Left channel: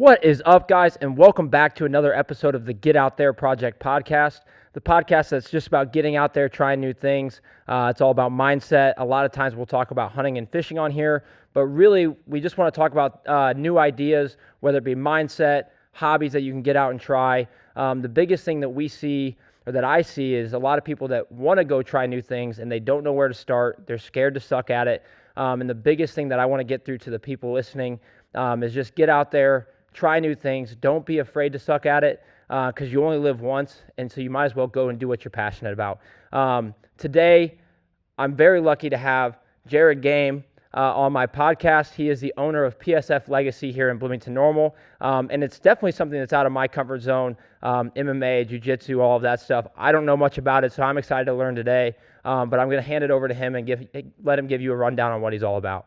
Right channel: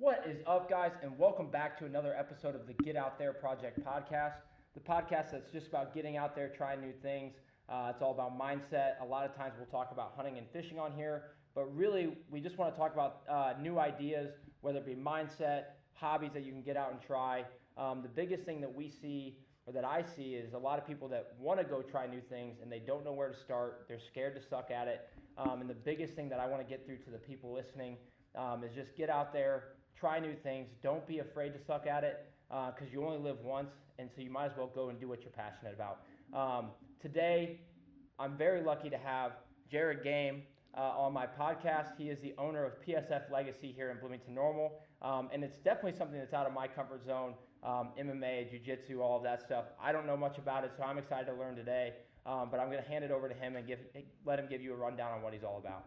What is up, guys, and welcome back to another episode of the Get Out There Project podcast, the podcast that's just about getting out there, trying new things. It's all about mindset. A lot of times we'll talk about hunting and fishing on here, but really we just want to talk about new ideas, whether it be mindset, hobbies that you can get out and try. The biggest thing that we see, or that I see, is a lot of people that want to go try new things and they don't know where to start. They're scared to suck at it. And the biggest thing that I want to get through to the people listening is just get out there, try new things. Don't be afraid to suck at it because you only live once, and so you might as well go and do what you're passionate about. Today, I'm very lucky to have Jared Gahm on my podcast. He is the owner of PSF Legacy here in Bloomington Normal, and it's definitely something that's out of my comfort zone, MMA, jiu-jitsu, all of that stuff. I don't know much about it, so I'm excited to learn today, but I'm going to hand it over to him and let him give you a rundown on what he's all about.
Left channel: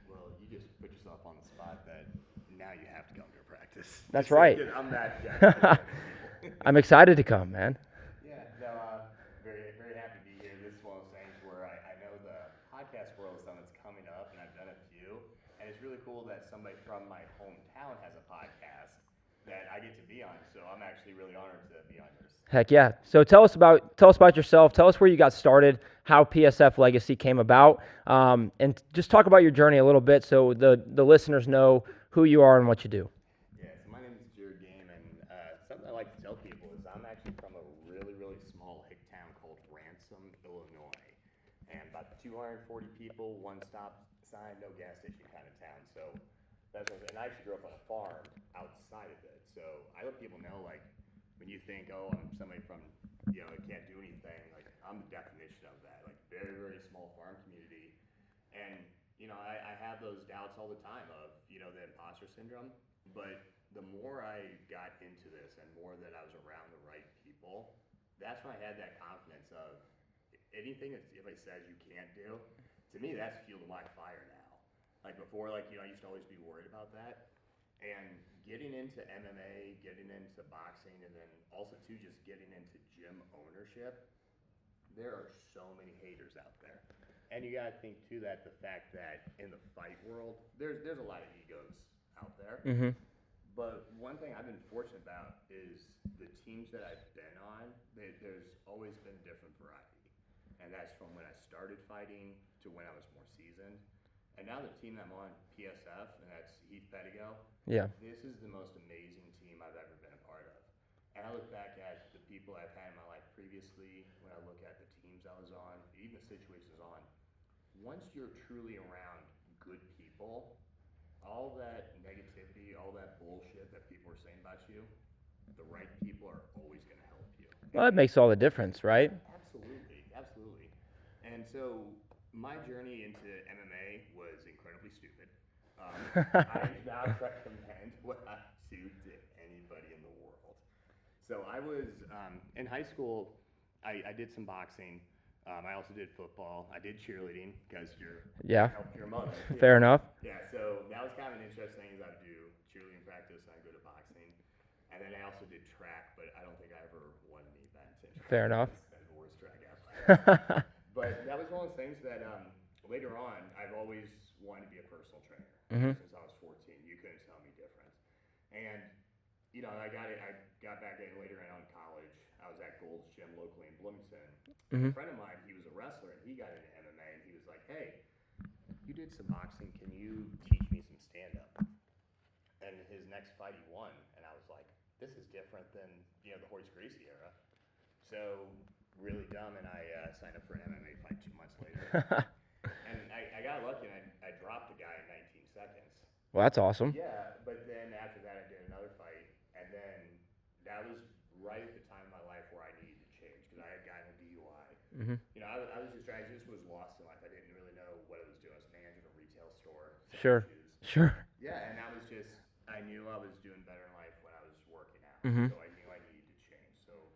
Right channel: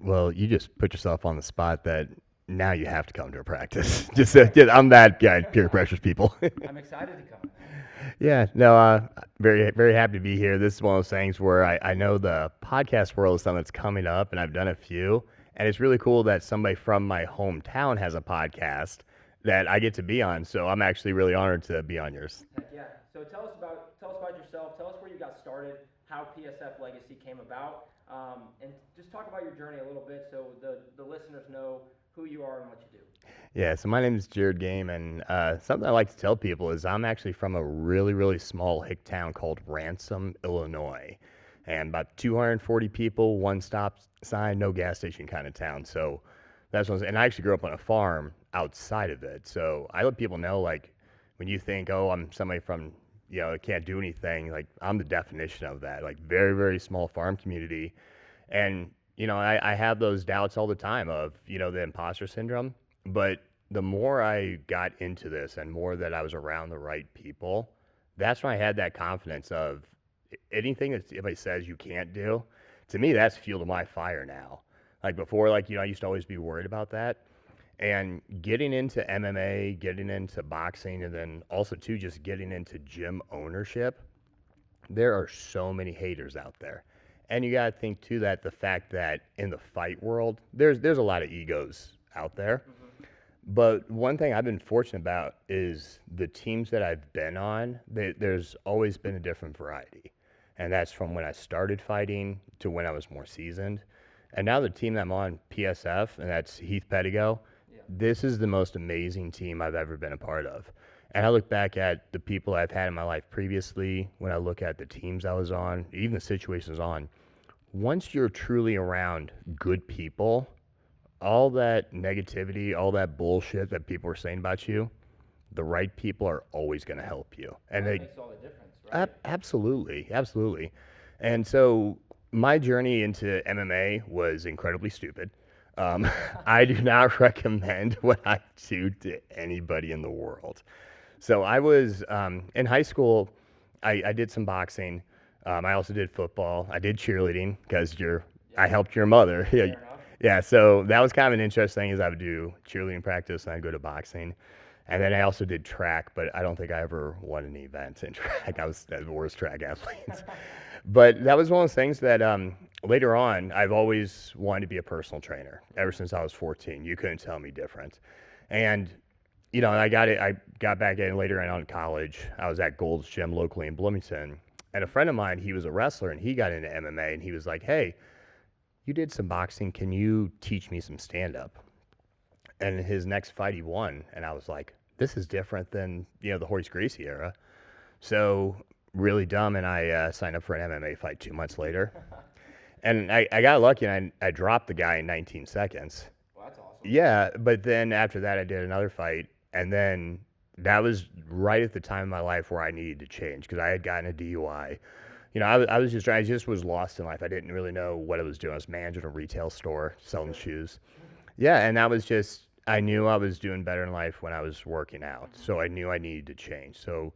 Well, you just put yourself on the spot that now you have to come to a practice. That's right. I'm that guy who peer pressures people. I'm excited to come, man. Yeah, no, very, very happy to be here. This is one of those things where I know the podcast world is something that's coming up, and I've done a few, and it's really cool that somebody from my hometown has a podcast that I get to be on. So I'm actually really honored to be on yours. Heck yeah. So tell us about yourself. Tell us where you got started, how PSF Legacy came about, and just talk about your journey a little bit so the listeners know who you are and what you do. Yeah, so my name is Jared Gahm, and something I like to tell people is I'm actually from a really, really small hick town called Ransom, Illinois, and about 240 people, one stop sign, no gas station kind of town. So that's one. And I actually grew up on a farm outside of it. So I let people know, like, when you think, oh, I'm somebody from, can't do anything, like, I'm the definition of that. Like, very, very small farm community, and I have those doubts all the time of, the imposter syndrome. But the more I got into this and more that I was around the right people, that's when I had that confidence of anything that anybody says you can't do, to me, that's fuel to my fire now. Like before, I used to always be worried about that. And getting into MMA, getting into boxing, and then also, too, just getting into gym ownership, there are so many haters out there. And you got to think, too, that the fact that in the fight world, there's a lot of egos out there. Mm-hmm. But one thing I've been fortunate about is the teams that I've been on, there's always been a different variety. And that's from when I started fighting to when I was more seasoned. And now the team that I'm on, PSF, and that's Heath Pettigo, Yeah. this is the most amazing team I've ever been a part of. And I look back at the people I've had in my life previously, when I look at the teams I was on, even the situations on, once you're truly around good people, all that negativity, all that bullshit that people are saying about you, the right people are always going to help you. And Well, that makes all the difference, right? Absolutely, absolutely. And so my journey into MMA was incredibly stupid. I do not recommend what I do to anybody in the world. So I was in high school. I did some boxing. I also did football. I did cheerleading because I helped your mother. Fair enough. Yeah, so that was kind of an interesting thing is I would do cheerleading practice and I'd go to boxing. And then I also did track, but I don't think I ever won an event in track. Fair enough. I was the worst track athlete. But that was one of those things that later on, I've always wanted to be a personal trainer ever since I was 14. You couldn't tell me different. And I got back in later on in college. I was at Gold's Gym locally in Bloomington. And a friend of mine, he was a wrestler, and he got into MMA, and he was like, hey, you did some boxing. Can you teach me some stand-up? And his next fight, he won. And I was like, this is different than, the Horace Gracie era. So really dumb, and I signed up for an MMA fight 2 months later. And I got lucky, and I dropped the guy in 19 seconds. Well, that's awesome. Yeah, but then after that, I did another fight, and then that was right at the time in my life where I needed to change because I had gotten a DUI. I just was lost in life. I didn't really know what I was doing. I was managing a retail store, selling shoes. Sure. Yeah, and that was just, I knew I was doing better in life when I was working out. So I knew I needed to change. So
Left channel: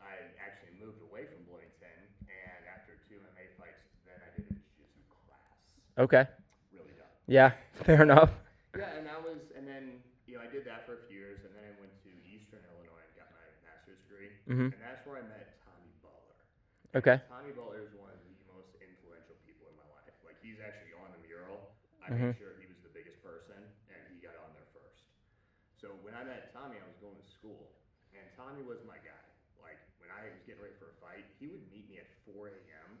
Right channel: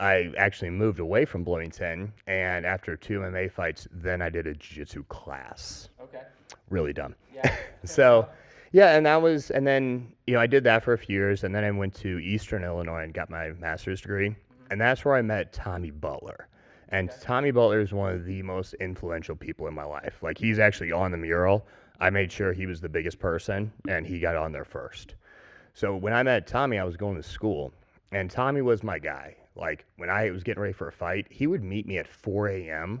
I actually moved away from Bloomington, and after 2 MMA fights, then I did a jiu-jitsu class. Okay. Really dumb. Yeah. Fair enough. Yeah, and then I did that for a few years, and then I went to Eastern Illinois and got my master's degree, and that's where I met Tommy Butler. And Tommy Butler is one of the most influential people in my life. Like, he's actually on the mural. I made sure he was the biggest person, and he got on there first. So when I met Tommy, I was going to school, and Tommy was my guy. Like when I was getting ready for a fight, he would meet me at 4 a.m.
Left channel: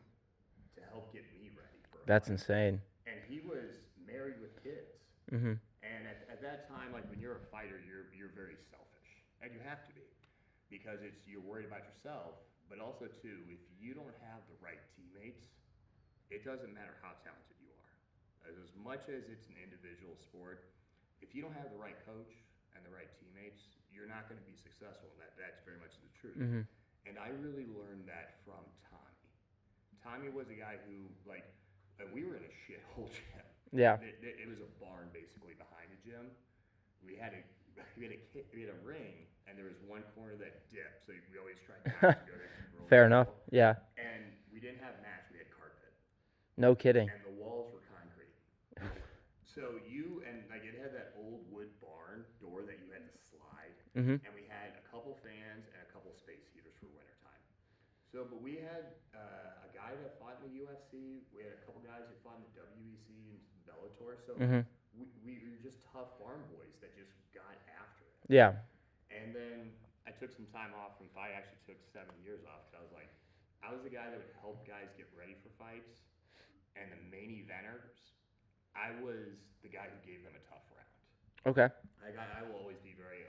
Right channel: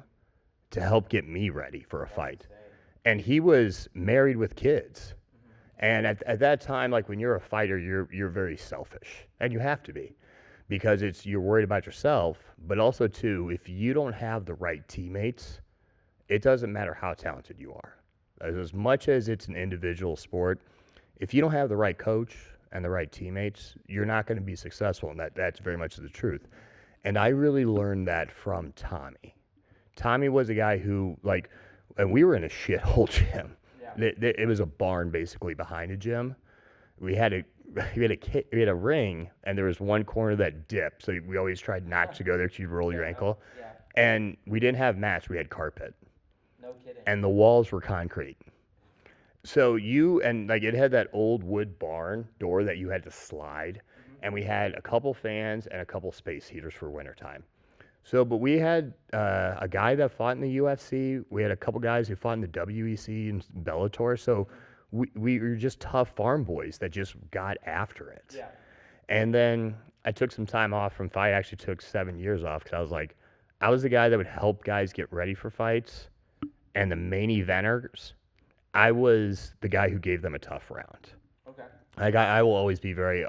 to help get me ready for a That's fight. insane. And he was married with kids. Mm-hmm. And at that time, like when you're a fighter, you're very selfish, and you have to be, because you're worried about yourself, but also too, if you don't have the right teammates, it doesn't matter how talented you are. As much as it's an individual sport, if you don't have the right coach and the right teammates, you're not going to be successful, and that's very much the truth. Mm-hmm. And I really learned that from Tommy. Tommy was a guy who, like, and we were in a shithole gym. Yeah. It was a barn basically behind a gym. We had a we had a ring, and there was one corner that dipped, so we always tried not to go there because you roll Fair your enough. ankle. Yeah. And we didn't have mats; we had carpet, No kidding. and the walls were concrete. So it had that old wood barn door that you had to slide, Mm-hmm. and we had a couple fans and a couple space heaters for wintertime. So, but we had a guy that fought in the UFC. We had a couple guys who fought in the WEC and Bellator. So Mm-hmm. we were just tough farm boys that just got after it. Yeah. And then I took some time off from fight. I actually took 7 years off because I was the guy that would help guys get ready for fights. And the main eventers, I was the guy who gave them a tough round. Okay. I will always be very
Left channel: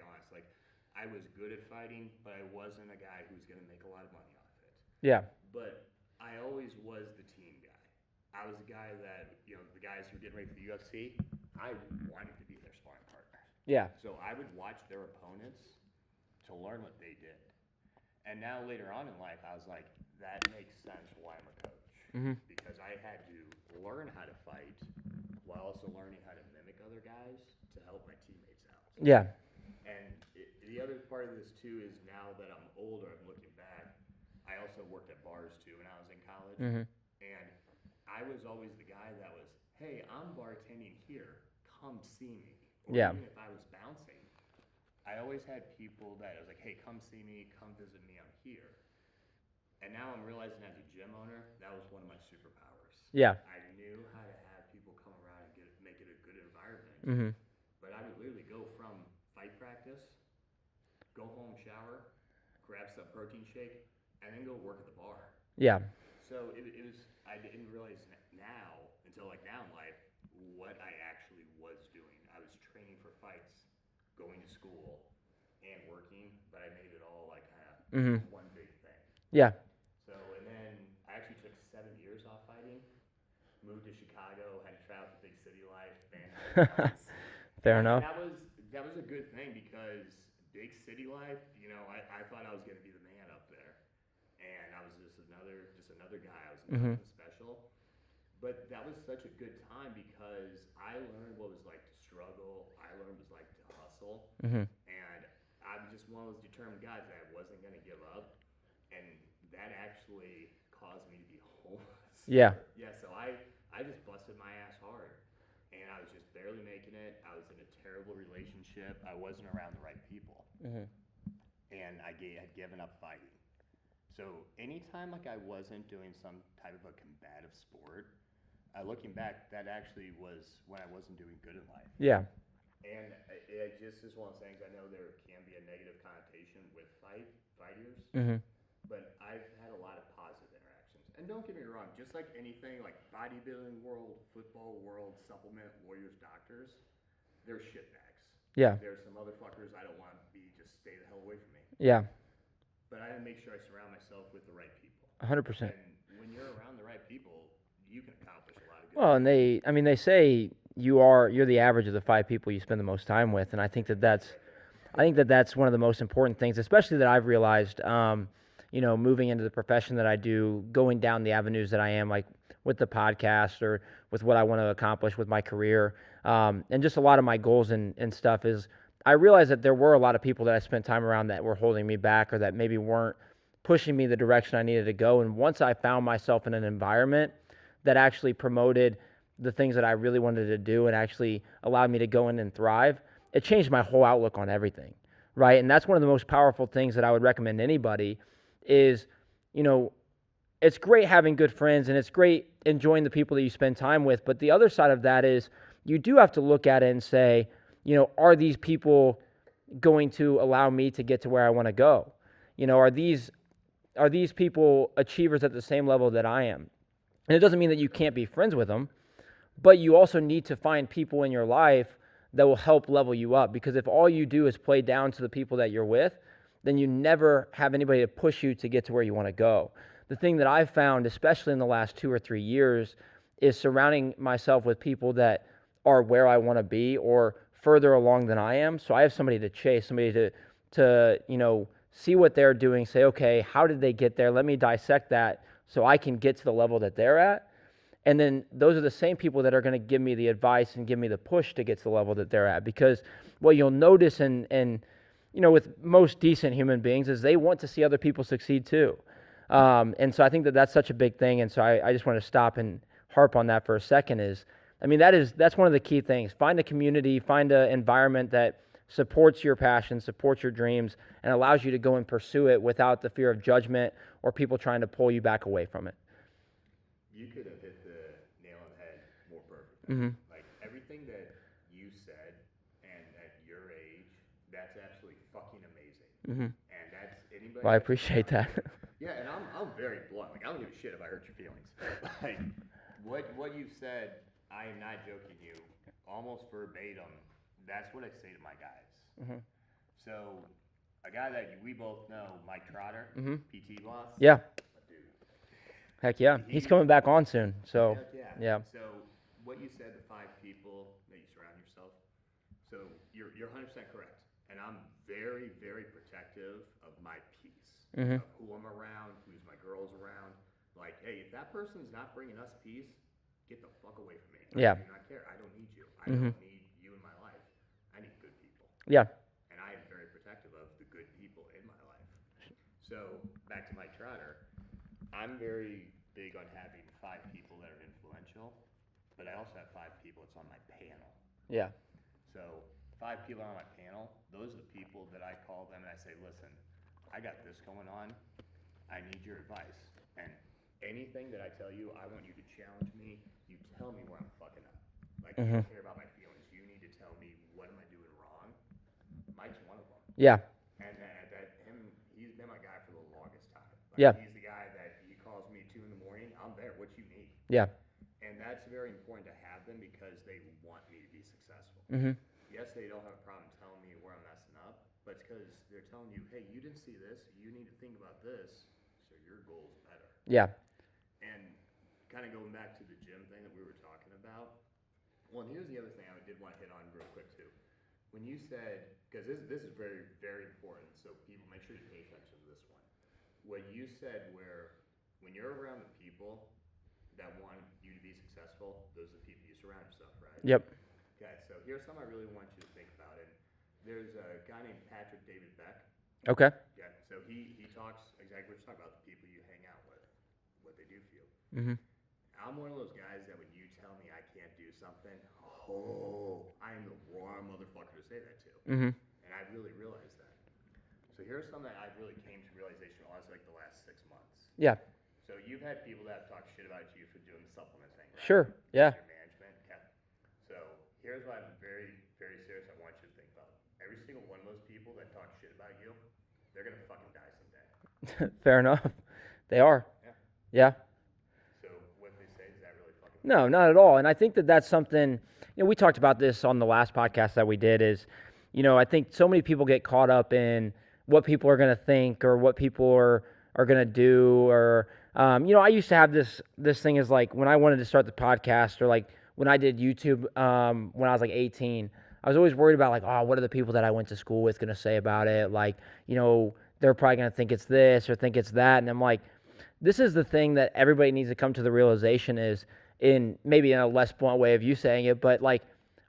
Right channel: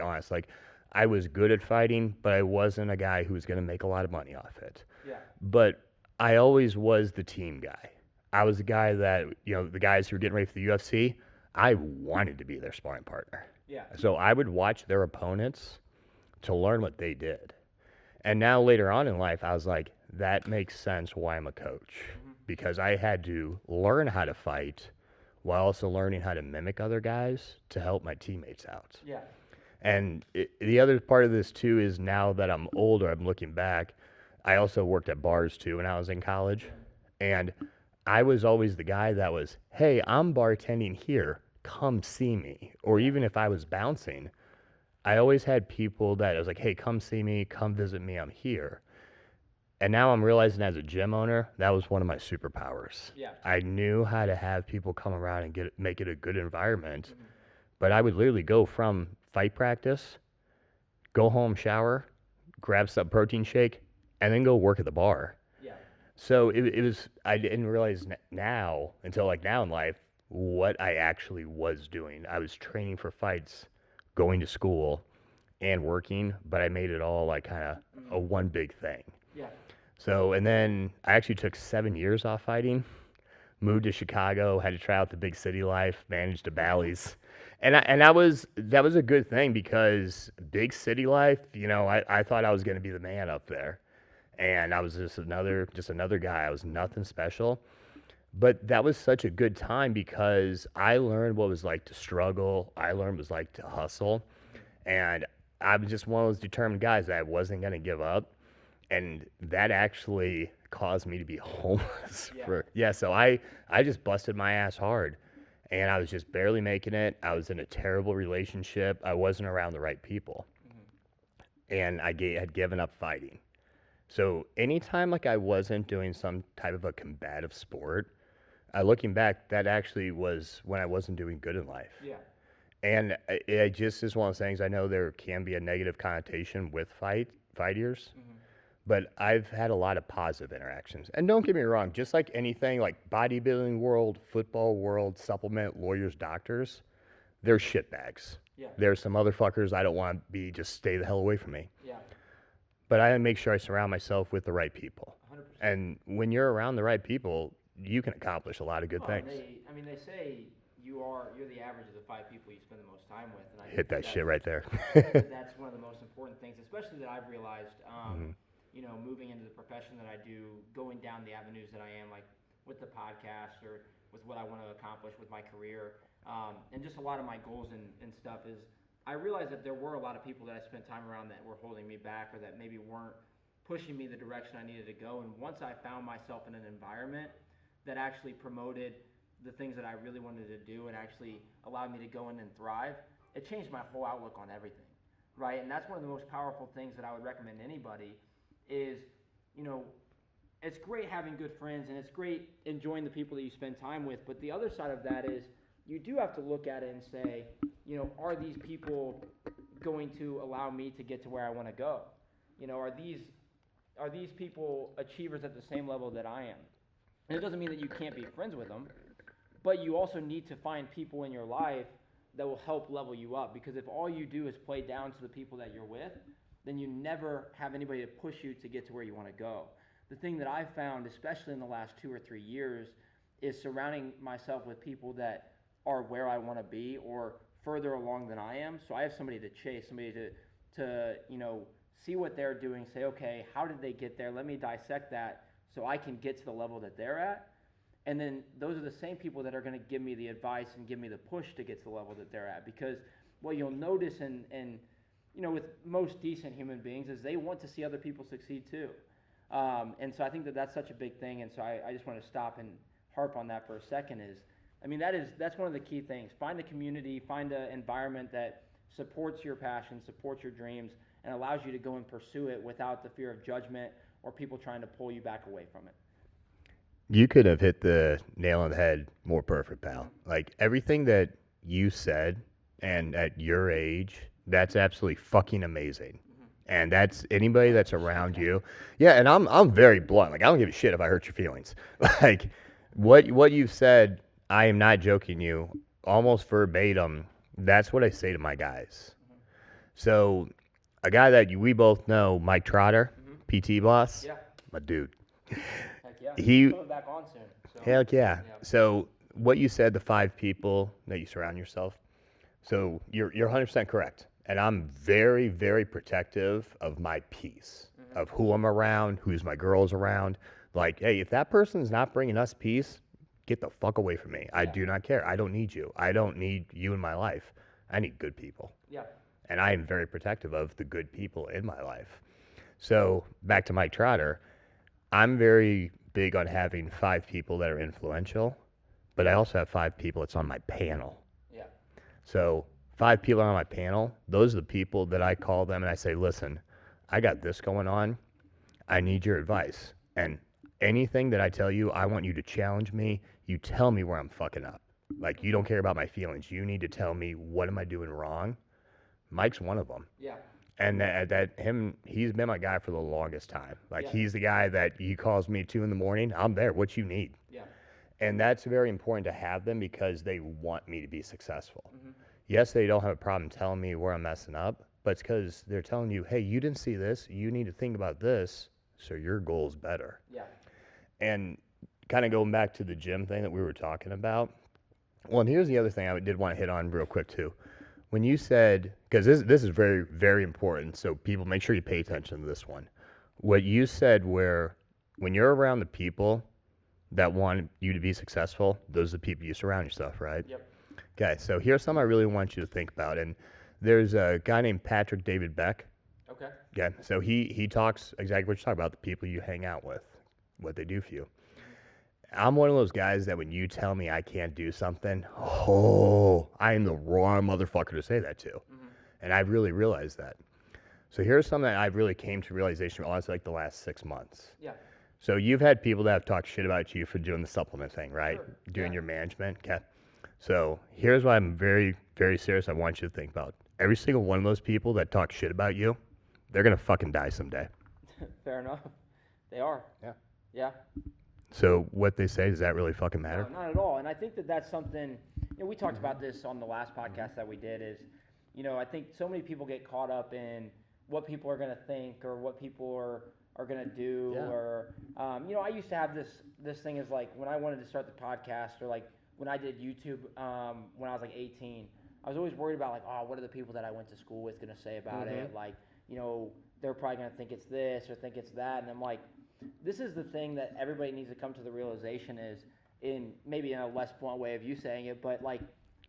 honest. Like, I was good at fighting, but I wasn't a guy who was going to make a lot of money off it. Yeah. But I always was the team guy. I was the guy that, the guys who were getting ready for the UFC, I wanted to be their sparring partner. Yeah. So I would watch their opponents to learn what they did. And now later on in life, I was like, that makes sense why I'm a coach. Mm-hmm. Because I had to learn how to fight while also learning how to mimic other guys to help my teammates out. Yeah. And the other part of this, too, is now that I'm older, I'm looking back, I also worked at bars, too, when I was in college. Mm-hmm. And I was always the guy that was, hey, I'm bartending here. Come see me. Or Yeah. even if I was bouncing, I always had people that I was like, hey, come see me. Come visit me. I'm here. And now I'm realizing as a gym owner, that was one of my superpowers. Yeah. I knew how to have people come around and make it a good environment. Mm-hmm. But I would literally go from fight practice, go home, shower, grab some protein shake, and then go work at the bar. Yeah. So it was, I didn't realize now, until like now in life, what I actually was doing. I was training for fights, going to school, and working, but I made it all like kind of Mm-hmm. a one big thing. Yeah. So, and then I actually took 7 years off fighting, moved to Chicago, had to try out the big city life, managed the Bally's. And that was a good thing because big city life, I thought I was going to be the man up there. And I was just another guy. I was nothing special. But that was such a good time because I learned what it was like to struggle. I learned what it was like to hustle. Mm-hmm. And I was just one of those determined guys that I wasn't going to give up. And that actually caused me to be homeless. Yeah. So I just busted my ass hard. And I was just barely making it. I was in a terrible relationship. I wasn't around the right people. Mm-hmm. And I had given up fighting. So anytime like I wasn't doing some type of a combative sport, looking back, that actually was when I wasn't doing good in life. Yeah. And it just is one of those things. I know there can be a negative connotation with fighters, Mm-hmm. but I've had a lot of positive interactions. And don't get me wrong, just like anything, like bodybuilding world, football world, supplement, lawyers, doctors, they're shitbags. Yeah. There's some motherfuckers I don't want to be, just stay the hell away from me. Yeah. But I make sure I surround myself with the right people. 100%. And when you're around the right people, you can accomplish a lot of good Well, things. and they say you're the average of the 5 people you spend the most time with, and I think Hit that's shit right there. I think that's one of the most important things, especially that I've realized. Moving into the profession that I do, going down the avenues that I am, like with the podcast or with what I want to accomplish with my career, and just a lot of my goals and stuff is. I realized that there were a lot of people that I spent time around that were holding me back or that maybe weren't pushing me the direction I needed to go. And once I found myself in an environment that actually promoted the things that I really wanted to do and actually allowed me to go in and thrive, it changed my whole outlook on everything, right? And that's one of the most powerful things that I would recommend anybody is, it's great having good friends and it's great enjoying the people that you spend time with. But the other side of that is you do have to look at it and say, are these people going to allow me to get to where I want to go? Are these people achievers at the same level that I am? And it doesn't mean that you can't be friends with them, but you also need to find people in your life that will help level you up. Because if all you do is play down to the people that you're with, then you never have anybody to push you to get to where you want to go. The thing that I've found, especially in the last 2 or 3 years, is surrounding myself with people that are where I want to be or further along than I am. So I have somebody to chase, somebody to see what they're doing, say, okay, how did they get there? Let me dissect that so I can get to the level that they're at. And then those are the same people that are going to give me the advice and give me the push to get to the level that they're at. Because what you'll notice with most decent human beings is they want to see other people succeed too. And so I think that that's such a big thing. And so I just want to stop and harp on that for a second that's one of the key things. Find a community, find an environment that supports your passion, supports your dreams, and allows you to go and pursue it without the fear of judgment or people trying to pull you back away from it. You could have hit the nail on the head more perfect, pal. Mm-hmm. Like everything that you said, and at your age, that's absolutely fucking amazing. Mm-hmm. And that's anybody Well, I that's appreciate around that. you. Yeah, and I'm very blunt. Like I don't give a shit if I hurt your feelings. Like what you've said, I am not joking you. Almost verbatim. That's what I say to my guys. Mm-hmm. So a guy that we both know, Mike Trotter, PT boss. Yeah. My dude. Heck yeah. He's coming back on soon. So Heck yeah. Yeah. So what you said, the 5 people that you surround yourself. So you're 100% correct. And I'm very, very protective of my peace, of who I'm around, who's my girls around. Like, hey, if that person's not bringing us peace, get the fuck away from me. Yeah. I do not care. I don't need you. I don't need you in my life. I need good people. Yeah. And I am very protective of the good people in my life. So back to Mike Trotter, I'm very big on having 5 people that are influential, but I also have 5 people that's on my panel. Yeah. So 5 people on my panel, those are the people that I call them and I say, listen, I got this going on. I need your advice. And anything that I tell you, I want you to challenge me. You tell me where I'm fucking up. Like, you don't care about my feelings. You need to tell me, what am I doing wrong? Mike's one of them. Yeah. And he's been my guy for the longest time. Like, Yeah. he's the guy that he calls me 2 a.m. I'm there. What you need? Yeah. And that's very important to have them because they want me to be successful. Mm-hmm. Yes, they don't have a problem telling me where I'm messing up, but it's because they're telling you, hey, you didn't see this. You need to think about this so your goal's better. Yeah. And kind of going back to the gym thing that we were talking about. Well, and here's the other thing I did want to hit on real quick too. When you said, because this is very, very important, so people make sure you pay attention to this one. What you said where when you're around the people that want you to be successful, those are the people you surround yourself, right? Yep. Okay, so here's something I really want you to think about. And there's a guy named Patrick David Beck. Okay. Okay, so he talks exactly what you're talking about, the people you hang out with, what they do for you. Mm-hmm. I'm one of those guys that when you tell me I can't do something, I am the wrong motherfucker to say that to. Mm-hmm. And I've really realized that. So here's something that I've really came to realization, honestly, like the last 6 months. Yeah. So you've had people that have talked shit about you for doing the supplement thing, right? Sure. Doing Yeah. your management. Okay. So here's what I'm very, very serious I want you to think about. Every single one of those people that talk shit about you, they're going to fucking die someday. Fair enough. They are. Yeah. Yeah. So what they say, does that really fucking matter? No, not at all. And I think that that's something, we talked about this on the last podcast that we did is, I think so many people get caught up in what people are going to think or what people are going to do. Or, I used to have this thing is like when I wanted to start the podcast or like when I did YouTube when I was like 18, I was always worried about like, what are the people that I went to school with going to say about it? Like, they're probably going to think it's this or think it's that. And I'm like, this is the thing that everybody needs to come to the realization is maybe in a less blunt way of you saying it, but like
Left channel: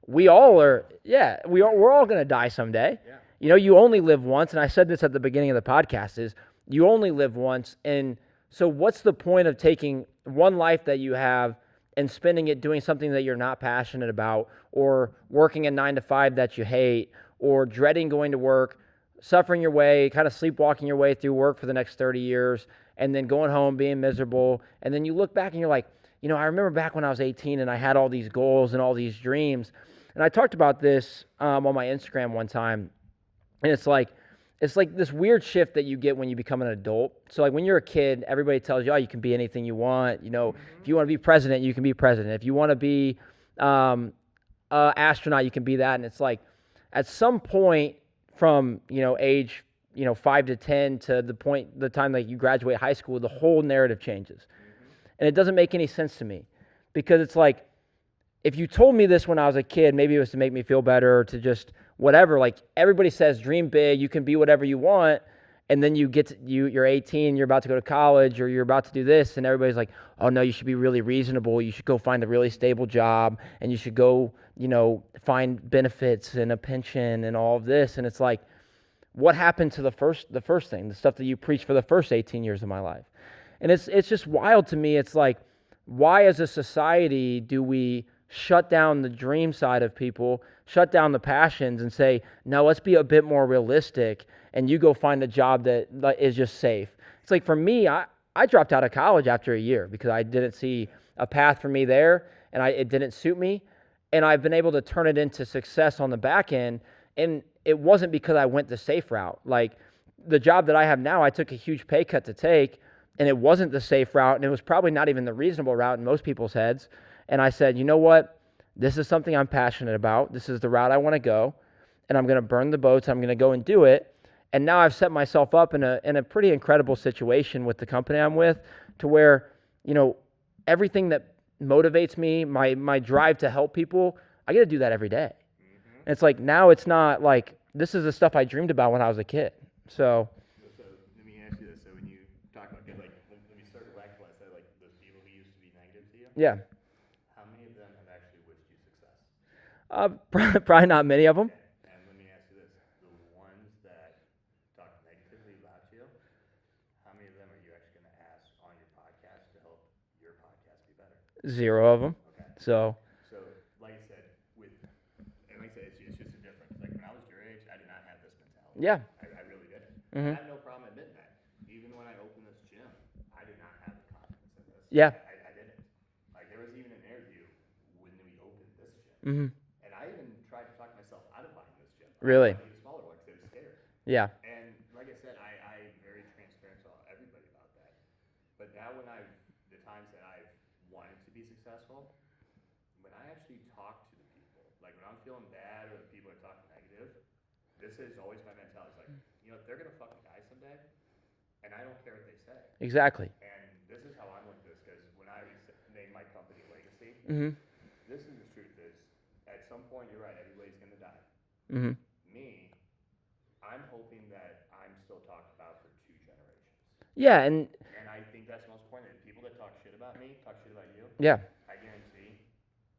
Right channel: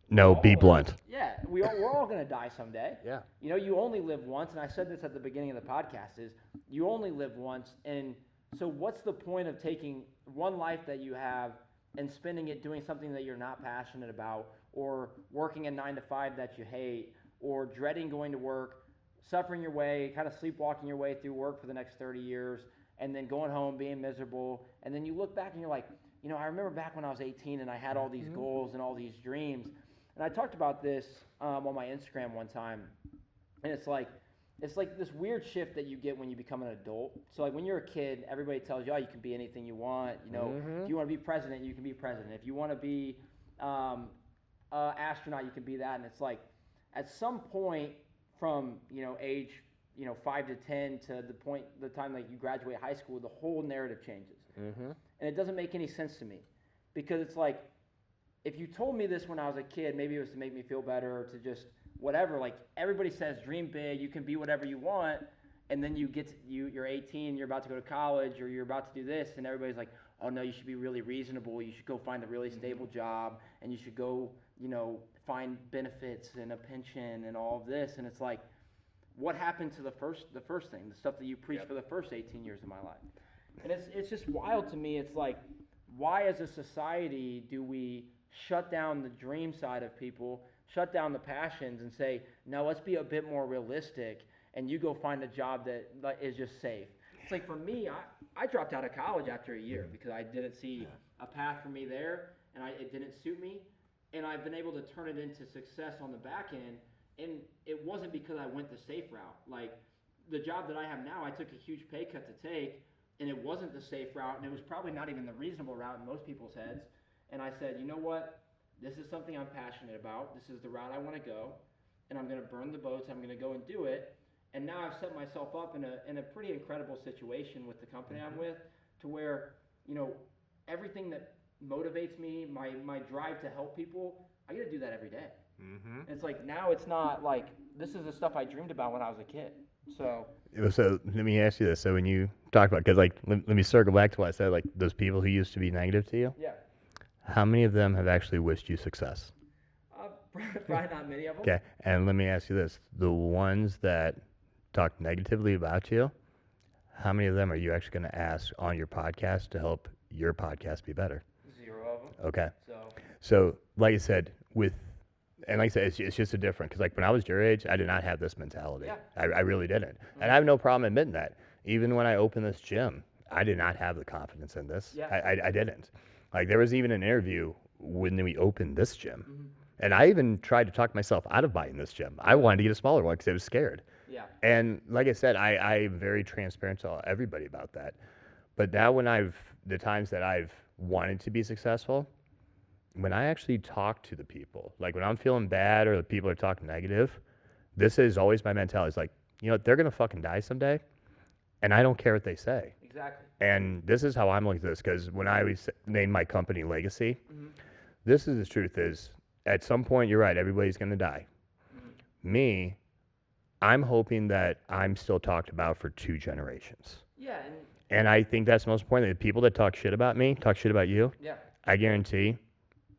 we're all going to die someday. Yeah. You only live once. And I said this at the beginning of the podcast is you only live once. And so what's the point of taking one life that you have and spending it doing something that you're not passionate about or working a 9 to 5 that you hate or dreading going to work, suffering your way, kind of sleepwalking your way through work for the next 30 years, and then going home being miserable. And then you look back and you're like, I remember back when I was 18 and I had all these goals and all these dreams. And I talked about this on my Instagram one time, and it's like this weird shift that you get when you become an adult. So like when you're a kid, everybody tells you, oh, you can be anything you want. You know, if you want to be president, you can be president. If you want to be astronaut, you can be that. And it's like at some point from age 5 to 10 to the time that you graduate high school, the whole narrative changes, and it doesn't make any sense to me, because it's like, if you told me this when I was a kid, maybe it was to make me feel better or to just whatever. Like everybody says, dream big, you can be whatever you want, and then you're 18, you're about to go to college, or you're about to do this, and everybody's like, oh no, you should be really reasonable. You should go find a really stable job, and you should go find benefits and a pension and all of this. And it's like, what happened to the first thing, the stuff that you preached for the first 18 years of my life? And it's just wild to me. It's like, why as a society do we shut down the dream side of people, shut down the passions, and say, no, let's be a bit more realistic, and you go find a job that is just safe? It's like, for me, I dropped out of college after a year because I didn't see a path for me there, and it didn't suit me. And I've been able to turn it into success on the back end. And it wasn't because I went the safe route. Like the job that I have now, I took a huge pay cut to take, and it wasn't the safe route, and it was probably not even the reasonable route in most people's heads. And I said, you know what? This is something I'm passionate about. This is the route I want to go, and I'm going to burn the boats. I'm going to go and do it. And now I've set myself up in a pretty incredible situation with the company I'm with, to where, everything that motivates me, my drive to help people, I get to do that every day. And it's like, now it's not like, this is the stuff I dreamed about when I was a kid. So let me ask you this. So when you talk about, because like, let me circle back to what I said, like those people who used to be negative to you. Yeah. How many of them have actually wished you success? Probably not many of them. Okay. And let me ask you this. The ones that talk negatively about you, how many of them are you actually going to ask on your podcast to help your podcast be better? 0 of them. Okay. So like I said, it's just a different, because like when I was your age, I did not have this mentality. Yeah. I really didn't. And I have no problem admitting that. Even when I opened this gym, I did not have the confidence in this. Yeah. I didn't. Like there was even an interview when we opened this gym. And I even tried to talk myself out of buying this gym. Really? I wanted to get a smaller one because I was scared. Yeah. And like I said, I'm very transparent to everybody about that. But now the times that I've wanted to be successful, when I actually talk to the people, like when I'm feeling bad or the people are talking negative, this is always my mentality. It's like, they're going to fucking die someday, and I don't care what they say. Exactly. And this is how I'm looking at this, because when I named my company Legacy, this is the truth is, at some point, you're right, everybody's going to die. Me, I'm hoping that I'm still talked about for 2 generations. Yeah, and I think that's the most important. The people that talk shit about me, talk shit about you. Yeah. I guarantee,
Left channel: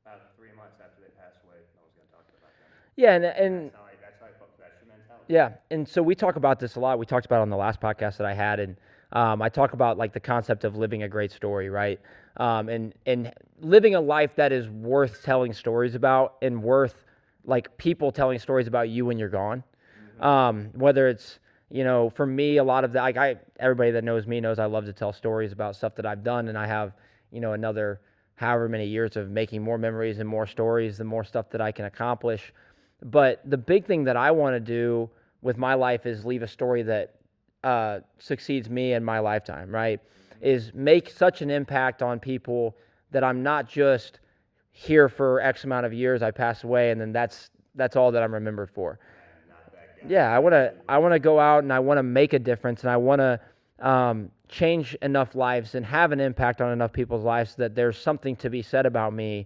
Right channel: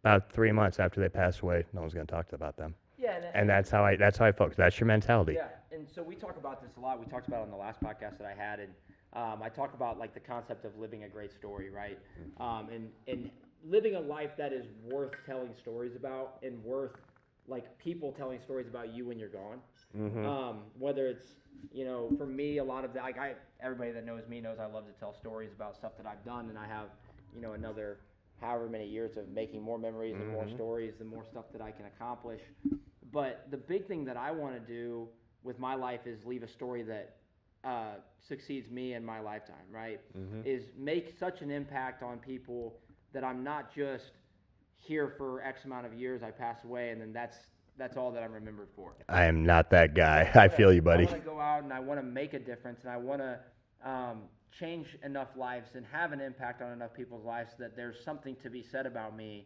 about 3 months after they pass away, no one's going to talk about them. Yeah, and that's how I focus. That's your mentality. Yeah, and so we talk about this a lot. We talked about it on the last podcast that I had, and I talk about like the concept of living a great story, right? And living a life that is worth telling stories about, and worth like people telling stories about you when you're gone. Whether it's, for me, a lot of that, everybody that knows me knows I love to tell stories about stuff that I've done, and I have, another however many years of making more memories and more stories, the more stuff that I can accomplish. But the big thing that I want to do with my life is leave a story that succeeds me in my lifetime, right? Is make such an impact on people that I'm not just here for X amount of years, I pass away, and then that's all that I'm remembered for. I am not that guy. Yeah, I feel you, buddy. I want to go out and I want to make a difference, and I want to change enough lives and have an impact on enough people's lives that there's something to be said about me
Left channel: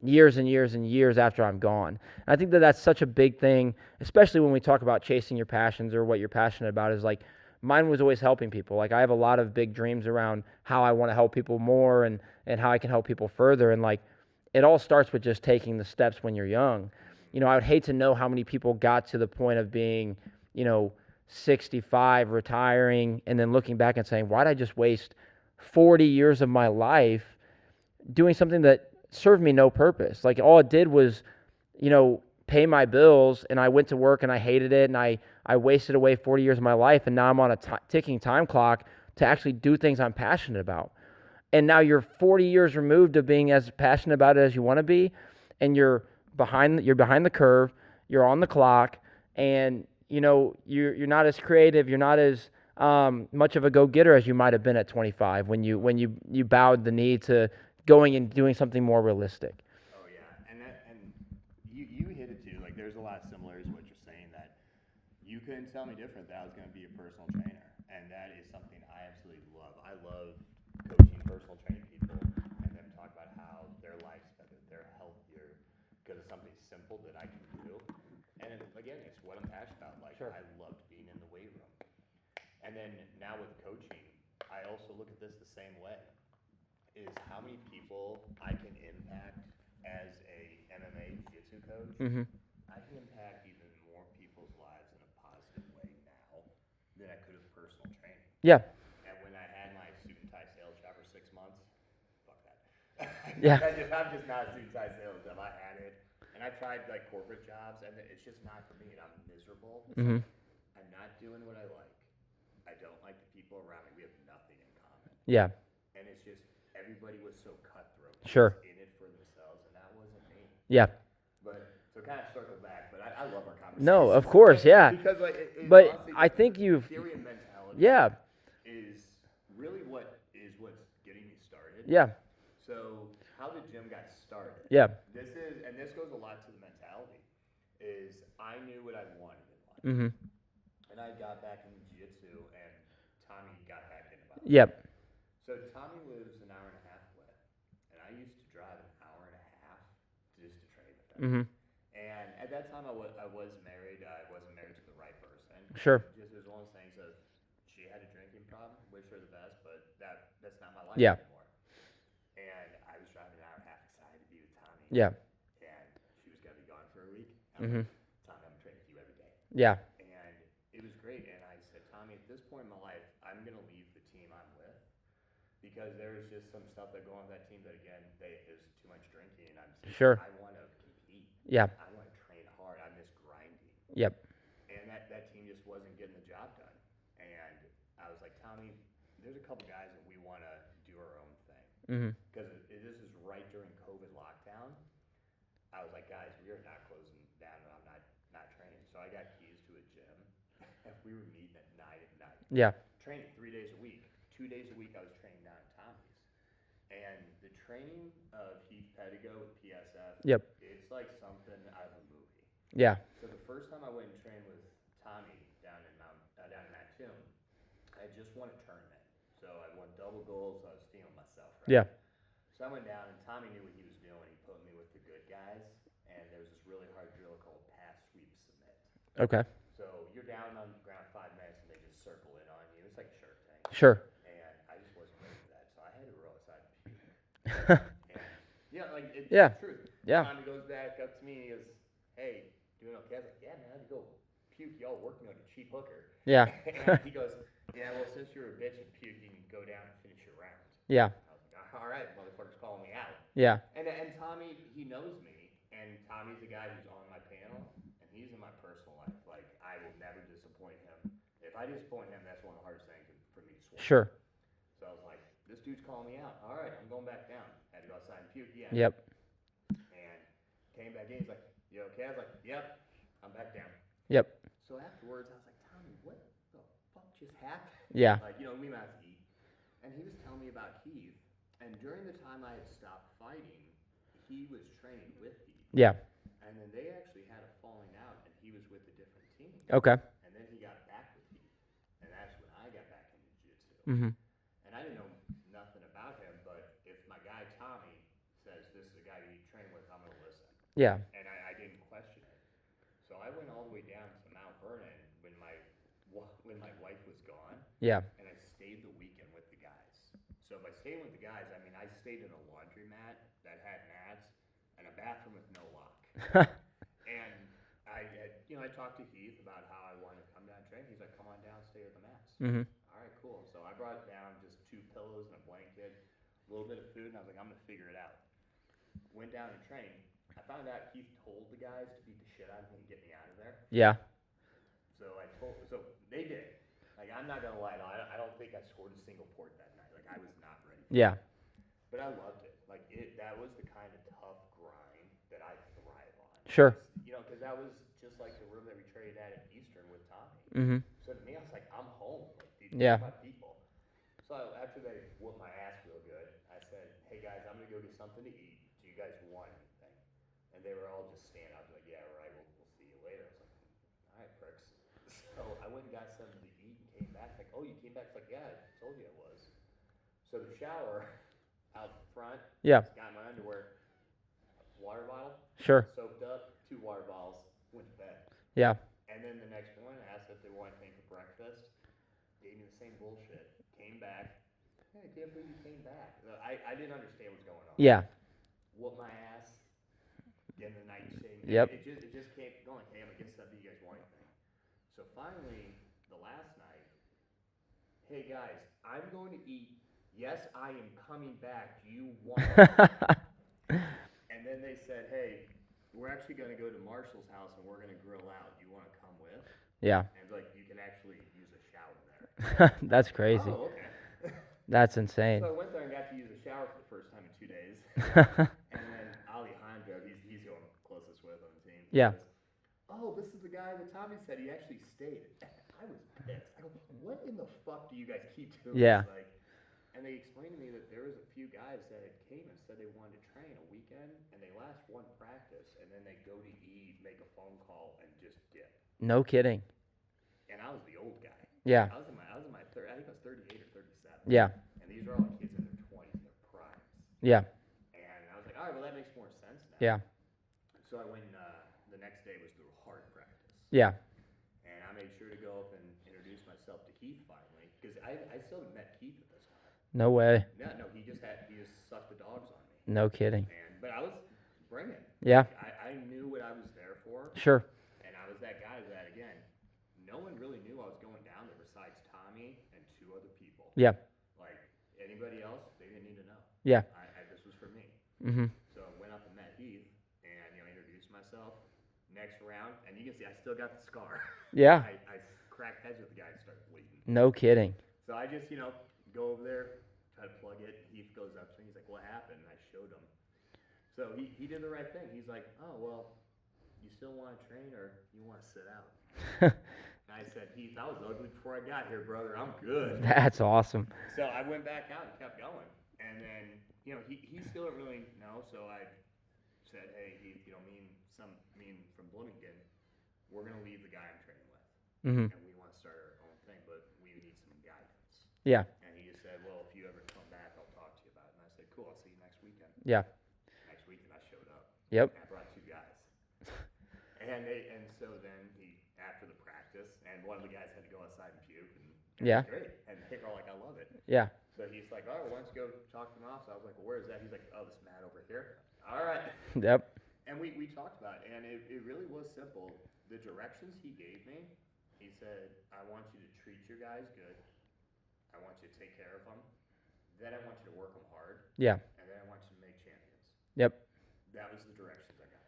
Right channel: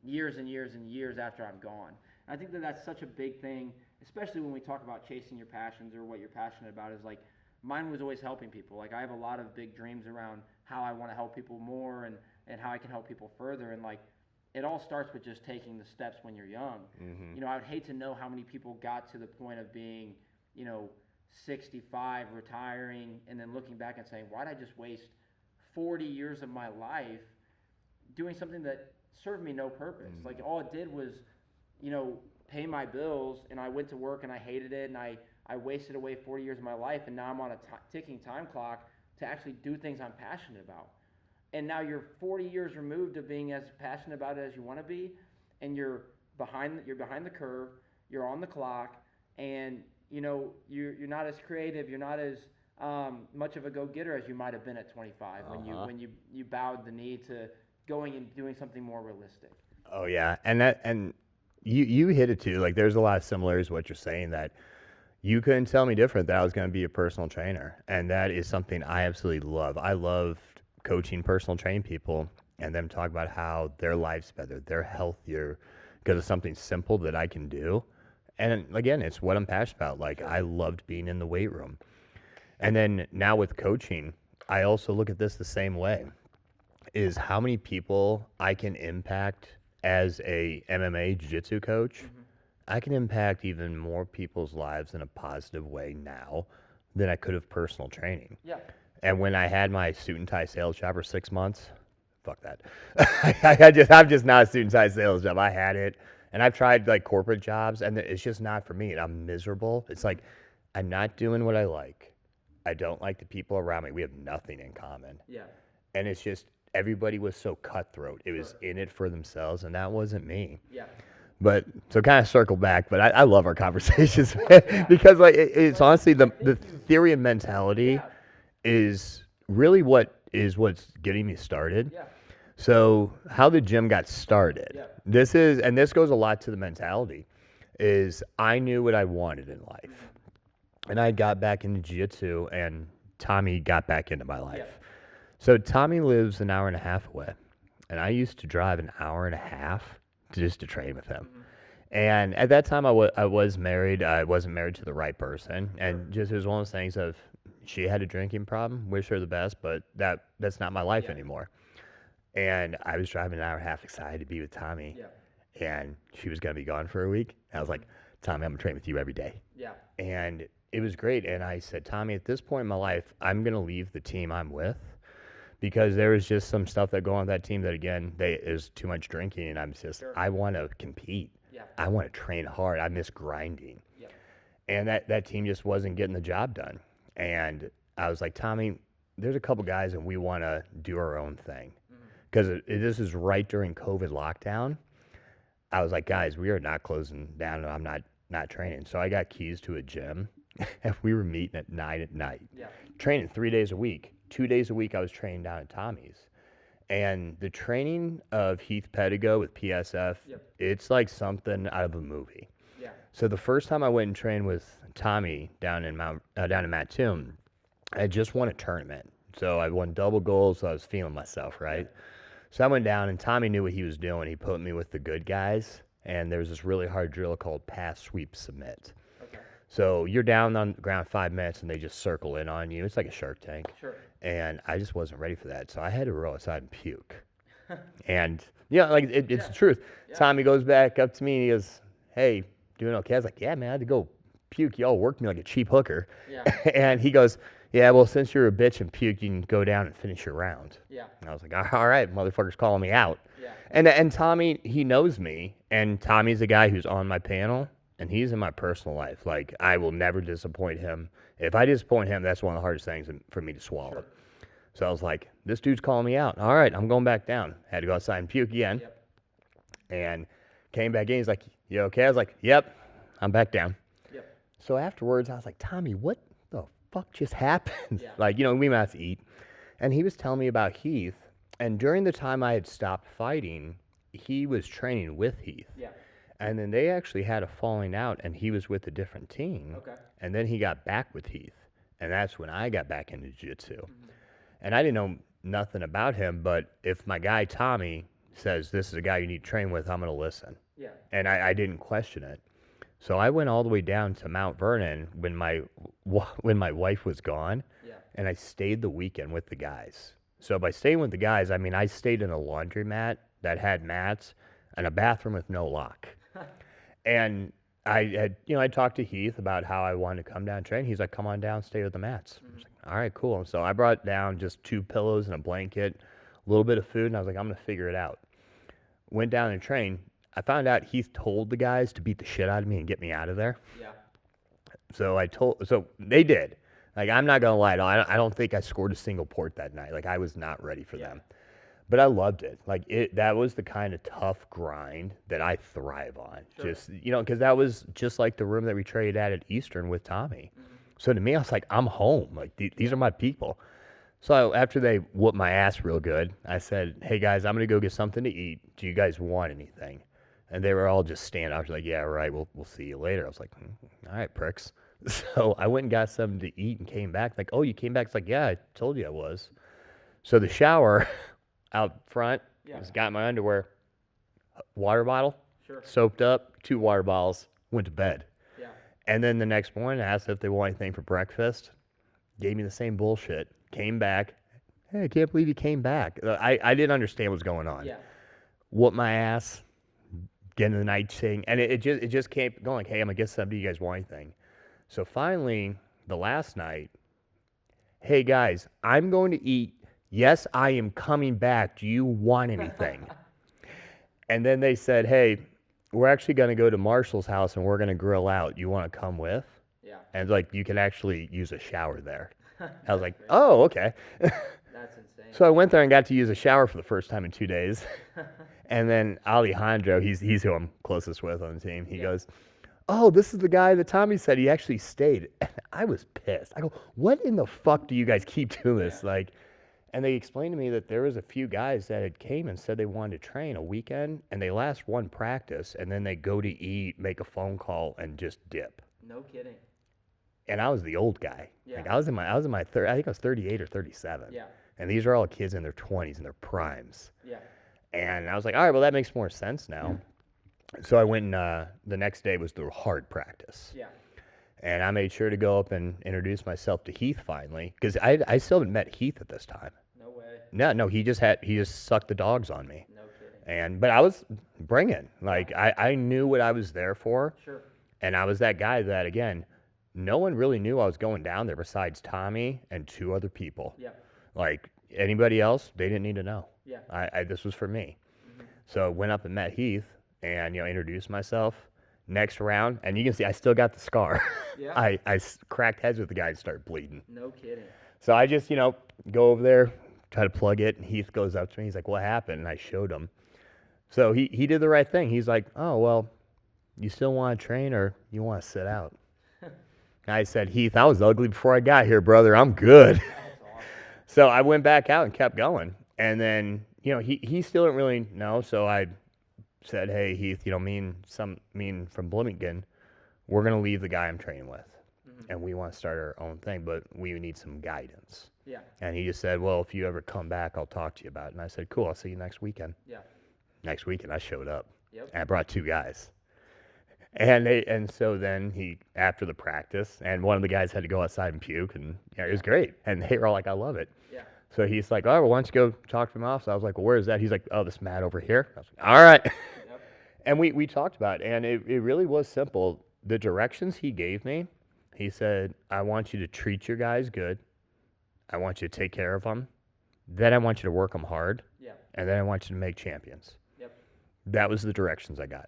years and years and years after I'm gone. And I think that that's such a big thing, especially when we talk about chasing your passions or what you're passionate about. Is like, mine was always helping people. Like I have a lot of big dreams around how I want to help people more and how I can help people further. And like, it all starts with just taking the steps when you're young. I would hate to know how many people got to the point of being, 65, retiring, and then looking back and saying, why did I just waste 40 years of my life doing something that served me no purpose? Like all it did was, pay my bills, and I went to work and I hated it, and I wasted away 40 years of my life, and now I'm on a ticking time clock to actually do things I'm passionate about. And now you're 40 years removed of being as passionate about it as you want to be, and you're you're behind the curve, you're on the clock, and you're not as creative, you're not as much of a go-getter as you might have been at 25 when you bowed the knee to going and doing something more realistic. Oh yeah, and you hit it too. Like there's a lot of similarities to what you're saying that you couldn't tell me different that I was going to be a personal trainer, and that is something I absolutely love. I love coaching personal training people and them talk about how their life's better, they're healthier because of something simple that I can do. And again, it's what I'm passionate about. Like I loved being in the weight room. And then now with coaching, I also look at this the same way. Is how many people I can impact as a MMA jiu-jitsu coach. I can impact even more people's lives in a positive way now than I could have personal training. Yeah. And when I had my suit and tie sales job for 6 months, fuck that. I'm just not a suit and tie sales job. I had it, and I've tried like corporate jobs, and it's just not for me. And I'm miserable. It's like I'm not doing what I like. I don't like the people around me. We have nothing in common. Yeah. And it's just everybody was so cutthroat. It Sure. was in it for themselves, and that wasn't me. Yeah. But so kind of circle back, but I love our conversations. No, of course, yeah. Because like it's But honestly I the think theory of mentality Yeah. is really what's getting me started. Yeah. So how the gym got started. Yeah. This goes a lot to the mentality. Is I knew what I wanted in life, and I got back into jiu-jitsu, and Tommy got back into my life. Yep. So Tommy lives an hour and a half away, and I used to drive an hour and a half just to train with him. And at that time, I was married. I wasn't married to the right person. Sure. And just it was one of those things of she had a drinking problem. Wish her the best, but that's not my life Yeah. anymore. And I was driving an hour and a half, excited to be with Tommy. Yeah. And she was gonna be gone for a week. I was like, Tommy, I'm gonna train with you every day. Yeah. And it was great. And I said, Tommy, at this point in my life, I'm gonna leave the team I'm with. Because there was just some stuff that go on that team that again, it was too much drinking, and I'm just, Sure. I want to compete. Yeah. I want to train hard. I miss grinding. Yep. And that team just wasn't getting the job done. And I was like, Tommy, there's a couple guys, and we want to do our own thing. Because this is right during COVID lockdown. I was like, guys, we are not closing down, and I'm not training. So I got keys to a gym, and we were meeting at 9 at night. Yeah. Training 3 days a week. 2 days a week I was training down at Tommy's. And the training of Heath Pedigo with PSF, it's like something out of a movie. Yeah. So the first time I went and trained with Tommy down in Mattoon, I just won a tournament. So I won double gold, so I was feeling myself, right? Yeah. So I went down, and Tommy knew what he was doing. He put me with the good guys, and there was this really hard drill called pass, sweep, submit. Okay. So you're down on the ground 5 minutes, and they just circle in on you. It's like a Shark Tank. Sure. And I just wasn't ready for that. So I had to roll outside and puke. And, like, it's the truth. Yeah. Tommy goes back up to me, and he goes, hey, doing okay? I was like, yeah, man, I had to go puke. Y'all worked me like a cheap hooker. Yeah. And he goes, yeah, well, since you're a bitch and puke, you can go down and finish your round. Yeah. And I was like, all right, motherfucker's calling me out. Yeah. And Tommy, he knows me. And Tommy's a guy who's on my panel. And he's in my personal life. Like, I will never disappoint him. If I disappoint him, that's one of the hardest things for me to swallow. Sure. So I was like, this dude's calling me out. All right, I'm going back down. Had to go outside and puke again. Yep. And came back in. He's like, you okay? I was like, yep, I'm back down. Yep. So afterwards, I was like, Tommy, what the fuck just happened? Yeah. Like, we went out to eat. And he was telling me about Heath. And during the time I had stopped fighting, he was training with Heath. Yeah. And then they actually had a falling out, and he was with a different team. Okay. And then he got back with Heath, and that's when I got back into jiu-jitsu. And I didn't know nothing about him, but if my guy Tommy says this is a guy you need to train with, I'm going to listen. Yeah. And I didn't question it. So I went all the way down to Mount Vernon when my wife was gone. Yeah. And I stayed the weekend with the guys. So by staying with the guys, I mean I stayed in a laundromat that had mats and a bathroom with no lock. And I talked to Heath about how I wanted to come down and train. He's like, come on down, stay with the mats. I was like, all right, cool. And so I brought down just 2 pillows and a blanket, a little bit of food, and I was like, I'm going to figure it out. Went down and trained. I found out Heath told the guys to beat the shit out of me and get me out of there. Yeah. So they did. Like, I'm not going to lie, I don't think I scored a single port that night. Like, I was not ready for them. But I loved it. Like that was the kind of tough grind that I thrive on. Sure. Just, because that was just like the room that we traded at Eastern with Tommy. Mm-hmm. So to me, I was like, I'm home. Like these are my people. So after they whooped my ass real good, I said, hey guys, I'm gonna go get something to eat. Do you guys want anything? And they were all just standing out. Like, yeah, right. We'll see you later. I was like, all right, pricks. So I went and got something to eat and came back. Like, oh, you came back? It's like, yeah, I told you I was. So the shower out front, just got my underwear, water bottle, Sure. soaked up, 2 water bottles, went to bed. Yeah. And then the next morning, I asked if they want anything for breakfast. Gave me the same bullshit. Came back. Hey, I can't believe you came back. I didn't understand what was going on. Yeah. Whooped my ass. Get in the night thing, and it just kept going. Hey, I'm gonna get something. Do you guys want anything? So finally, the last night, hey guys, I'm going to eat. Yes, I am coming back. Do you want anything? And then they said, hey, we're actually going to go to Marshall's house and we're going to grill out. You want to come with? Yeah. And like you can actually use a shower there. That's like, crazy. Oh, okay. That's insane. So I went there and got to use a shower for the first time in 2 days. And then Alejandro, he's who I'm closest with on the team. He goes, oh, this is the guy that Tommy said he actually stayed. And I was pissed. I go, what in the fuck do you guys keep doing this? Like, and they explained to me that there was a few guys that had came and said they wanted to train a weekend, and they last one practice, and then they go to eat, make a phone call, and just dip. No kidding. And I was the old guy. Yeah. Like I was in my third. I think I was 38 or 37. Yeah. And these are all kids in their 20s and their primes. Yeah. And I was like, all right, well that makes more sense now. Yeah. So I went and the next day was the hard practice. Yeah. And I made sure to go up and introduce myself to Heath finally, because I still haven't met Heath at this time. No way. No, he just sucked the dogs on me. No kidding. But I was bringing. Like I knew what I was there for. Sure. And I was that guy that, again, no one really knew I was going down there besides Tommy and 2 other people. Yeah. Like anybody else, they didn't need to know. Yeah. This was for me. Mm-hmm. So I went up and met Heath and introduced myself. Next round, and you can see I still got the scar. Yeah. I cracked heads with the guy and started bleeding. No kidding. So I just, go over there, try to plug it, and Heath goes up to me. He's like, what happened? And I showed him. So he did the right thing. He's like, oh, well, you still want to train or you want to sit out? I said, Heath, I was ugly before I got here, brother. I'm good. That's awesome. So I went back out and kept going. And then, he still didn't really know, so I said, hey, Heath, me and from Bloomington, we're going to leave the guy I'm training with. Mm-hmm. And we want to start our own thing, but we need some guidance. Yeah. And he just said, well, if you ever come back, I'll talk to you about it. And I said, cool, I'll see you next weekend. Yeah. Next weekend, I showed up. Yep. And I brought 2 guys. And so then after the practice, and one of the guys had to go outside and puke, and it was great. And they were all like, I love it. Yeah. So he's like, oh, well, why don't you go talk to him off? So I was like, well, where is that? He's like, oh, this mat over here. I was like, all right. Yep. And we talked about it, and it really was simple. The directions he gave me, he said, I want you to treat your guys good. I want you to take care of them. Then I want you to work them hard. Yeah. And then I want you to make champions. Yep. That was the directions I got.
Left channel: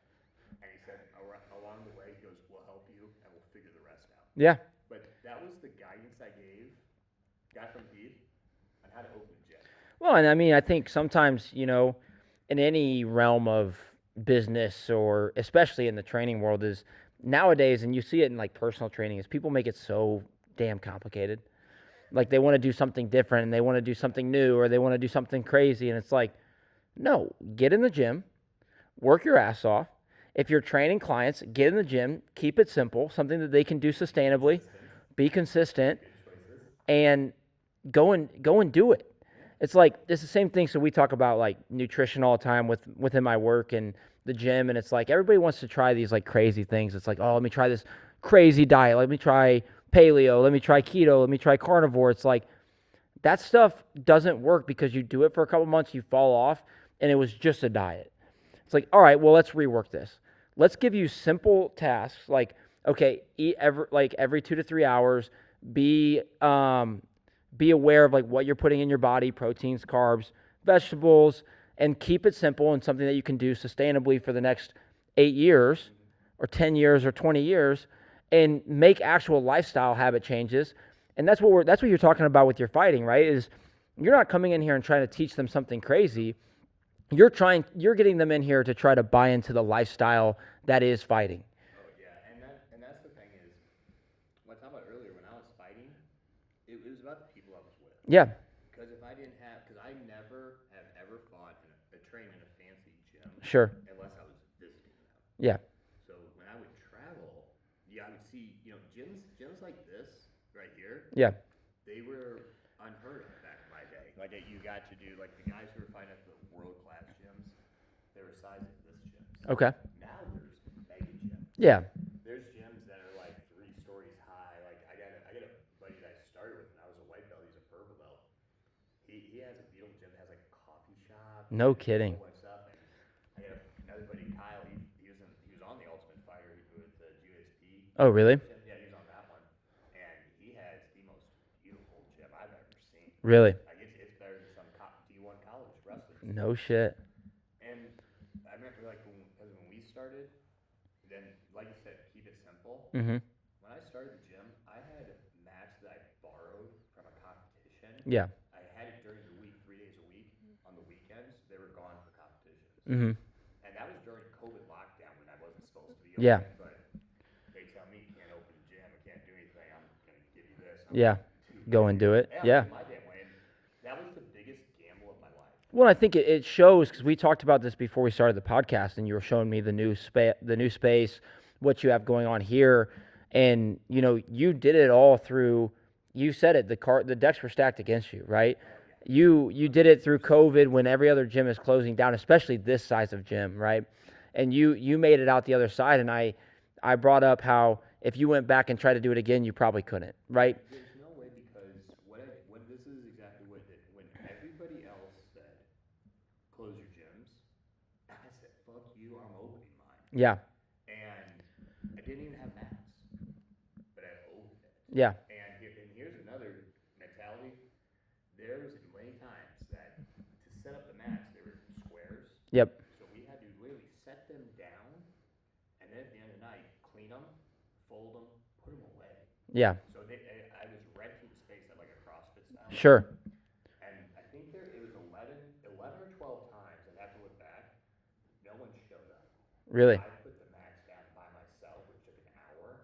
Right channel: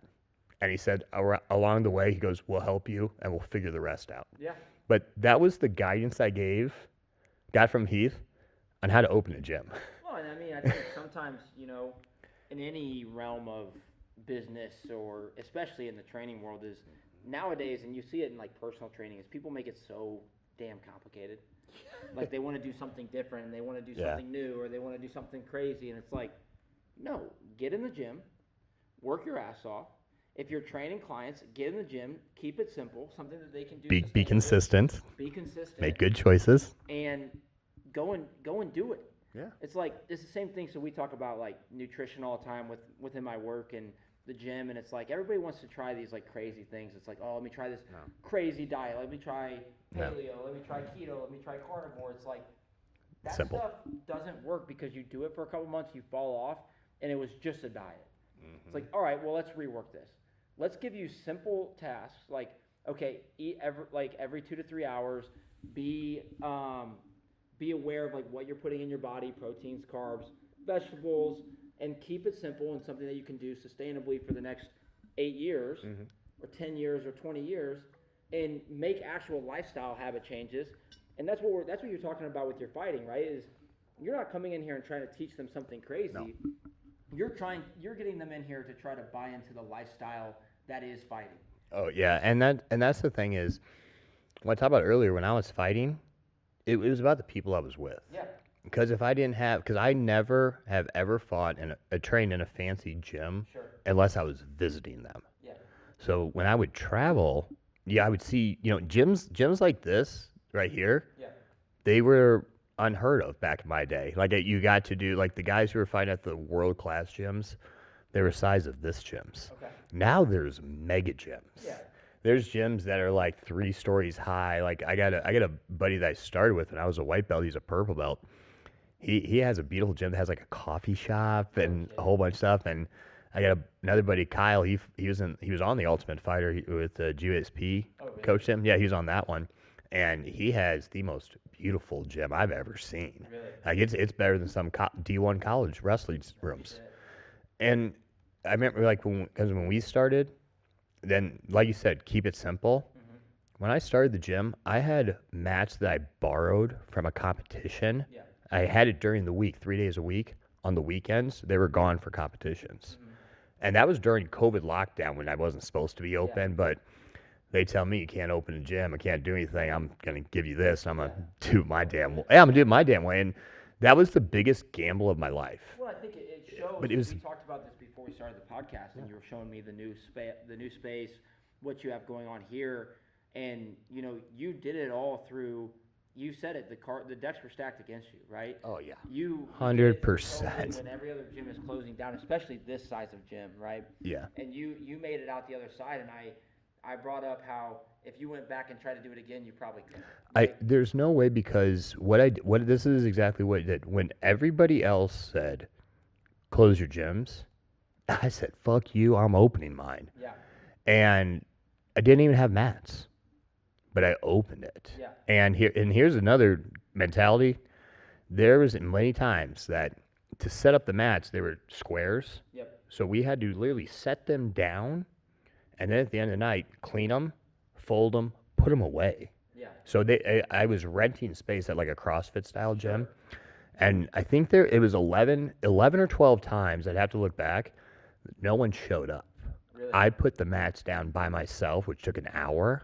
And he said, along the way, he goes, we'll help you, and we'll figure the rest out. Yeah. But that was the guidance I got from Heath on how to open a gym. Well, and I mean, I think sometimes, in any realm of business or especially in the training world is nowadays, and you see it in like personal training, is people make it so damn complicated. Like they want to do something different and they want to do something new or they want to do something crazy. And it's like, no, get in the gym, work your ass off. If you're training clients, get in the gym, keep it simple, something that they can do sustainably. Be consistent. Make good choices. And go and do it. Yeah. It's the same thing. So we talk about like nutrition all the time within my work and the gym, and it's like everybody wants to try these like crazy things. It's like, oh, let me try this crazy diet. Let me try paleo. Let me try keto. Let me try carnivore. It's like that stuff doesn't work because you do it for a couple months, you fall off, and it was just a diet. It's like, all right, well, let's rework this. Let's give you simple tasks like, okay, eat every 2 to 3 hours. Be aware of like what you're putting in your body, proteins, carbs, vegetables, and keep it simple and something that you can do sustainably for the next 8 years or 10 years or 20 years, and make actual lifestyle habit changes. And that's what you're talking about with your fighting, right? Is you're not coming in here and trying to teach them something crazy. You're getting them in here to try to buy into the lifestyle that is fighting. Oh yeah, and that's the thing is, what I talked about earlier when I was fighting, it was about the people I was with. Yeah, Because if I didn't have, because I never have ever fought in a trained in a fancy gym sure. unless I was visiting them. Yeah, So when I would travel, yeah, I would see, gyms like this right here, yeah, they were unheard of back in my day. Like you got to do like the guys who were fighting at the world class gyms, they were size of this gyms. okay. Now there's mega gyms. Yeah, There's gyms that are like 3 stories high. Like I got a buddy that I started with when I was a white belt. He's a purple belt. He has a beautiful gym that has like a coffee shop No and kidding. a whole bunch of stuff. And I got another buddy, Kyle. He was on the Ultimate Fighter with the GSP. Oh, really? Coached him. Yeah, he was on that one, and he has the most beautiful gym I've ever seen. really. Like it's better than some D1 college wrestling No rooms. shit. And I remember like because when we started, then like you said, keep it simple. Mm-hmm. When I started the gym, I had mats that I borrowed from a competition. Yeah. I had it during the week, 3 days a week. On the weekends, they were gone for competitions. Mm-hmm. And that was during COVID lockdown when I wasn't supposed to be open. Yeah. But they tell me you can't open a gym, I can't do anything. I'm gonna give you this. And I'm Yeah. gonna do Go my and damn do way. it. Yeah, I'm Yeah. doing my damn way. And that was the biggest gamble of my life. Well, I think it shows It because was- we talked about this before we started the podcast, and you were showing me the new space, what you have going on here, and you did it all through. You said it. The decks were stacked against you, right? Oh yeah. You did it through 100%. COVID when every other gym is closing down, especially this size of gym, right? Yeah. And you made it out the other side, and I brought up how if you went back and tried to do it again, you probably couldn't, right? There's no way because what this is exactly what it did. When everybody else said, "Close your gyms," I said, "Fuck you, I'm opening mine." Yeah, And I didn't even have mats, but I opened it. yeah, And here's another mentality. There was many times that to set up the mats, they were squares. yep, So we had to literally set them down, and then at the end of the night, clean them, fold them, put them away. yeah, So I was renting space at like a CrossFit style Sure. gym, and I think it was 11 or 12 times. I'd have to look back. No one showed up. really, I put the mats down by myself, which took an hour.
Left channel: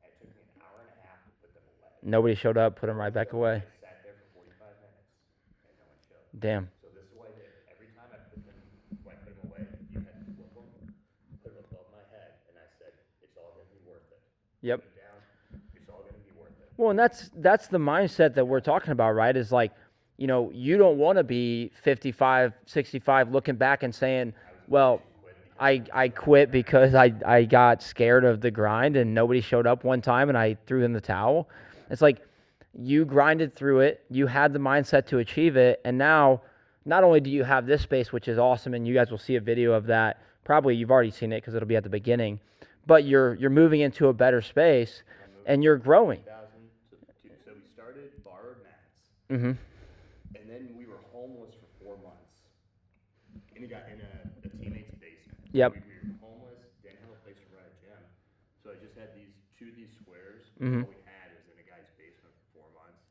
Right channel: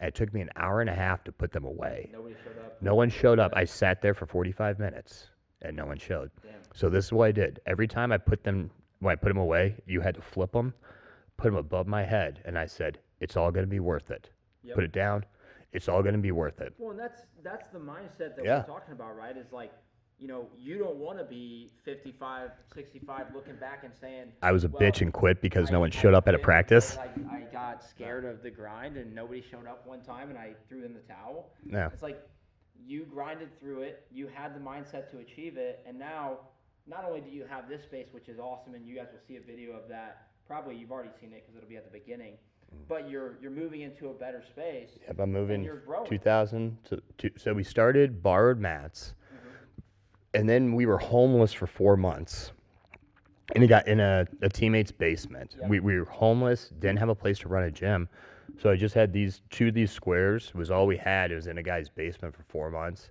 And it took me an hour and a half to put them away. nobody showed up. Put No it one right back showed up. away. I sat there for 45 minutes, and no one showed. Damn, So this is what I did. Every time when I put them away, you had to flip them, put them above my head, and I said, "It's all going to be worth it." Yep. Put it down. It's all going to be worth it. Well, and that's the mindset that we're Yeah. talking about, right? Is like, you don't want to be 55, 65 looking back and saying, I was a well, bitch and quit because I no one showed up at quit practice. because I got scared of the grind and nobody showed up one time and I threw in the towel. Yeah. It's like you grinded through it, you had the mindset to achieve it, and now not only do you have this space, which is awesome, and you guys will see a video of that. Probably you've already seen it because it'll be at the beginning, but you're moving into a better space, Yep, I'm moving and you're growing. 2000 so we started borrowed mats, Mm-hmm. and then we were homeless for 4 months. And it got in a teammate's basement. Yep. We were homeless, didn't have a place to run a gym. So I just had two of these squares was all we had. It was in a guy's basement for 4 months.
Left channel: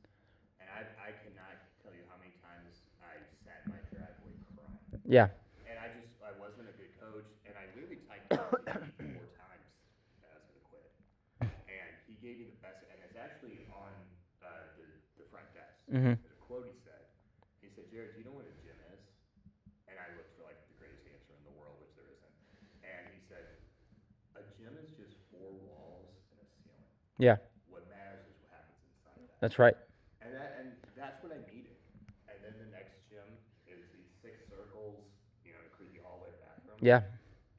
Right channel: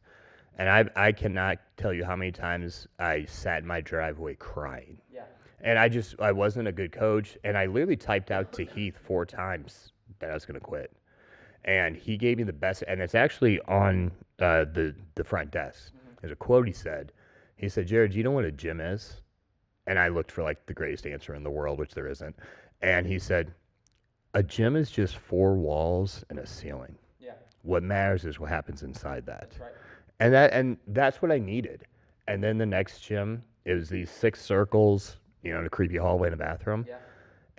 And I cannot tell you how many times I sat in my driveway crying. Yeah. And I wasn't a good coach. And I literally typed out to Heath 4 times that I was going to quit. And he gave me the best, and it's actually on the front desk. There's a quote he said. He said, "Jared, do you know what a gym is?" And I looked for like the greatest answer in the world, which there isn't. And he said, "A gym is just 4 walls and a ceiling. Yeah. What matters is what happens inside that." That's right. And that's what I needed. And then the next gym, it was these 6 circles, in a creepy hallway in a bathroom. Yeah.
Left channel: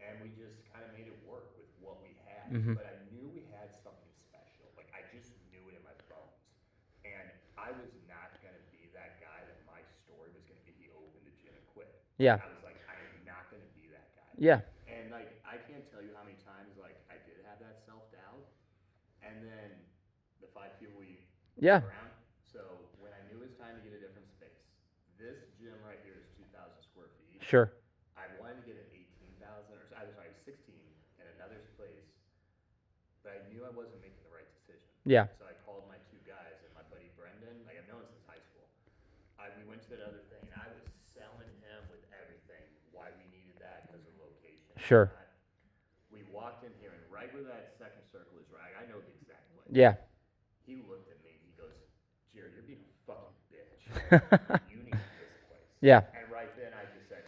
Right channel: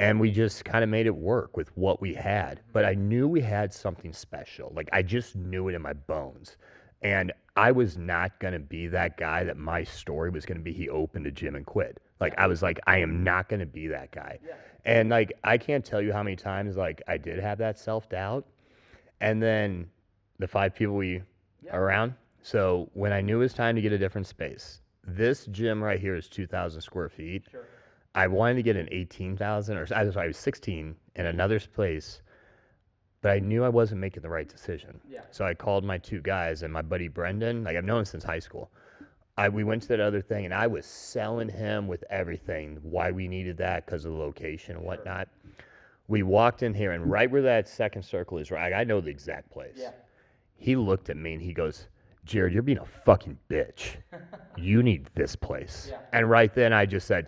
And we just kind of made it work with what we had. But I knew we had something special. Like I just knew it in my bones. And I was not going to be that guy that my story was going to be he opened a gym and quit. Like Yeah. I was like, I am not going to be that guy. Yeah. And like I can't tell you how many times like I did have that self-doubt. And then the 5 people we Yeah. are around. So when I knew it was time to get a different space, this gym right here is 2,000 square feet. Sure. I wanted to get an 18,000 or I was 16 in another place, but I knew I wasn't making the right decision. Yeah. So I called my 2 guys and my buddy Brendan, like I've known him since high school. we went to that other thing, and I was selling him with everything, why we needed that because of the location and Sure. whatnot. We walked in here, and right where that second circle is, right, I know the exact place. Yeah. He looked at me, and he goes, Jared, you're being a fucking bitch. You need this place. Yeah. And right then, I just said,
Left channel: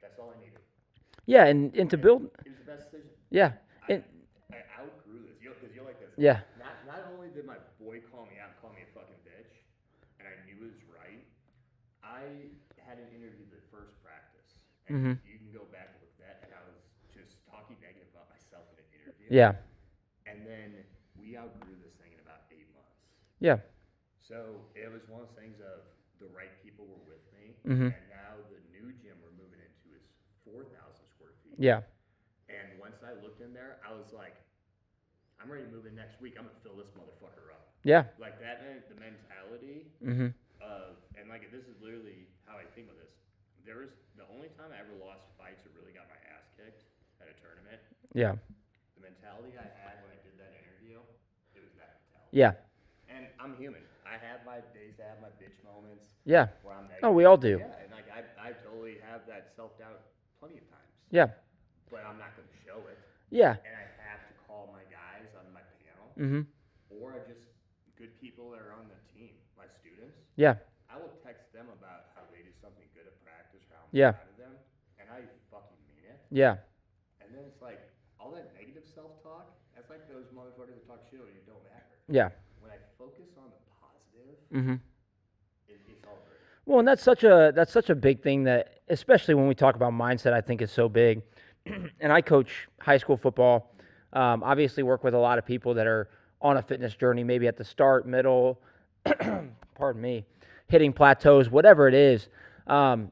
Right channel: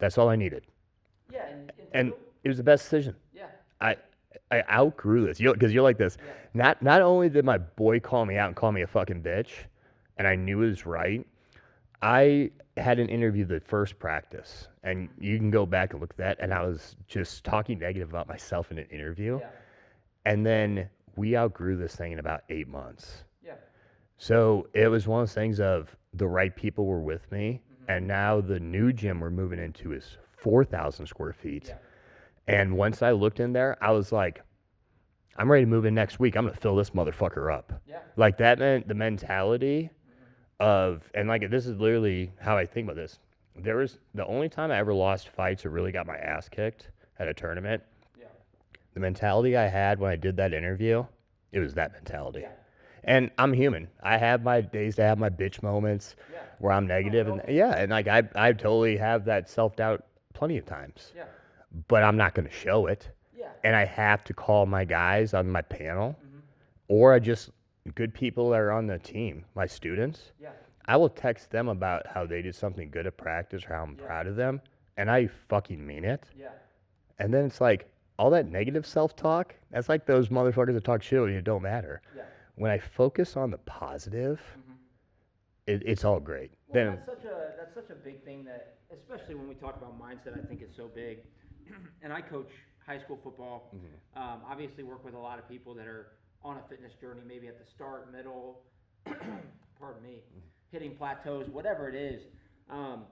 that's all I needed. Yeah, and to And build. it was the best decision. Yeah. I outgrew this because you're like this. Yeah. Not only did my boy call me out and call me a fucking bitch, and I knew it was right. I had an interview the first practice, and you can go back and look at that. And I was just talking negative about myself in an interview. Yeah. And then we outgrew this thing in about 8 months. Yeah. So it was one of those things of the right people were with me, Mm-hmm. and now the new gym we're moving into is 4,000 square feet. Yeah. And once I looked in there, I was like, I'm ready to move in next week. I'm going to fill this motherfucker up. Yeah. Like that meant the mentality Mm-hmm. of, and like this is literally how I think about this. There was the only time I ever lost fights or really got my ass kicked at a tournament. Yeah. The mentality I had when I did that interview, it was that mentality. Yeah. And I'm human. I have my days to have my bitch moments. Yeah. Where I'm negative. we all and- do. Yeah, and like I totally have that self-doubt plenty of times. Yeah. But I'm not going to show it. Yeah. And I have to call my guys on my panel, Mm-hmm. or I just good people that are on the team, my students. Yeah. I will text them about how they did something good at practice or how I'm Yeah. proud of them, and I fucking mean it. Yeah. And then it's like all that negative self-talk. That's like those motherfuckers that talk shit and it don't matter. Yeah. When I focus on the positive, Mm-hmm. it's all great. Well, and that's such a big thing that, especially when we talk about mindset, I think is so big. And I coach high school football. Obviously, work with a lot of people that are on a fitness journey, maybe at the start, middle, pardon me, hitting plateaus, whatever it is.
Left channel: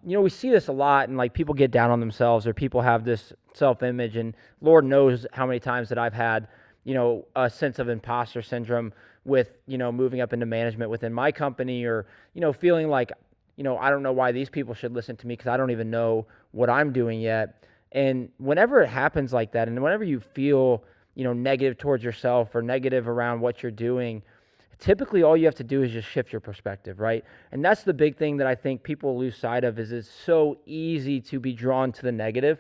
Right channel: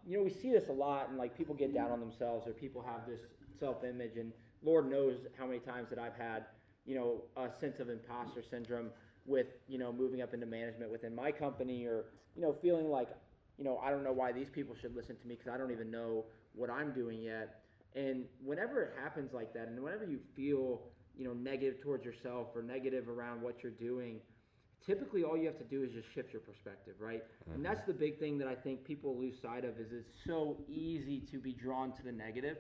We see this a lot, and like people get down on themselves, or people have this self-image, and Lord knows how many times that I've had, a sense of imposter syndrome with, moving up into management within my company, or, feeling like, I don't know why these people should listen to me because I don't even know what I'm doing yet. And whenever it happens like that, and whenever you feel, negative towards yourself or negative around what you're doing, typically all you have to do is just shift your perspective, right? And that's the big thing that I think people lose sight of is it's so easy to be drawn to the negative,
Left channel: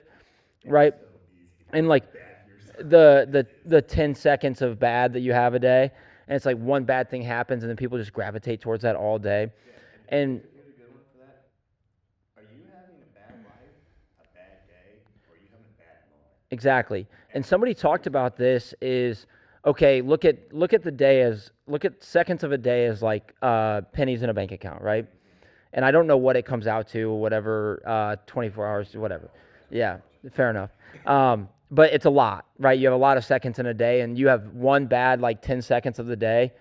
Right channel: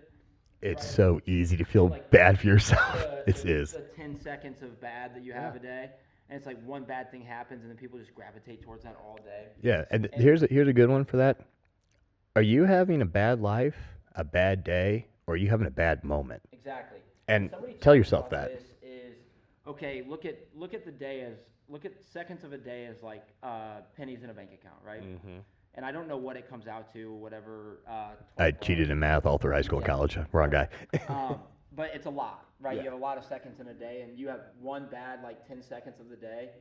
It's right? so easy to feel And like bad for yourself. the 10 seconds of bad that you have a day, and it's like one bad thing happens and then people just gravitate towards that all day. Yeah, and And- here's a good one for that. Are you having a bad life, a bad day, or are you having a bad moment? Exactly. And And somebody tell talked yourself about that. this is, okay, look at the day as, look at seconds of a day as like pennies in a bank account, right? And I don't know what it comes out to, whatever, I 24 hours. cheated in or math whatever. all through high school Yeah, and college. fair Wrong enough. guy. But it's a lot, right? You have a lot of seconds in a day, and you have one bad, like 10 seconds of the day.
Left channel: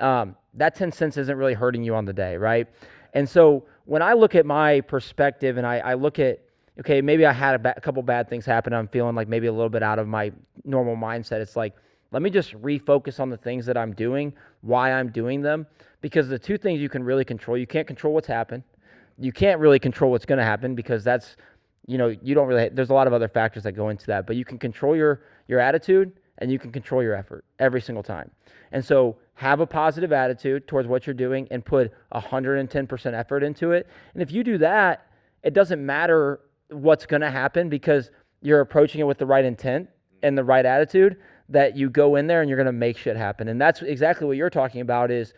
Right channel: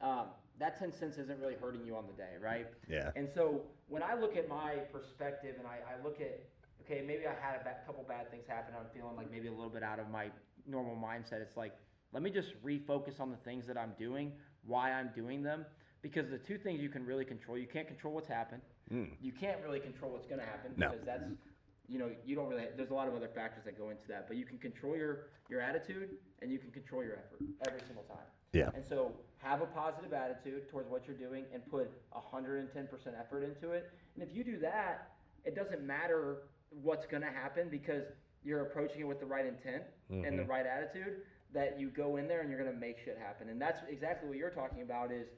That 10 cents isn't really hurting you on the day, right? Yeah. And so when I look at my perspective and I look at, okay, maybe I had a couple bad things happen. I'm feeling like maybe a little bit out of my normal mindset. It's like, let me just refocus on the things that I'm doing, why I'm doing them. Because the two things you can really control, you can't control what's happened. You can't really control what's going to happen because that's, you don't really, there's a lot of other factors that go into that. But you can control your attitude and you can control your effort every single time. Yeah. And so have a positive attitude towards what you're doing and put 110% effort into it. And if you do that, it doesn't matter what's going to happen because you're approaching it with the right intent and the right attitude, that you go in there and you're going to make shit happen. And that's exactly what you're talking about is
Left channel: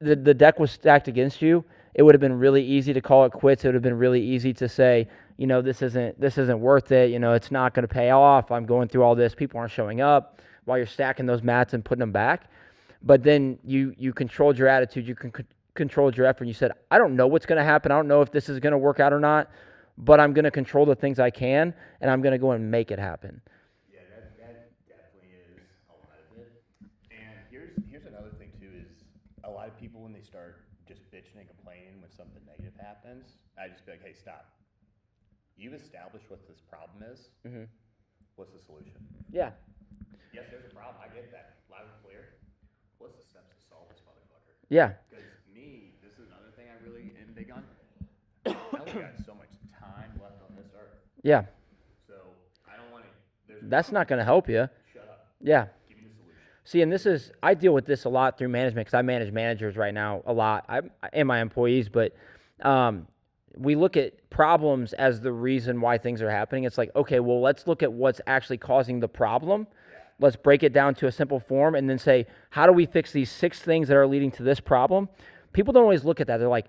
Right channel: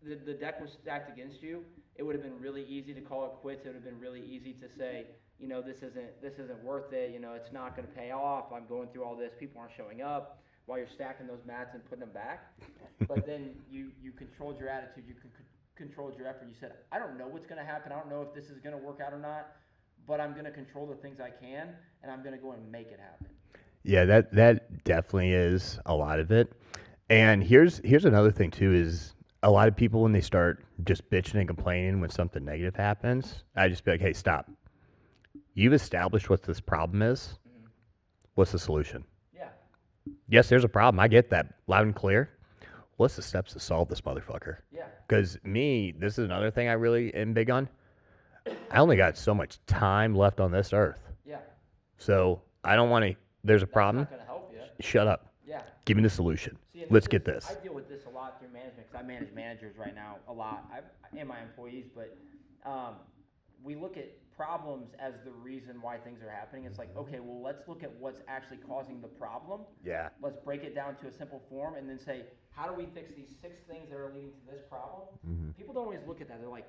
the deck was stacked against you. It would have been really easy to call it quits. It would have been really easy to say, this isn't worth it. It's not going to pay off. I'm going through all this. People aren't showing up while you're stacking those mats and putting them back. But then you controlled your attitude. You controlled your effort. You said, I don't know what's going to happen. I don't know if this is going to work out or not, but I'm going to control the things I can, and I'm going to go and make it happen. Yeah, that definitely is a lot of it. And here's another thing too is a lot of people when they start just bitching and complaining when something negative happens, I just be like, hey, stop. You've established what this problem is. What's the solution? Yeah. Yes, there's a problem. I get that loud and clear. What's the steps to solve this motherfucker? Yeah. Because this is another thing I really am big on. I only got so much time left on this earth. Yeah. So I don't want to, there's a That's problem. not going to help you. Shut up. Yeah. Give me the solution. See, and Let's get this. I deal with this a lot through management because I manage managers right now a lot. And my employees, but we look at problems as the reason why things are happening. It's like, okay, well, let's look at what's actually causing the problem. Yeah. Let's break it down to a simple form and then say, how do we fix these 6 things that are leading to this problem? People don't always look at that. They're like,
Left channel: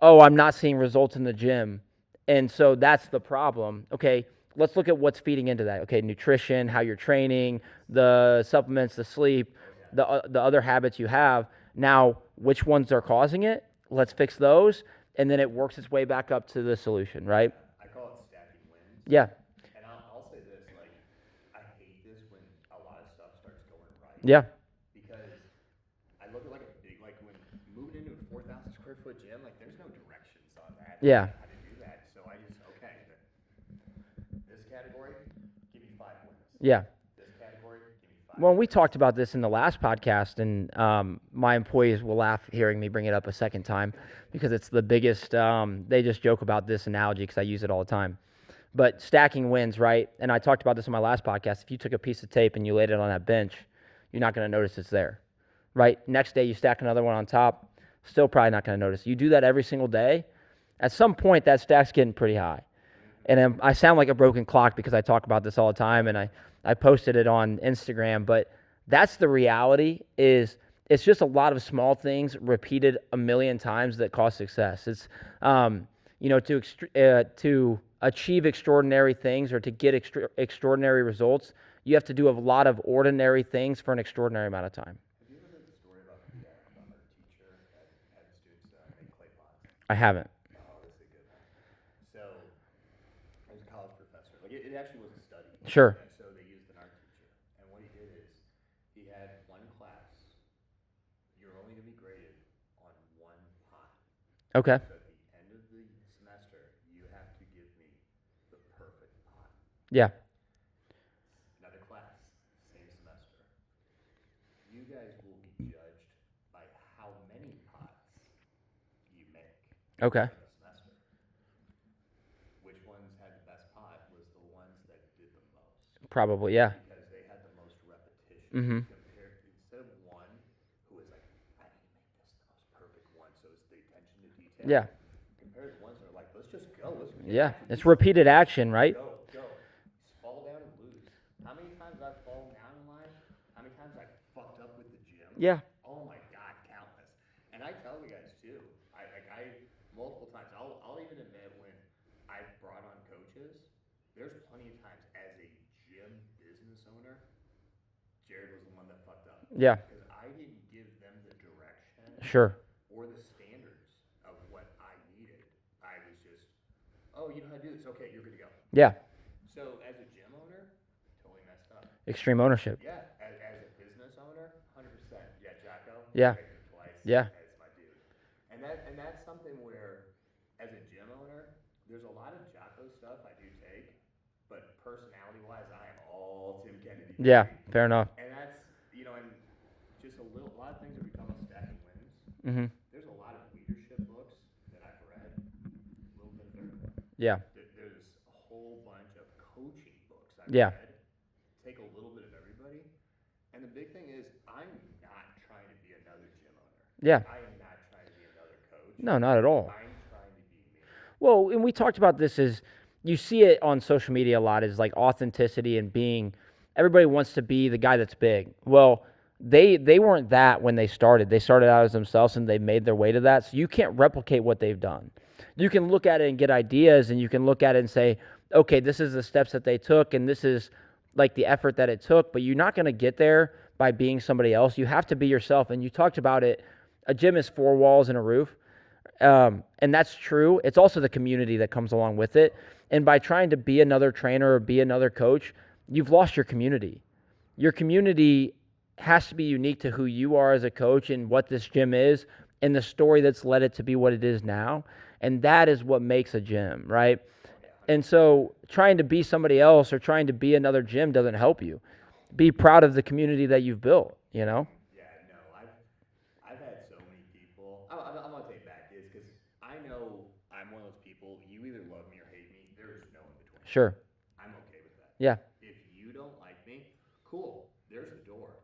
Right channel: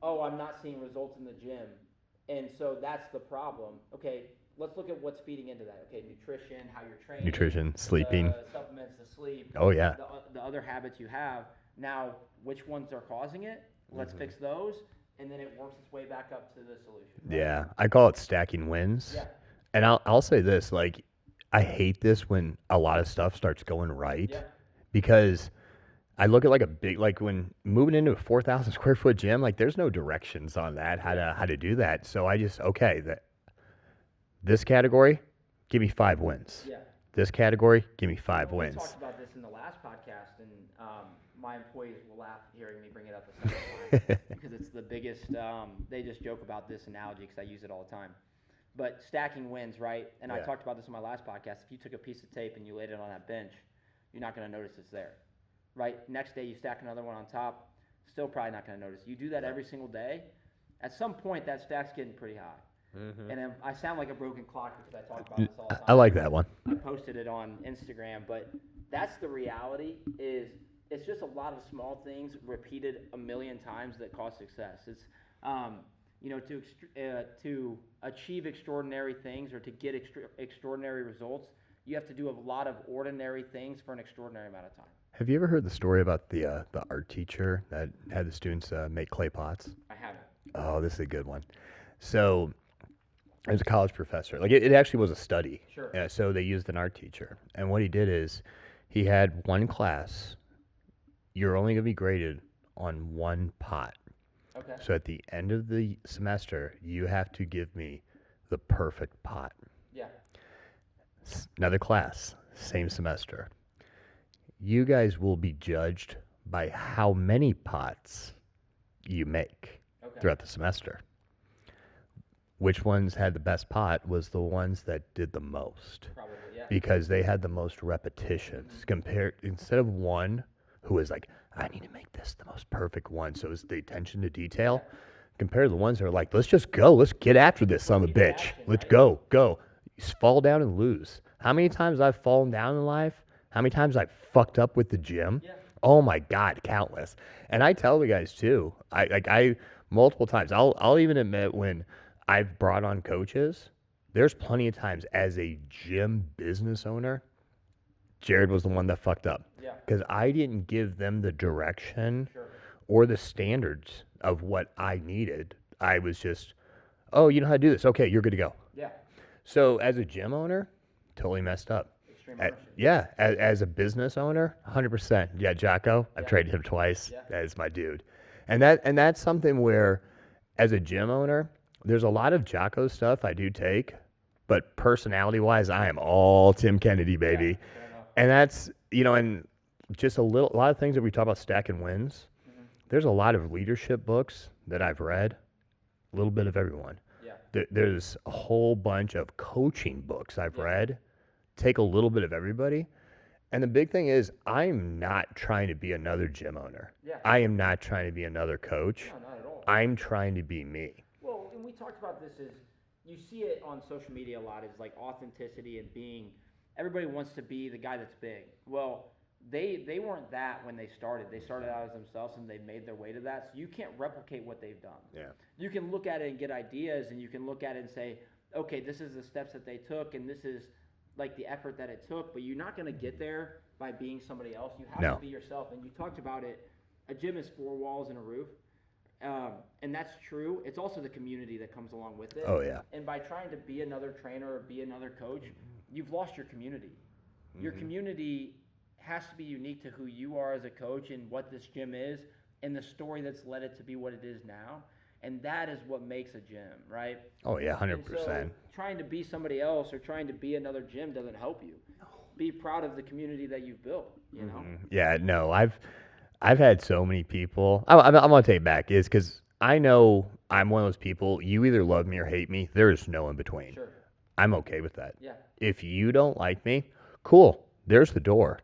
oh, I'm not seeing results in the gym. And so that's the problem. Okay, let's look at what's feeding into that. Okay, nutrition, how you're training, Nutrition, sleeping. the supplements, the sleep, Oh, yeah. the other habits you have. Now, which ones are causing it? Let's fix those, and then it works its way back up to the solution, right? Yeah. I call it stacking wins. Yeah. And I'll say this, like, I hate this when a lot of stuff starts going right. Yeah. Because I look at like a big, like when moving into a 4,000 square foot gym, like there's no directions on that, how to do that. So I just, okay, this category, give me 5 wins. Yeah. This category, give me 5 Well, wins. we talked about this in the last podcast, and my employees will laugh hearing me bring it up a second time because it's the biggest. They just joke about this analogy because I use it all the time. But stacking wins, right? And I talked about this in my last podcast. If you took a piece of tape and you laid it on that bench, you're not going to notice it's there, right? Next day you stack another one on top, still probably not going to notice. You do that every single day. At some point, that stack's getting pretty high. And I sound like a broken clock because I talk about this all the time. I like and that one. I posted it on Instagram, but that's the reality. Is it's just a lot of small things repeated a million times that cause success. It's to achieve extraordinary things or to get extraordinary results, you have to do a lot of ordinary things for an extraordinary amount of time. Have you ever heard the story about the art teacher that had the students make clay pots? I haven't. Oh, this is a good one. So, it was a college professor. Like it actually was a study. Sure. So they used an art teacher, and what he did is he had one class. You're only going to be graded on one pot. Okay. So at the end of the semester, you have to give me the perfect pot. Yeah. Another class, same semester. You guys will be judged by how many pots you make throughout the semester. Which ones had the best pot was the ones that did the most. Probably, yeah. Because they had the most repetitions compared, instead of one who was like, I need to make this the most perfect one. So it's the attention to detail. Yeah. Compared to the ones that are like, let's just go. Let's get after this. It's repeated action, let's right? Go. You fall down and lose. How many times I've fallen down in life? How many times I've fucked up with the gym? Yeah. Oh my God, countless. And I tell the guys too. I multiple times. I'll even admit when I've brought on coaches, there's plenty of times as a gym business owner, Jared was the one that fucked up. Yeah. Because I didn't give them the direction or the standards of what I needed. I was just, oh, you know how to do this. Okay, you're good to go. Yeah. So as a gym owner, totally messed up. Extreme ownership. Yeah. As a business owner, 100%. Yeah, Jocko, I traded him twice. Yeah. That is my dude. And that's something where, as a gym owner, there's a lot of Jocko stuff I do take, but personality-wise, I am all Tim Kennedy, baby. Yeah, fair enough. And that's, and just a lot of things that we talk about stacking wins. Mm-hmm. There's a lot of leadership books that I've read, a little bit of everyone. Yeah. There's a whole bunch of coaching books I've read, take a little bit of everybody. And the big thing is, I'm not trying to be another gym owner. Yeah. I am not trying to be another coach. No, not at all. I'm trying to be me. Well, and we talked about this as you see it on social media a lot is like authenticity and being everybody wants to be the guy that's big. Well, they weren't that when they started. They started out as themselves and they made their way to that. So you can't replicate what they've done. Yeah. You can look at it and get ideas and you can look at it and say, okay, this is the steps that they took and this is like the effort that it took, but you're not going to get there by being somebody else. You have to be yourself. And you talked about it. A gym is 4 walls and a roof. And that's true. It's also the community that comes along with it. Oh, yeah. And by trying to be another trainer or be another coach, you've lost your community. Your community has to be unique to who you are as a coach and what this gym is and the story that's led it to be what it is now. And that is what makes a gym, right? Oh, yeah, 100%. And so trying to be somebody else or trying to be another gym doesn't help you. Be proud of the community that you've built, Yeah, no, I've had so many people. I'm going to take it back. Is because I know I'm one of those people, you either love me or hate me. There is no in between. Sure. I'm okay with that. Yeah. If you don't like me, cool. There's the door.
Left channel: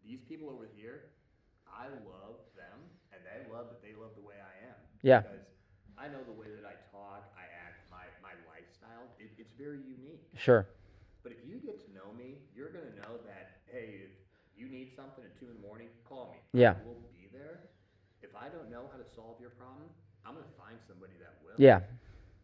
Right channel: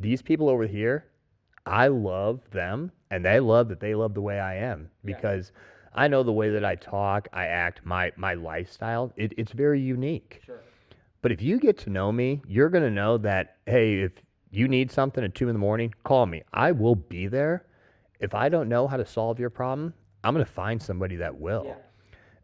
These people over here, I love them, and they love that they love the way I am Yeah. because I know the way that I talk, I act, my lifestyle. It's very unique. Sure. But if you get to know me, you're gonna know that hey, if you need something at 2 in the morning, call me. I Yeah. will be there. If I don't know how to solve your problem, I'm gonna find somebody that will. Yeah.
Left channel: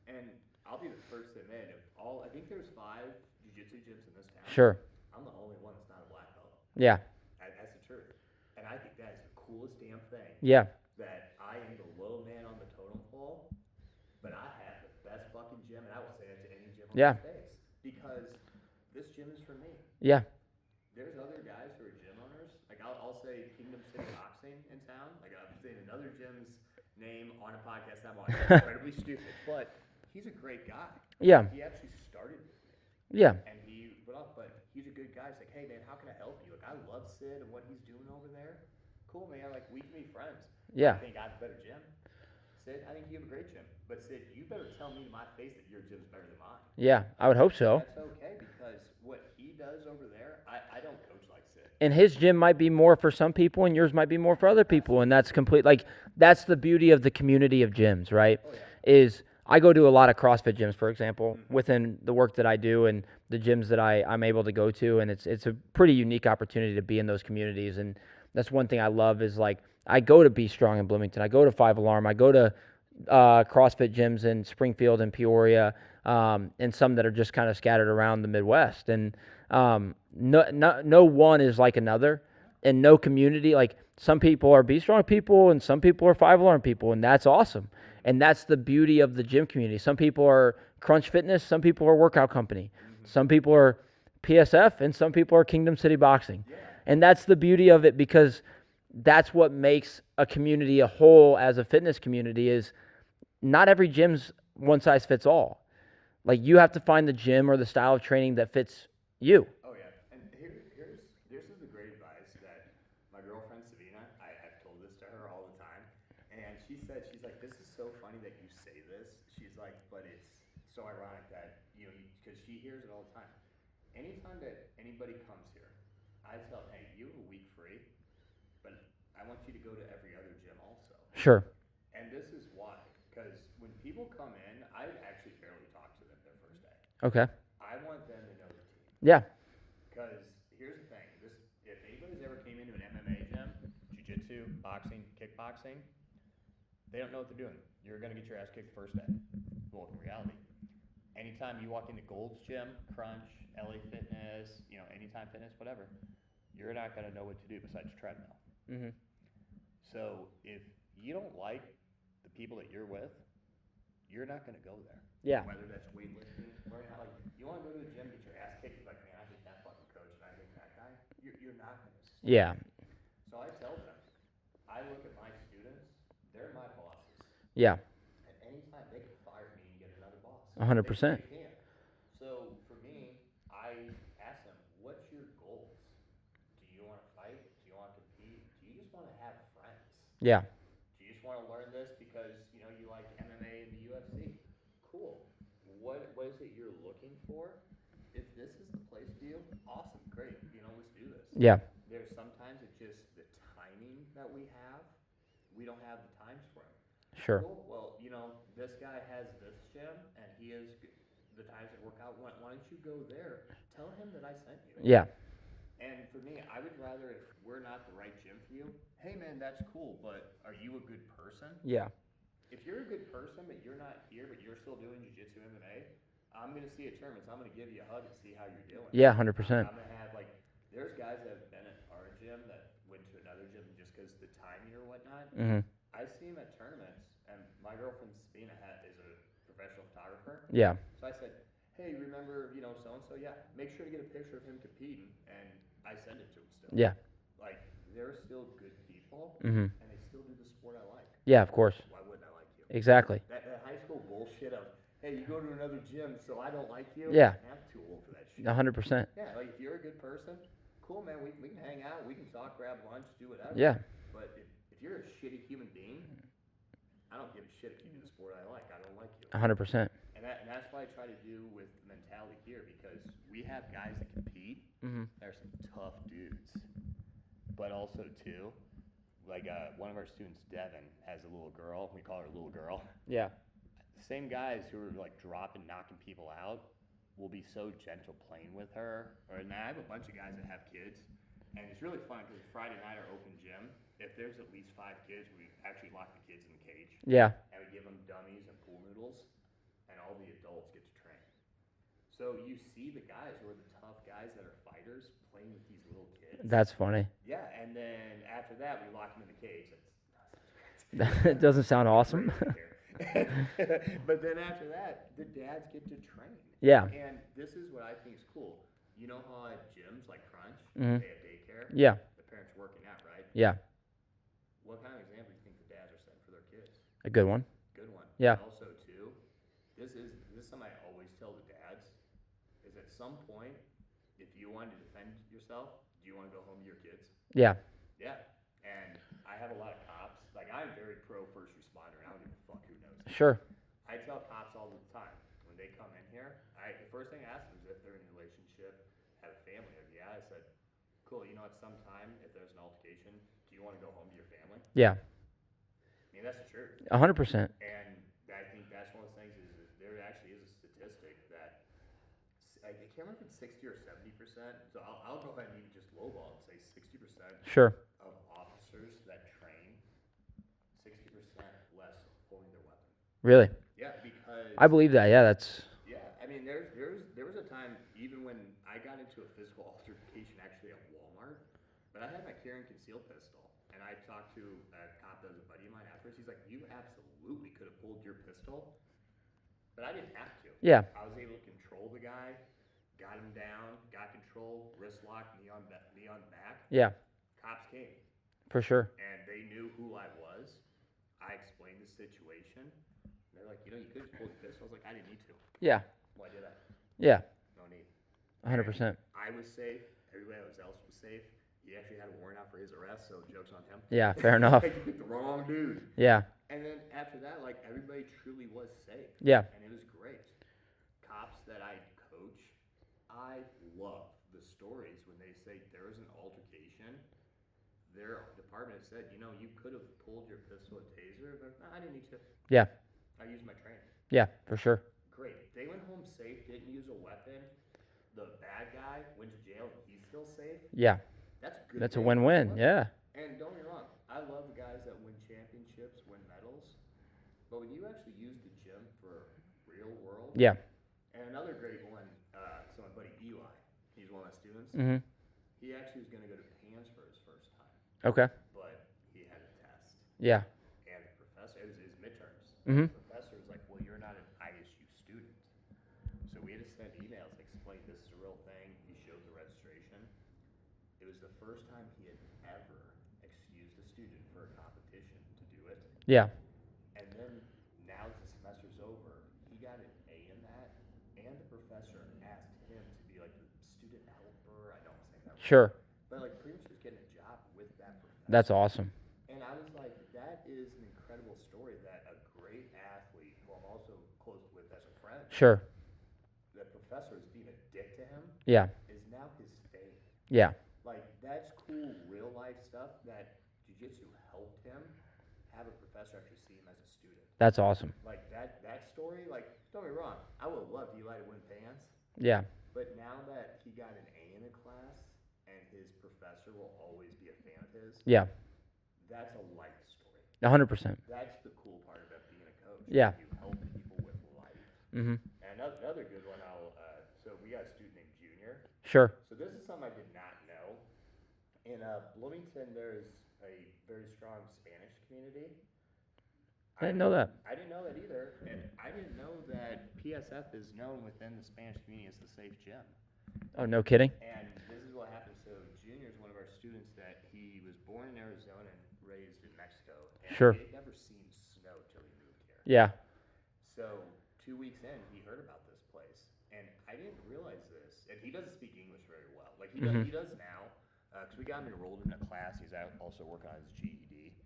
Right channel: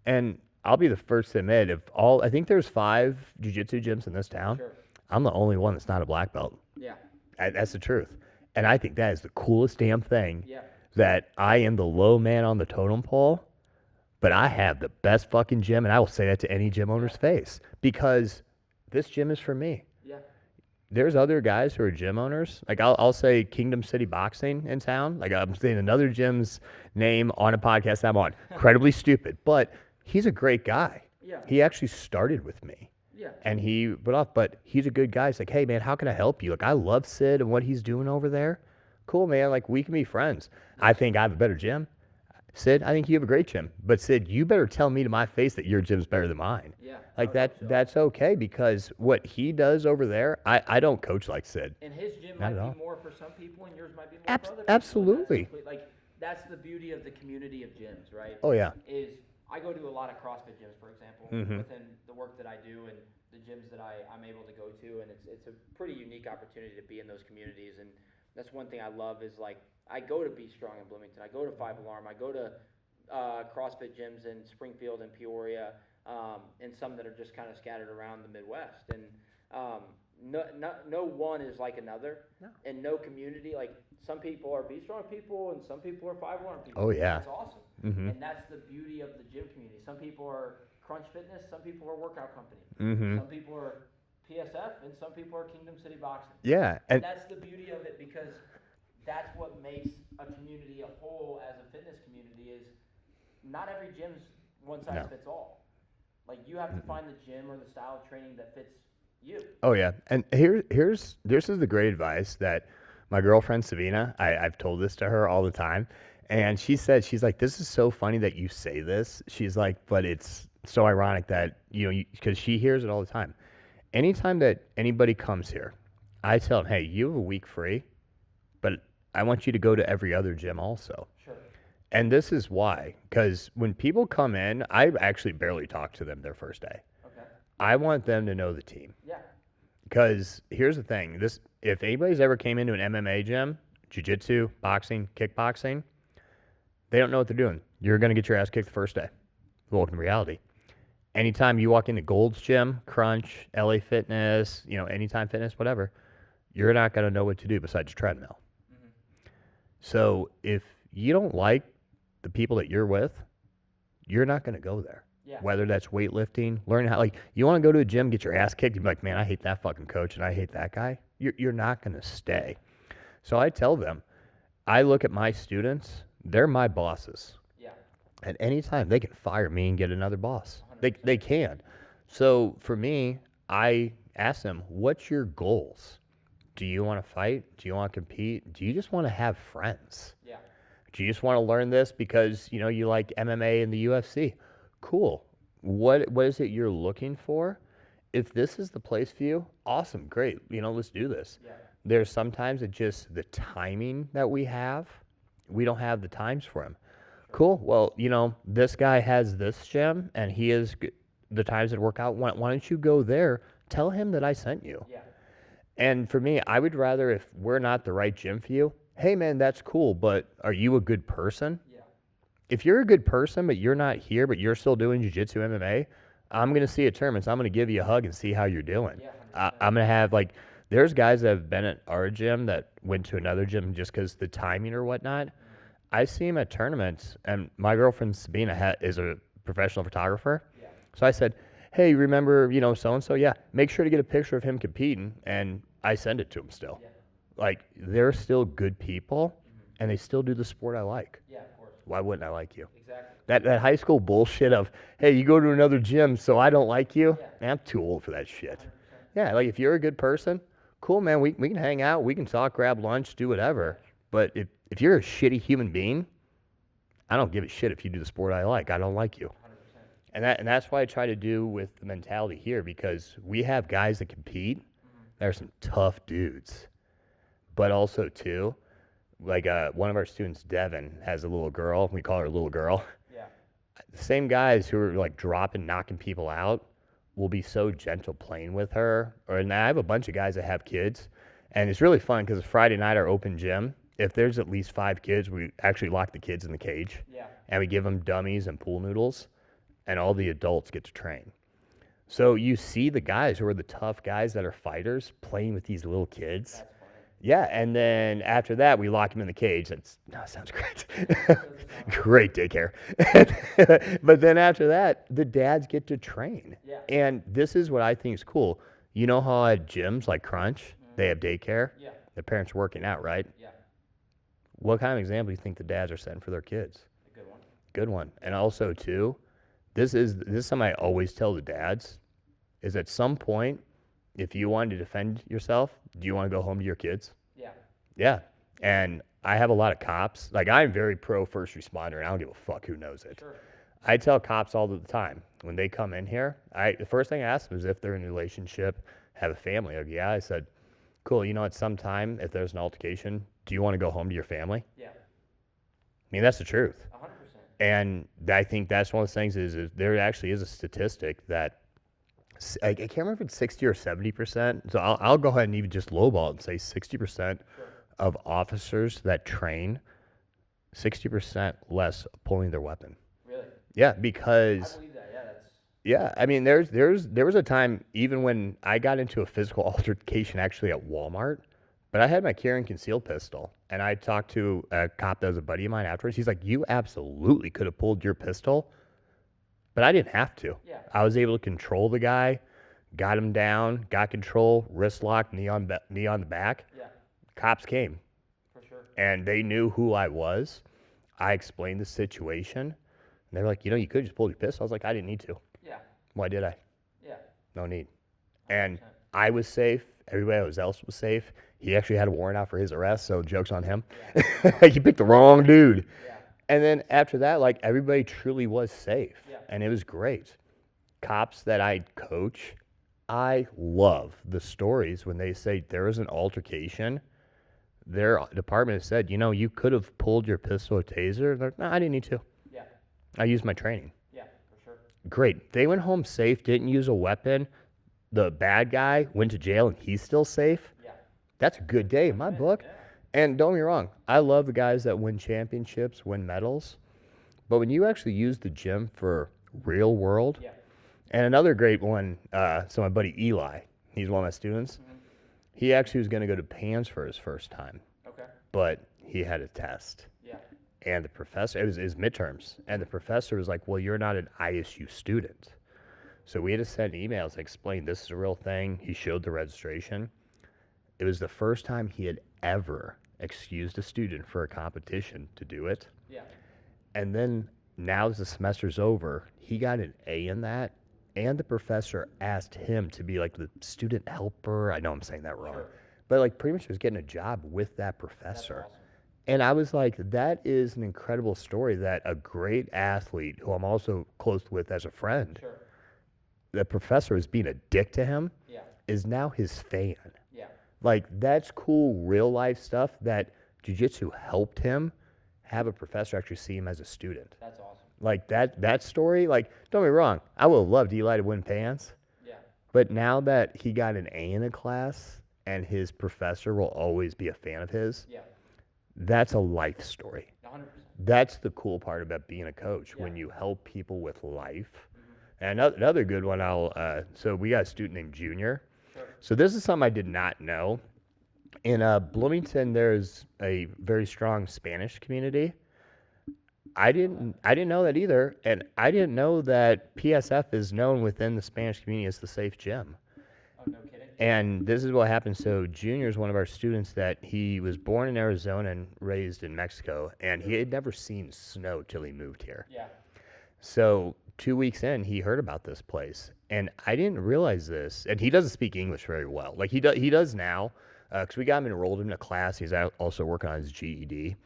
And I'll be the first to admit, if all I think there's 5 jiu-jitsu gyms in this town. Sure. I'm the only one that's not a black belt. Yeah. That's the truth. And I think that is the coolest damn thing. Yeah. That I am the low man on the totem pole, but I have the best fucking gym, and I will say that to any gym owner's face because this gym is for me. Yeah. There's other guys who are gym owners. Like I'll say Kingdom City Boxing in town. Like I'm saying another gym's name on a podcast I'm on. Incredibly stupid, but he's a great guy. Yeah. He actually started with me. Yeah. And he went off, but he's a good guy. He's like, hey, man, how can I help you? Like, I love Sid and what he's doing over there. Cool, man. Like, we can be friends. Yeah. I think I have a better gym. Sid, I think you have a great gym. But, Sid, you better tell me to my face that your gym's better than mine. Yeah. Like, I would hope so. That's okay because what he does over there, I don't coach like Sid. And his gym might be more for some people and yours might be more for other people. And that's complete. Like, that's the beauty of the community of gyms, right? Oh, yeah. Is I go to a lot of CrossFit gyms, for example, within the work that I do and the gyms that I'm able to go to, and it's a pretty unique opportunity to be in those communities. And that's one thing I love is like I go to Be Strong in Bloomington, I go to 5 Alarm, I go to CrossFit gyms in Springfield and Peoria, and some that are just kind of scattered around the Midwest. And no one is like another, and no community like. Some people are Be Strong people, and some people are 5 Alarm people, and that's awesome. And that's the beauty of the gym community. Some people are Crunch Fitness, some people are Workout Company, some people are PSF, and some people are Kingdom City Boxing. Yeah. And that's the beauty of it because that's what makes a community a whole as a fitness community is not every gym's one size fits all. Like you have to find the gym or the style of training that fits you. Oh, yeah. And this is the great advice that my girlfriend, Savina, I've told this to her all the time. And she said, she's like, this is so funny that you say this. She's like, but it's so ironic that, because she hears it all the time. Anytime that anybody comes here, I tell them, hey, you have a week free, but I want you to go to every other gym also. Sure. And this is why, because when people come in, I actually barely talk to them their first day. Okay. I want them to know the team. Yeah. Because here's the thing, if anybody's ever came into an MMA gym, jiu-jitsu, boxing, kickboxing, they don't know what they're doing. You're going to get your ass kicked the first day. Welcome to reality. Anytime you walk into Gold's Gym, Crunch, LA Fitness, Anytime Fitness, whatever, you're not going to know what to do besides treadmill. So if you don't like the people that you're with, you're not going to go there. Yeah. Whether that's weightlifting, learning how, you want to go to a gym, get your ass kicked, you'd be like, man, I hate that fucking coach and I hate that guy. You're not going to stay. Yeah. So I tell them, I look at my students, they're my bosses. Yeah. At any time, they can fire me and get another boss. 100%. They can. So for me, I ask them, what's your goals? Do you want to fight? Do you want to compete? Do you just want to have friends? Yeah. Do you just want to learn this because, you like MMA and the UFC? Cool. What is it you're looking for? If this is the place for you, awesome, great. Let's do this. Yeah. There's sometimes it's just the timing that we have. We don't have the times for him. Sure. Cool. Well, this guy has this gym and he is the times that work out. Why don't you go there? Tell him that I sent you. Yeah. And for me, I would rather if we're not the right gym for you, hey man, that's cool, but are you a good person? Yeah. If you're a good person, but you're not here, but you're still doing jiu-jitsu MMA, I'm going to see a tournament. So I'm going to give you a hug and see how you're doing. Yeah, 100%. I'm going to have, there's guys that have been at our gym that went to another gym just because the timing or whatnot. I see them at tournaments, and my girlfriend Sabina is a professional photographer. Yeah. So I said, hey, remember, so-and-so? Yeah, make sure to get a picture of him competing, and I send it to him still. Yeah. They're still good people, and they still do the sport I like. Yeah, of course. Why wouldn't I like you? Exactly. That high school bullshit of, hey, you go to another gym, so I don't like you. Yeah. Man, I'm too old for that shit. 100%. Yeah, if you're a good person, cool, man. We can hang out, we can talk, grab lunch, do whatever. Yeah. But if you're a shitty human being, I don't give a shit if you do the sport I like. I don't like you. 100%. And that's why I try to do with the mentality here, because we have guys that compete. There are some tough dudes. But also, too, like one of our students, Devin, has a little girl. We call her little girl. Yeah. The same guys who are like dropping, knocking people out will be so gentle playing with her. And I have a bunch of guys that have kids, and it's really fun because Friday night our open gym. If there's at least 5 kids, we actually lock the kids in the cage. Yeah. And we give them dummies and pool noodles, and all the adults get to train. So you see the guys who are the tough guys that are fighters playing with these little kids. That's funny. Yeah, and then after that, we lock them in the cage. That sounds great. It doesn't sound awesome. Great daycare. But then after that, the dads get to train. Yeah. And this is what I think is cool. You know how at gyms like Crunch, they have daycare? Yeah. The parents are working out, right? Yeah. What kind of example do you think the dads are setting for their kids? A good one. Good one. Yeah. And also, too, this is something I always tell the dads, is at some point, if you want to defend yourself, do you want to go home to your kids? Yeah. Yeah. And I have a lot of cops. Like, I'm very pro first responder, and I don't give a fuck who knows it. Sure. I tell cops all the time, when they come in here, the first thing I ask them is if they're in a relationship, have a family. Like, yeah, I said, cool, at some time, if there's an altercation, do you want to go home to your family? Yeah. I mean, that's the truth. 100%. And I think that's one of the things is there actually is a statistic that I can't remember if it's 60 or 70%. So I'll go ahead and even just lowball it and say 60% Sure. of officers that train, 60% less pulling their weapon. Really? Yeah, because I believe that. Yeah, that's. Yeah, I mean, there was a time even when I got into a physical altercation actually at Walmart, but I had my carry and concealed pistol, and I talked to a cop that was a buddy of mine afterwards. He's like, "You absolutely could have pulled your pistol, but I didn't have to. Yeah. I was able to control the guy, got him down, got control, wrist lock, knee on the back. Yeah. Cops came, For sure. and they knew who I was. I explained the situation, and they're like, you could have just pulled your pistol. I was like, I didn't need to. Yeah. Why did I? Yeah. No need. 100%. And I was safe. Everybody else was safe. He actually had a warrant out for his arrest, so joke's on him. Yeah. Fair enough. He picked the wrong dude. Yeah. And then after that, like, everybody truly was safe. Yeah. And it was great. Cops that I coach, I love the stories when they say there was an altercation. Their department has said, you could have pulled your pistol or taser. They're like, no, I didn't need to. Yeah. I used my training. Yeah. For sure. Great. They went home safe, didn't use a weapon. The bad guy went to jail and he's still safe. Yeah. That's a good That's day. a in my win-win. book. Yeah. And don't get me wrong, I love the guys that win championships, win medals. But when you actually use the gym for real world, Yeah. and another great one, so my buddy Eli, he's one of my students. Mm-hmm. He actually was going to go to PANS for his first time, Okay. but he had a test. Yeah. And the professor, it was his midterms, and the professor was like, well, you're not an ISU student. So we had to send emails, explain this is a real thing. He showed the registration. It was the first time he had ever excused a student for a competition to do it. Yeah. And then now as the semester's over, he got an A in that, and the professor asked him to be like the student helper. I know I'm saying that wrong. Sure. But like pretty much was getting a job with that professor. That's awesome. And I was like, that is an incredible story that a great athlete, who I'm also close with as a friend, Sure. the professor is being a dick to him, Yeah. is now his fan. Yeah. Like, that's cool real life stuff that jiu-jitsu helped him have a professor actually see him as a student. That's awesome. Like, that story, like, don't get me wrong, I would have loved Eli to win PANS, Yeah. but now that he got an A in a class and his professor will always be a fan of his, Yeah. that's a life story. 100%. That's the cool part about being a coach, Yeah. when you help people with life. Mm-hmm. And another good one, so we got a student named Junior. Sure. So this is something I did not know. In Bloomington, there's a very strong Spanish community. I didn't know that either, and I didn't know that PSF is known within the Spanish community as the safe gym. Oh, no kidding. And this is what happened. So Junior is one of our students that he was born in Arizona and raised in Mexico, and Sure. he had never seen snow till he moved here. Yeah. So 2 weeks in, he heard about this place, and I didn't realize this. And he doesn't speak English very well. Like he does now, because we got him enrolled in a class. He's also working on his GED.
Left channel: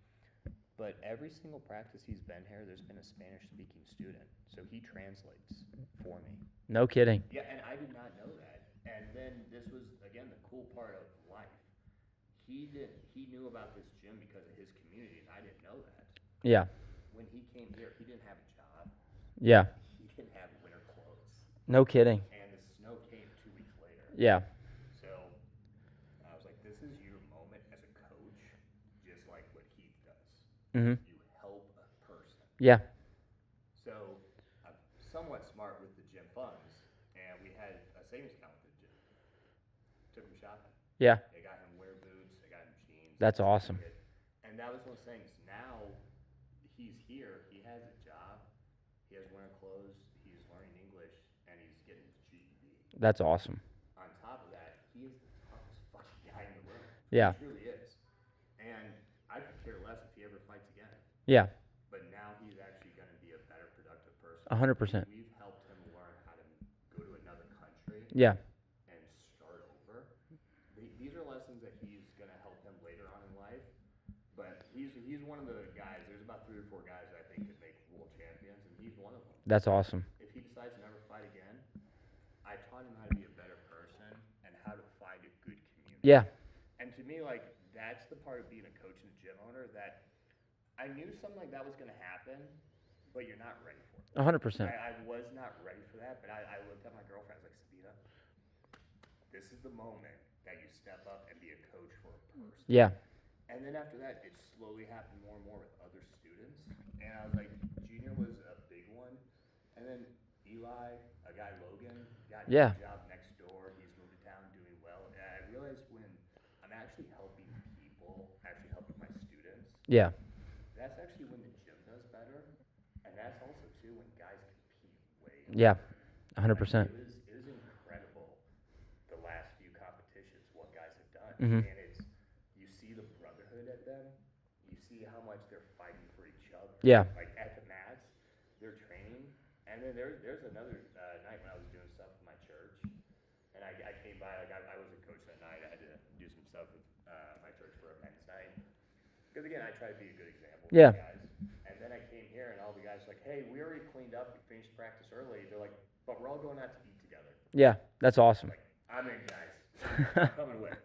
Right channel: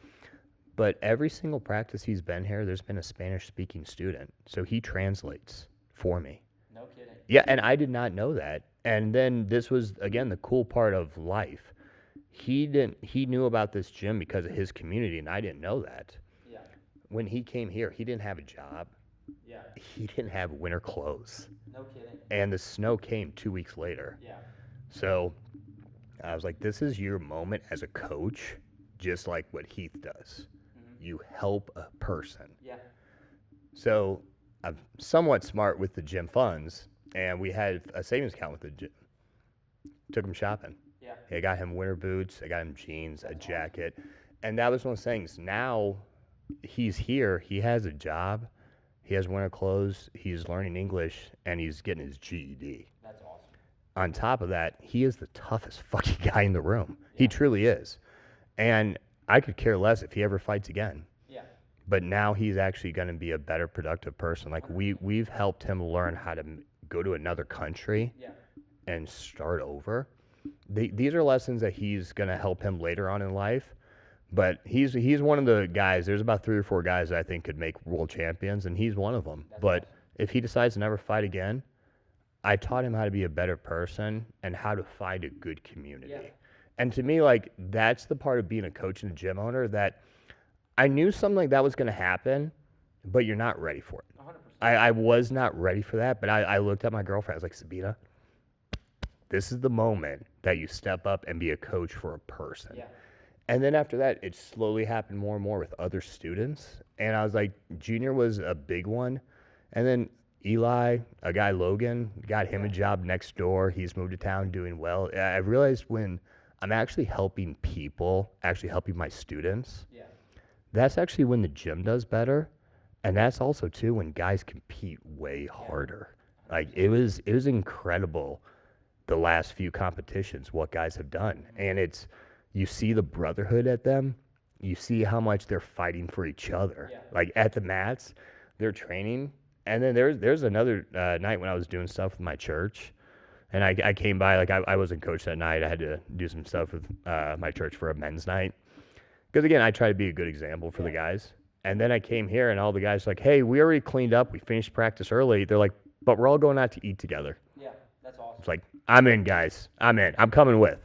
But every single practice he's been here, there's been a Spanish-speaking student, so he translates for me. No kidding. Yeah, and I did not know that. And then this was again the cool part of life. He knew about this gym because of his community, and I didn't know that. Yeah. When he came here, he didn't have a job. Yeah. He didn't have winter clothes. No kidding. And the snow came 2 weeks later. Yeah. So I was like, this is your moment as a coach, just like what Heath does. You help a person. Yeah. So I'm somewhat smart with the gym funds, and we had a savings account with the gym. Took him shopping. Yeah. I got him winter boots. I got him jeans, That's a awesome. jacket. And that was one of the things. Now he's here. He has a job. He has winter clothes. He's learning English, and he's getting his GED. That's awesome. On top of that, he is the toughest fucking guy in the room. Yeah. He truly is. And I could care less if he ever fights again. Yeah. But now he's actually going to be a better productive person. Like 100%. we've helped him learn how to go to another country Yeah. and start over. These are lessons that he's going to help him later on in life. But he's one of the guys. There's about 3 or 4 guys that I think could make world champions, and he's one of them. That's but awesome. If he decides to never fight again, I taught him how to be a better person and how to find a good community. Yeah. And to me, like, that's the part of being a coach and a gym owner that I knew something like that was going to happen, but you're not ready for it. 100%. I was not ready for that, but I looked at my girlfriend. I was like, Sabina, this is the moment that you step up and be a coach for a person. Yeah. And then after that, it slowly happened more and more with other students. And I was like, Junior was a big one. And then Eli, a guy, Logan, got him a job next door. He's moved to town doing well. I realized when I'm actually helping people, actually helping my students, Yeah. that's actually when the gym does better. And that's also, too, when guys compete way harder. 100%. Like, it was incredible the last few competitions, what guys have done. And it's, you see the brotherhood at them. You see how much they're fighting for each other. Yeah. Like, at the mats, they're training. And then there's another night when I was doing stuff with my church. And I came by, like, I wasn't coach that night. I had to do some stuff with my church for a men's night. Because, again, I try to be a good example for the guys. And then I came here, and all the guys were like, hey, we already cleaned up. We finished practice early. They're like, but we're all going out to eat together. Yeah. That's awesome. It's like, I'm in, guys. I'm in. I'm coming with.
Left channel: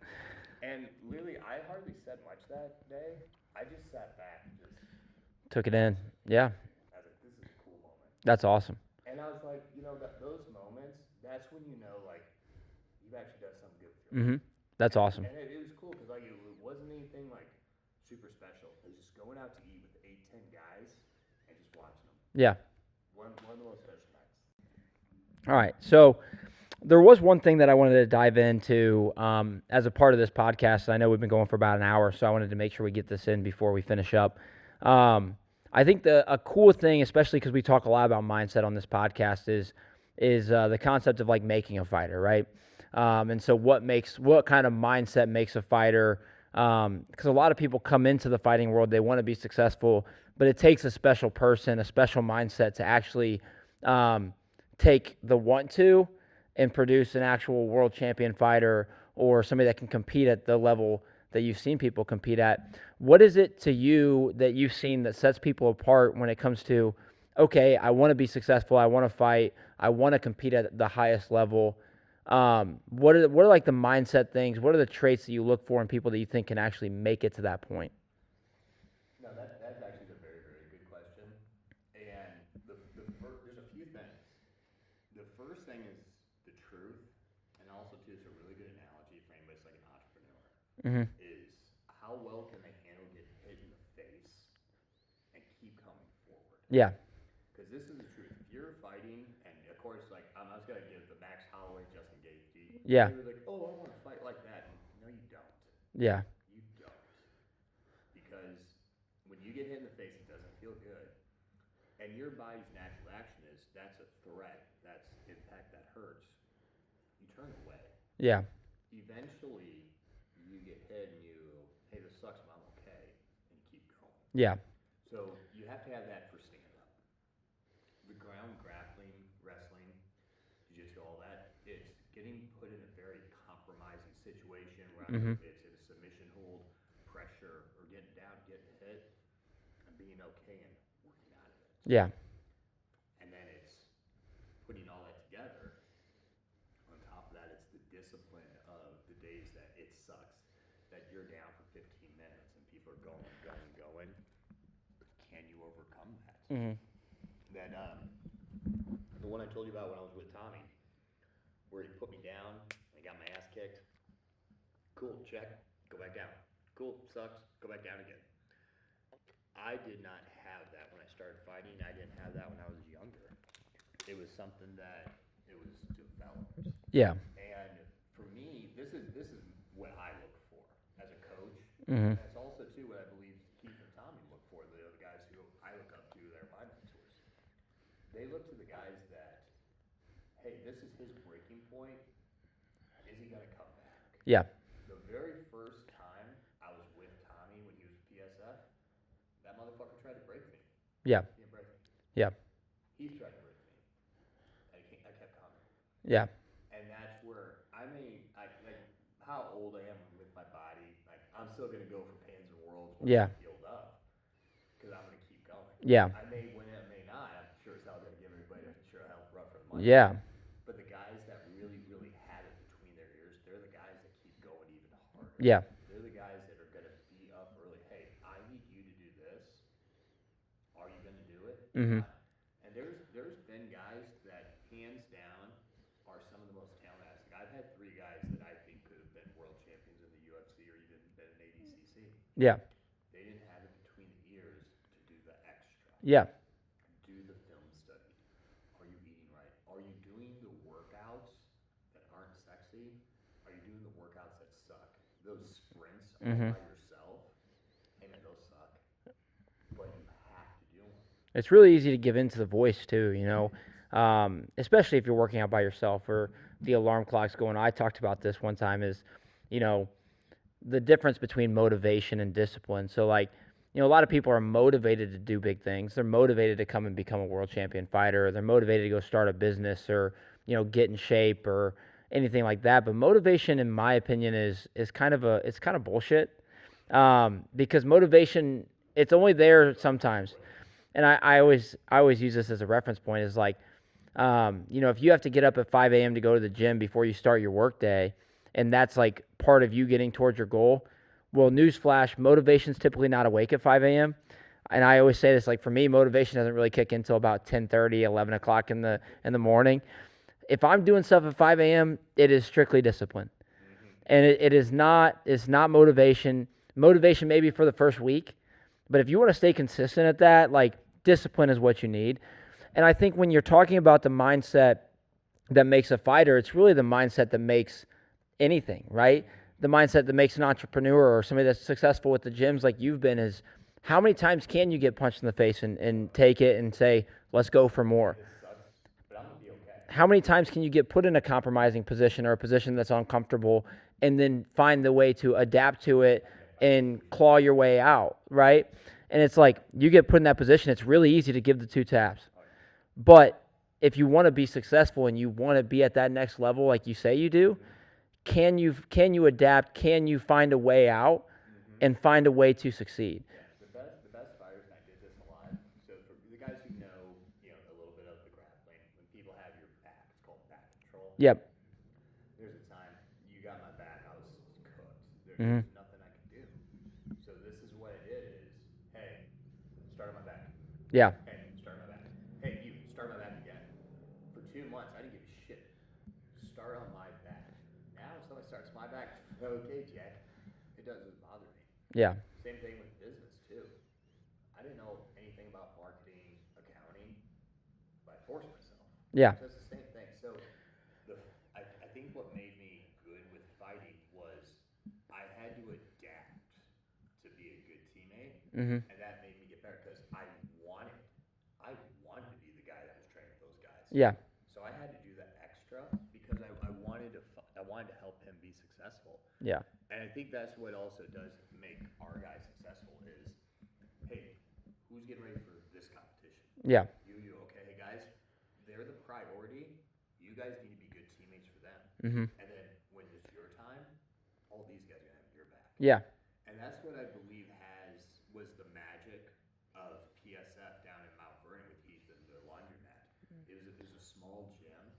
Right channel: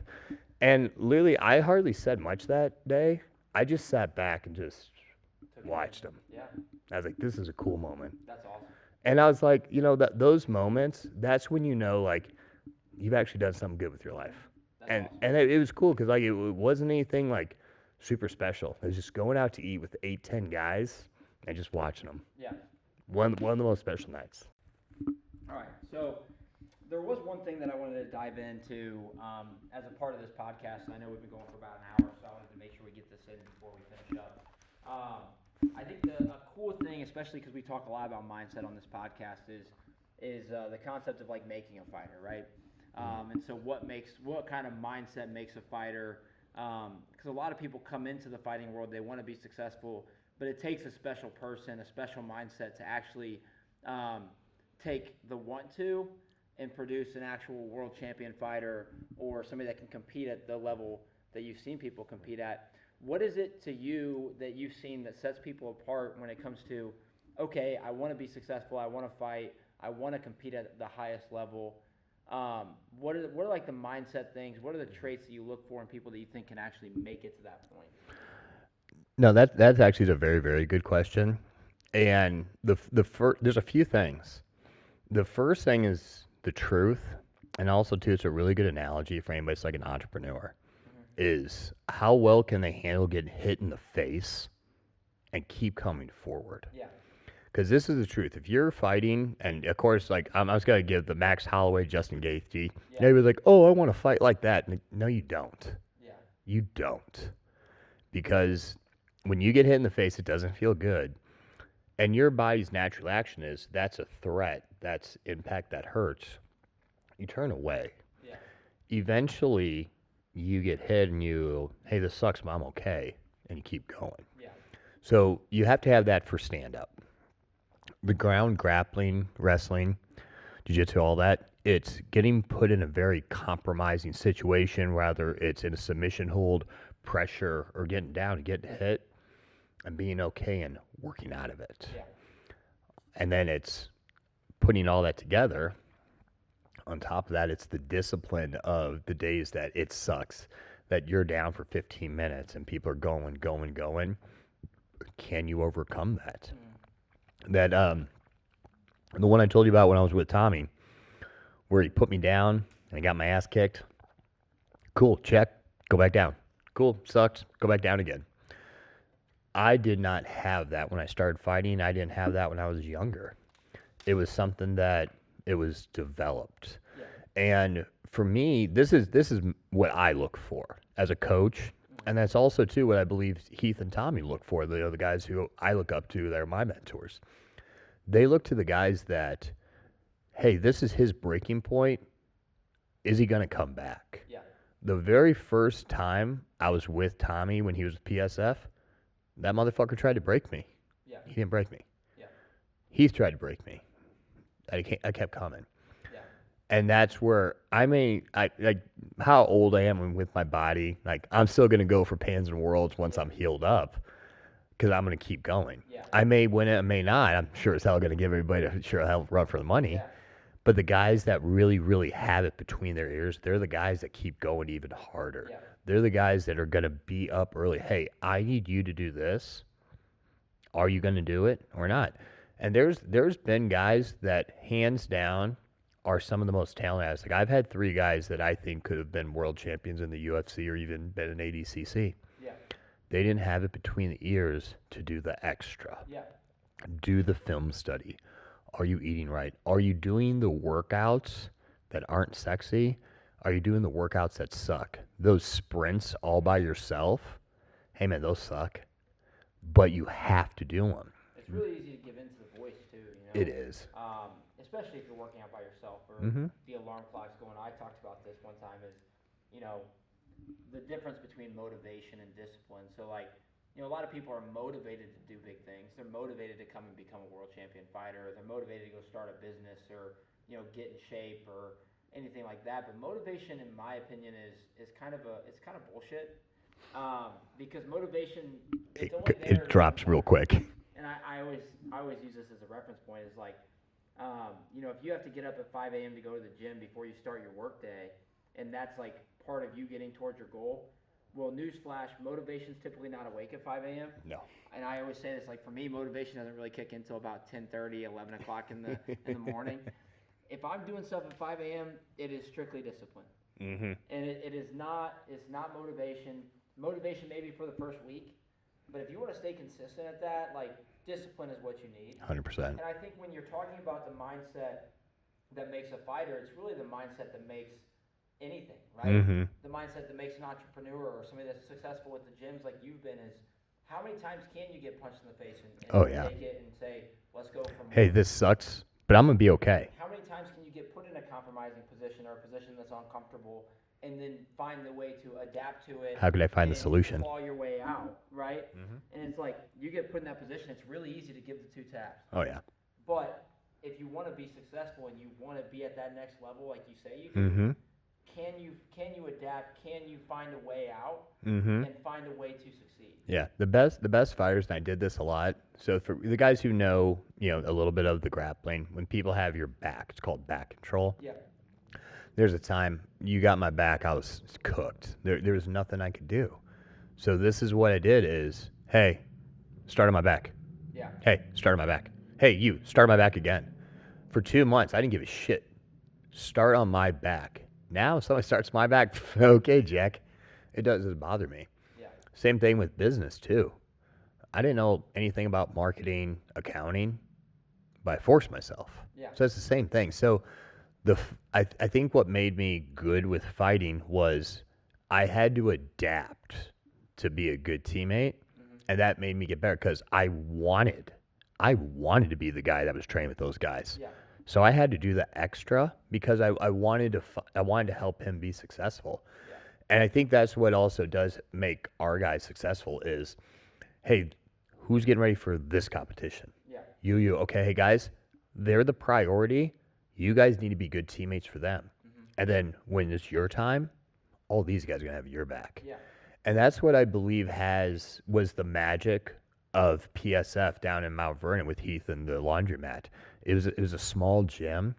And literally, I hardly said much that day. I just sat back and just Took it watched in. them. Yeah. I was like, this is a cool moment. That's awesome. And I was like, you know, those moments, that's when you know, like, you've actually done something good with your life. That's awesome. And it was cool because, like, it wasn't anything, like, super special. It was just going out to eat with 8, 10 guys and just watching them. Yeah. One of the most special nights. All right. So there was one thing that I wanted to dive into as a part of this podcast. I know we've been going for about an hour, so I wanted to make sure we get this in before we finish up. I think a cool thing, especially because we talk a lot about mindset on this podcast, is the concept of, like, making a fighter, right? And so what kind of mindset makes a fighter? Because a lot of people come into the fighting world, they want to be successful, but it takes a special person, a special mindset to actually take the want to and produce an actual world champion fighter or somebody that can compete at the level that you've seen people compete at. What is it to you that you've seen that sets people apart when it comes to, okay, I want to be successful, I want to fight, I want to compete at the highest level? What are like the mindset things? What are the traits that you look for in people that you think can actually make it to that point? No, that's actually a very, very good question. And there's a few things. The first thing is the truth, and also, too, it's a really good analogy for anybody that's like an entrepreneur, is how well can they handle getting hit in the face and keep coming forward? Yeah. Because this is the truth. If you're fighting, and of course, like, I was going to give the Max Holloway, Justin Gaethje. Yeah. They were like, oh, I want to fight like that. And no, you don't. Yeah. You don't. Because when you get hit in the face, it doesn't feel good. And your body's natural action is, that's a threat, that's impact, that hurts. You turn away. Yeah. Eventually, you get hit and hey, this sucks, but I'm okay. And you keep going. Yeah. So you have to have that for stand-up. The ground, grappling, wrestling, jiu-jitsu, all that, it's getting put in a very compromising situation, whether it's in a submission hold, pressure, or getting down and getting hit, and being okay and working out of it. Yeah. And then it's putting all that together. On top of that, it's the discipline of the days that it sucks, that you're down for 15 minutes and people are going, can you overcome that? That the one I told you about when I was with Tommy, where he put me down and I got my ass kicked. Cool, check, go back down. Cool, sucks, go back down again. I did not have that when I started fighting. I didn't have that when I was younger. It was something that it was developed. Yeah. And for me, this is what I look for as a coach, and that's also too what I believe Heath and Tommy look for. The guys who I look up to, that are my mentors. They look to the guys that, hey, this is his breaking point. Is he going to come back? Yeah. The very first time I was with Tommy when he was with PSF, that motherfucker tried to break me. Yeah. He didn't break me. Yeah. Heath tried to break me. I kept coming. Yeah. And that's where I like how old I am with my body. Like, I'm still going to go for Pans and Worlds once I'm healed up, because I'm going to keep going. Yeah. I may win it, I may not. I'm sure as hell going to give everybody a sure hell run for the money. Yeah. But the guys that really, really have it between their ears, they're the guys that keep going even harder. Yeah. They're the guys that are going to be up early. Hey, I need you to do this. Are you going to do it or not? And there's been guys that hands down are some of the most talented. Like, I've had 3 guys that I think could have been world champions in the UFC or even been an ADCC. Yeah. They didn't have it between the ears to do the extra. Yeah. Do the film study. Are you eating right? Are you doing the workouts that aren't sexy? Are you doing the workouts that suck? Those sprints all by yourself, hey man, those suck. But you have to do them. It's really easy to give into the voice too, It is. Especially if you're working out by yourself or the alarm clock's going. I talked about this one time is, the difference between motivation and discipline. So like, a lot of people are motivated to do big things. They're motivated to come and become a world champion fighter. Or they're motivated to go start a business or, get in shape or anything like that. But motivation, in my opinion, is kind of bullshit. Because motivation, it's only there it drops sometimes. real quick. And I always use this as a reference point. Is like, if you have to get up at 5 a.m. to go to the gym before you start your work day, and that's like part of you getting towards your goal. Well, newsflash, motivation's typically not awake at 5 a.m. No. And I always say this, like, for me, motivation doesn't really kick in until about 10:30, 11 o'clock in the morning. If I'm doing stuff at 5 a.m., it is strictly discipline. And it's not motivation. Motivation maybe for the first week. But if you want to stay consistent at that, like, discipline is what you need. 100%. And I think when you're talking about the mindset that makes a fighter, it's really the mindset that makes anything, right? The mindset that makes an entrepreneur or somebody that's successful with the gyms like you've been is, how many times can you get punched in the face and take it and say, let's go for more? Hey, this sucks, but I'm going to be okay. How many times can you get put in a compromising position or a position that's uncomfortable and then find the way to adapt to it? How can I find a solution? Claw your way out, right? And it's like, you get put in that position, it's really easy to give the 2 taps. Oh, yeah. But if you want to be successful and you want to be at that next level like you say you do, can you adapt? Can you find a way out and find a way to succeed? Yeah, the best fighters, and I did this a lot. So for the guys who know, a little bit of the grappling, when people have your back, it's called back control. Yep. There's a time you got my back, I was cooked. There was nothing I could do. So this is what I did is, hey, start on my back. Yeah. Hey, start on my back. Hey, you, start on my back again. For 2 months, I didn't give a shit. Start on my back. Now, if somebody starts my back, okay, Jack. It doesn't bother me. Yeah. Same thing with business, too. I didn't know anything about marketing, accounting, but I forced myself. Yeah. So it's the same thing. So I think what made me good with fighting was I had to adapt to be a good teammate, and that made me get better because I wanted to be the guy that was training with those guys. Yeah. So I had to do the extra because I wanted to help him be successful. Yeah. And I think that's what also does make our guys successful is, hey, who's getting ready for this competition? Yeah. You. Okay, hey, guys, they're the priority. You guys need to be good teammates for them. And then when it's your time, all these guys are going to have your back. Yeah. And that's what I believe was the magic of PSF down in Mount Vernon with Heath and the laundromat. It was a small gym,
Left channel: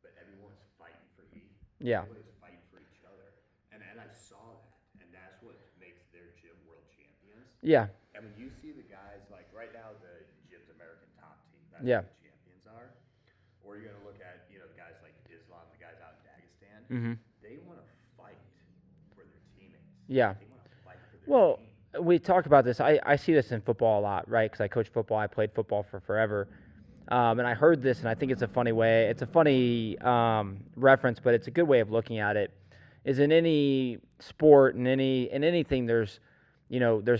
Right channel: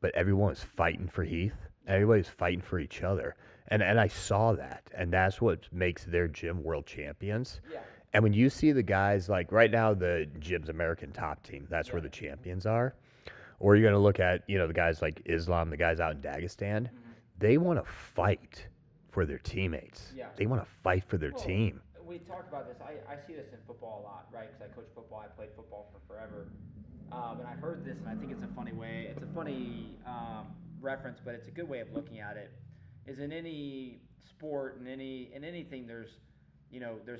but everyone was fighting for Heath. Yeah. Everybody was fighting for each other. And I saw that, and that's what makes their gym world champions. Yeah. And when you see the guys, like right now, the gym's American top team, that's Yeah. where the champions are. Or you're going to look at, the guys like Islam, the guys out in Dagestan. Mm-hmm. They want to fight for their teammates. Yeah. They want to fight for their Well, team. we talk about this. I see this in football a lot, right? Because I coach football. I played football for forever. And I heard this, and I think it's a funny way. It's a funny reference, but it's a good way of looking at it. Is in any sport, in anything, there's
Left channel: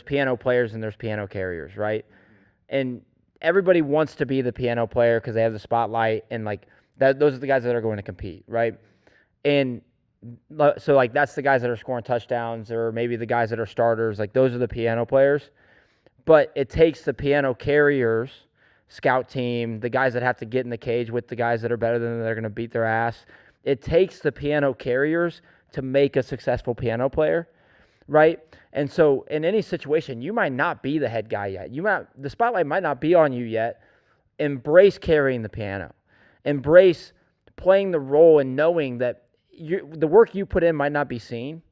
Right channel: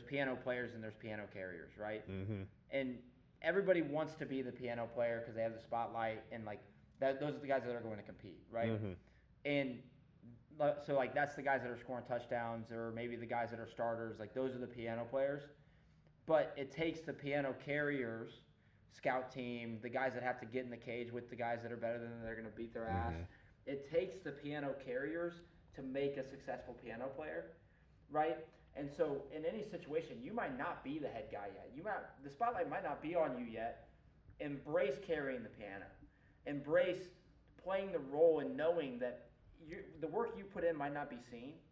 piano players and there's piano carriers, right? Mm-hmm. And everybody wants to be the piano player because they have the spotlight, and like that, those are the guys that are going to compete, right? Mm-hmm. And so like that's the guys that are scoring touchdowns, or maybe the guys that are starters. Like those are the piano players. But it takes the piano carriers, scout team, the guys that have to get in the cage with the guys that are better than them, that are going to beat their ass. It takes the piano carriers to make a successful piano player, right? And so in any situation, you might not be the head guy yet. The spotlight might not be on you yet. Embrace carrying the piano. Embrace playing the role and knowing that the work you put in might not be seen,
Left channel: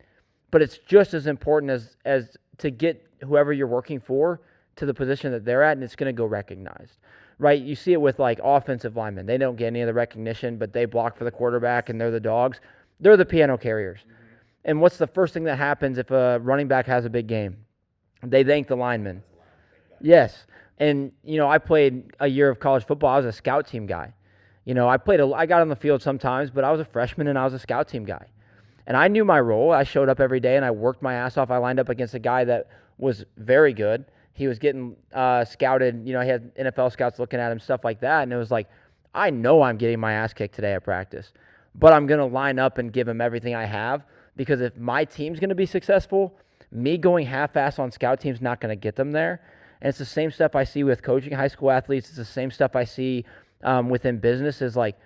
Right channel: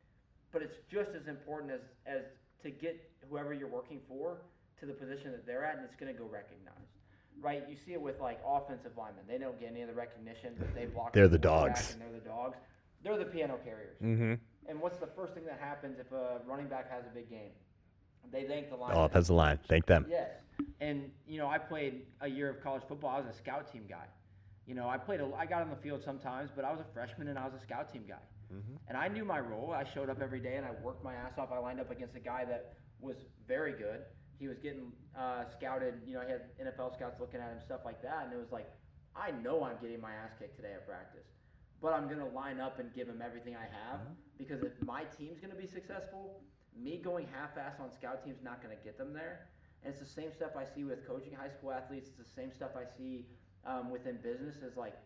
but it's just as important as to get whoever you're working for to the position that they're at, and it's going to go recognized, right? You see it with like offensive linemen. They don't get any of the recognition, but they block for the quarterback, and they're the dogs. They're the piano carriers. Mm-hmm. And what's the first thing that happens if a running back has a big game? They thank the lineman. Offensive line. Thank them. Yes. And, I played a year of college football. I was a scout team guy. I got on the field sometimes, but I was a freshman and I was a scout team guy. Mm-hmm. And I knew my role. I showed up every day and I worked my ass off. I lined up against a guy that was very good. He was getting scouted. He had NFL scouts looking at him, stuff like that. And it was like, I know I'm getting my ass kicked today at practice, but I'm going to line up and give him everything I have, because if my team's going to be successful, me going half-ass on scout team's not going to get them there. And it's the same stuff I see with coaching high school athletes. It's the same stuff I see within business. Is like,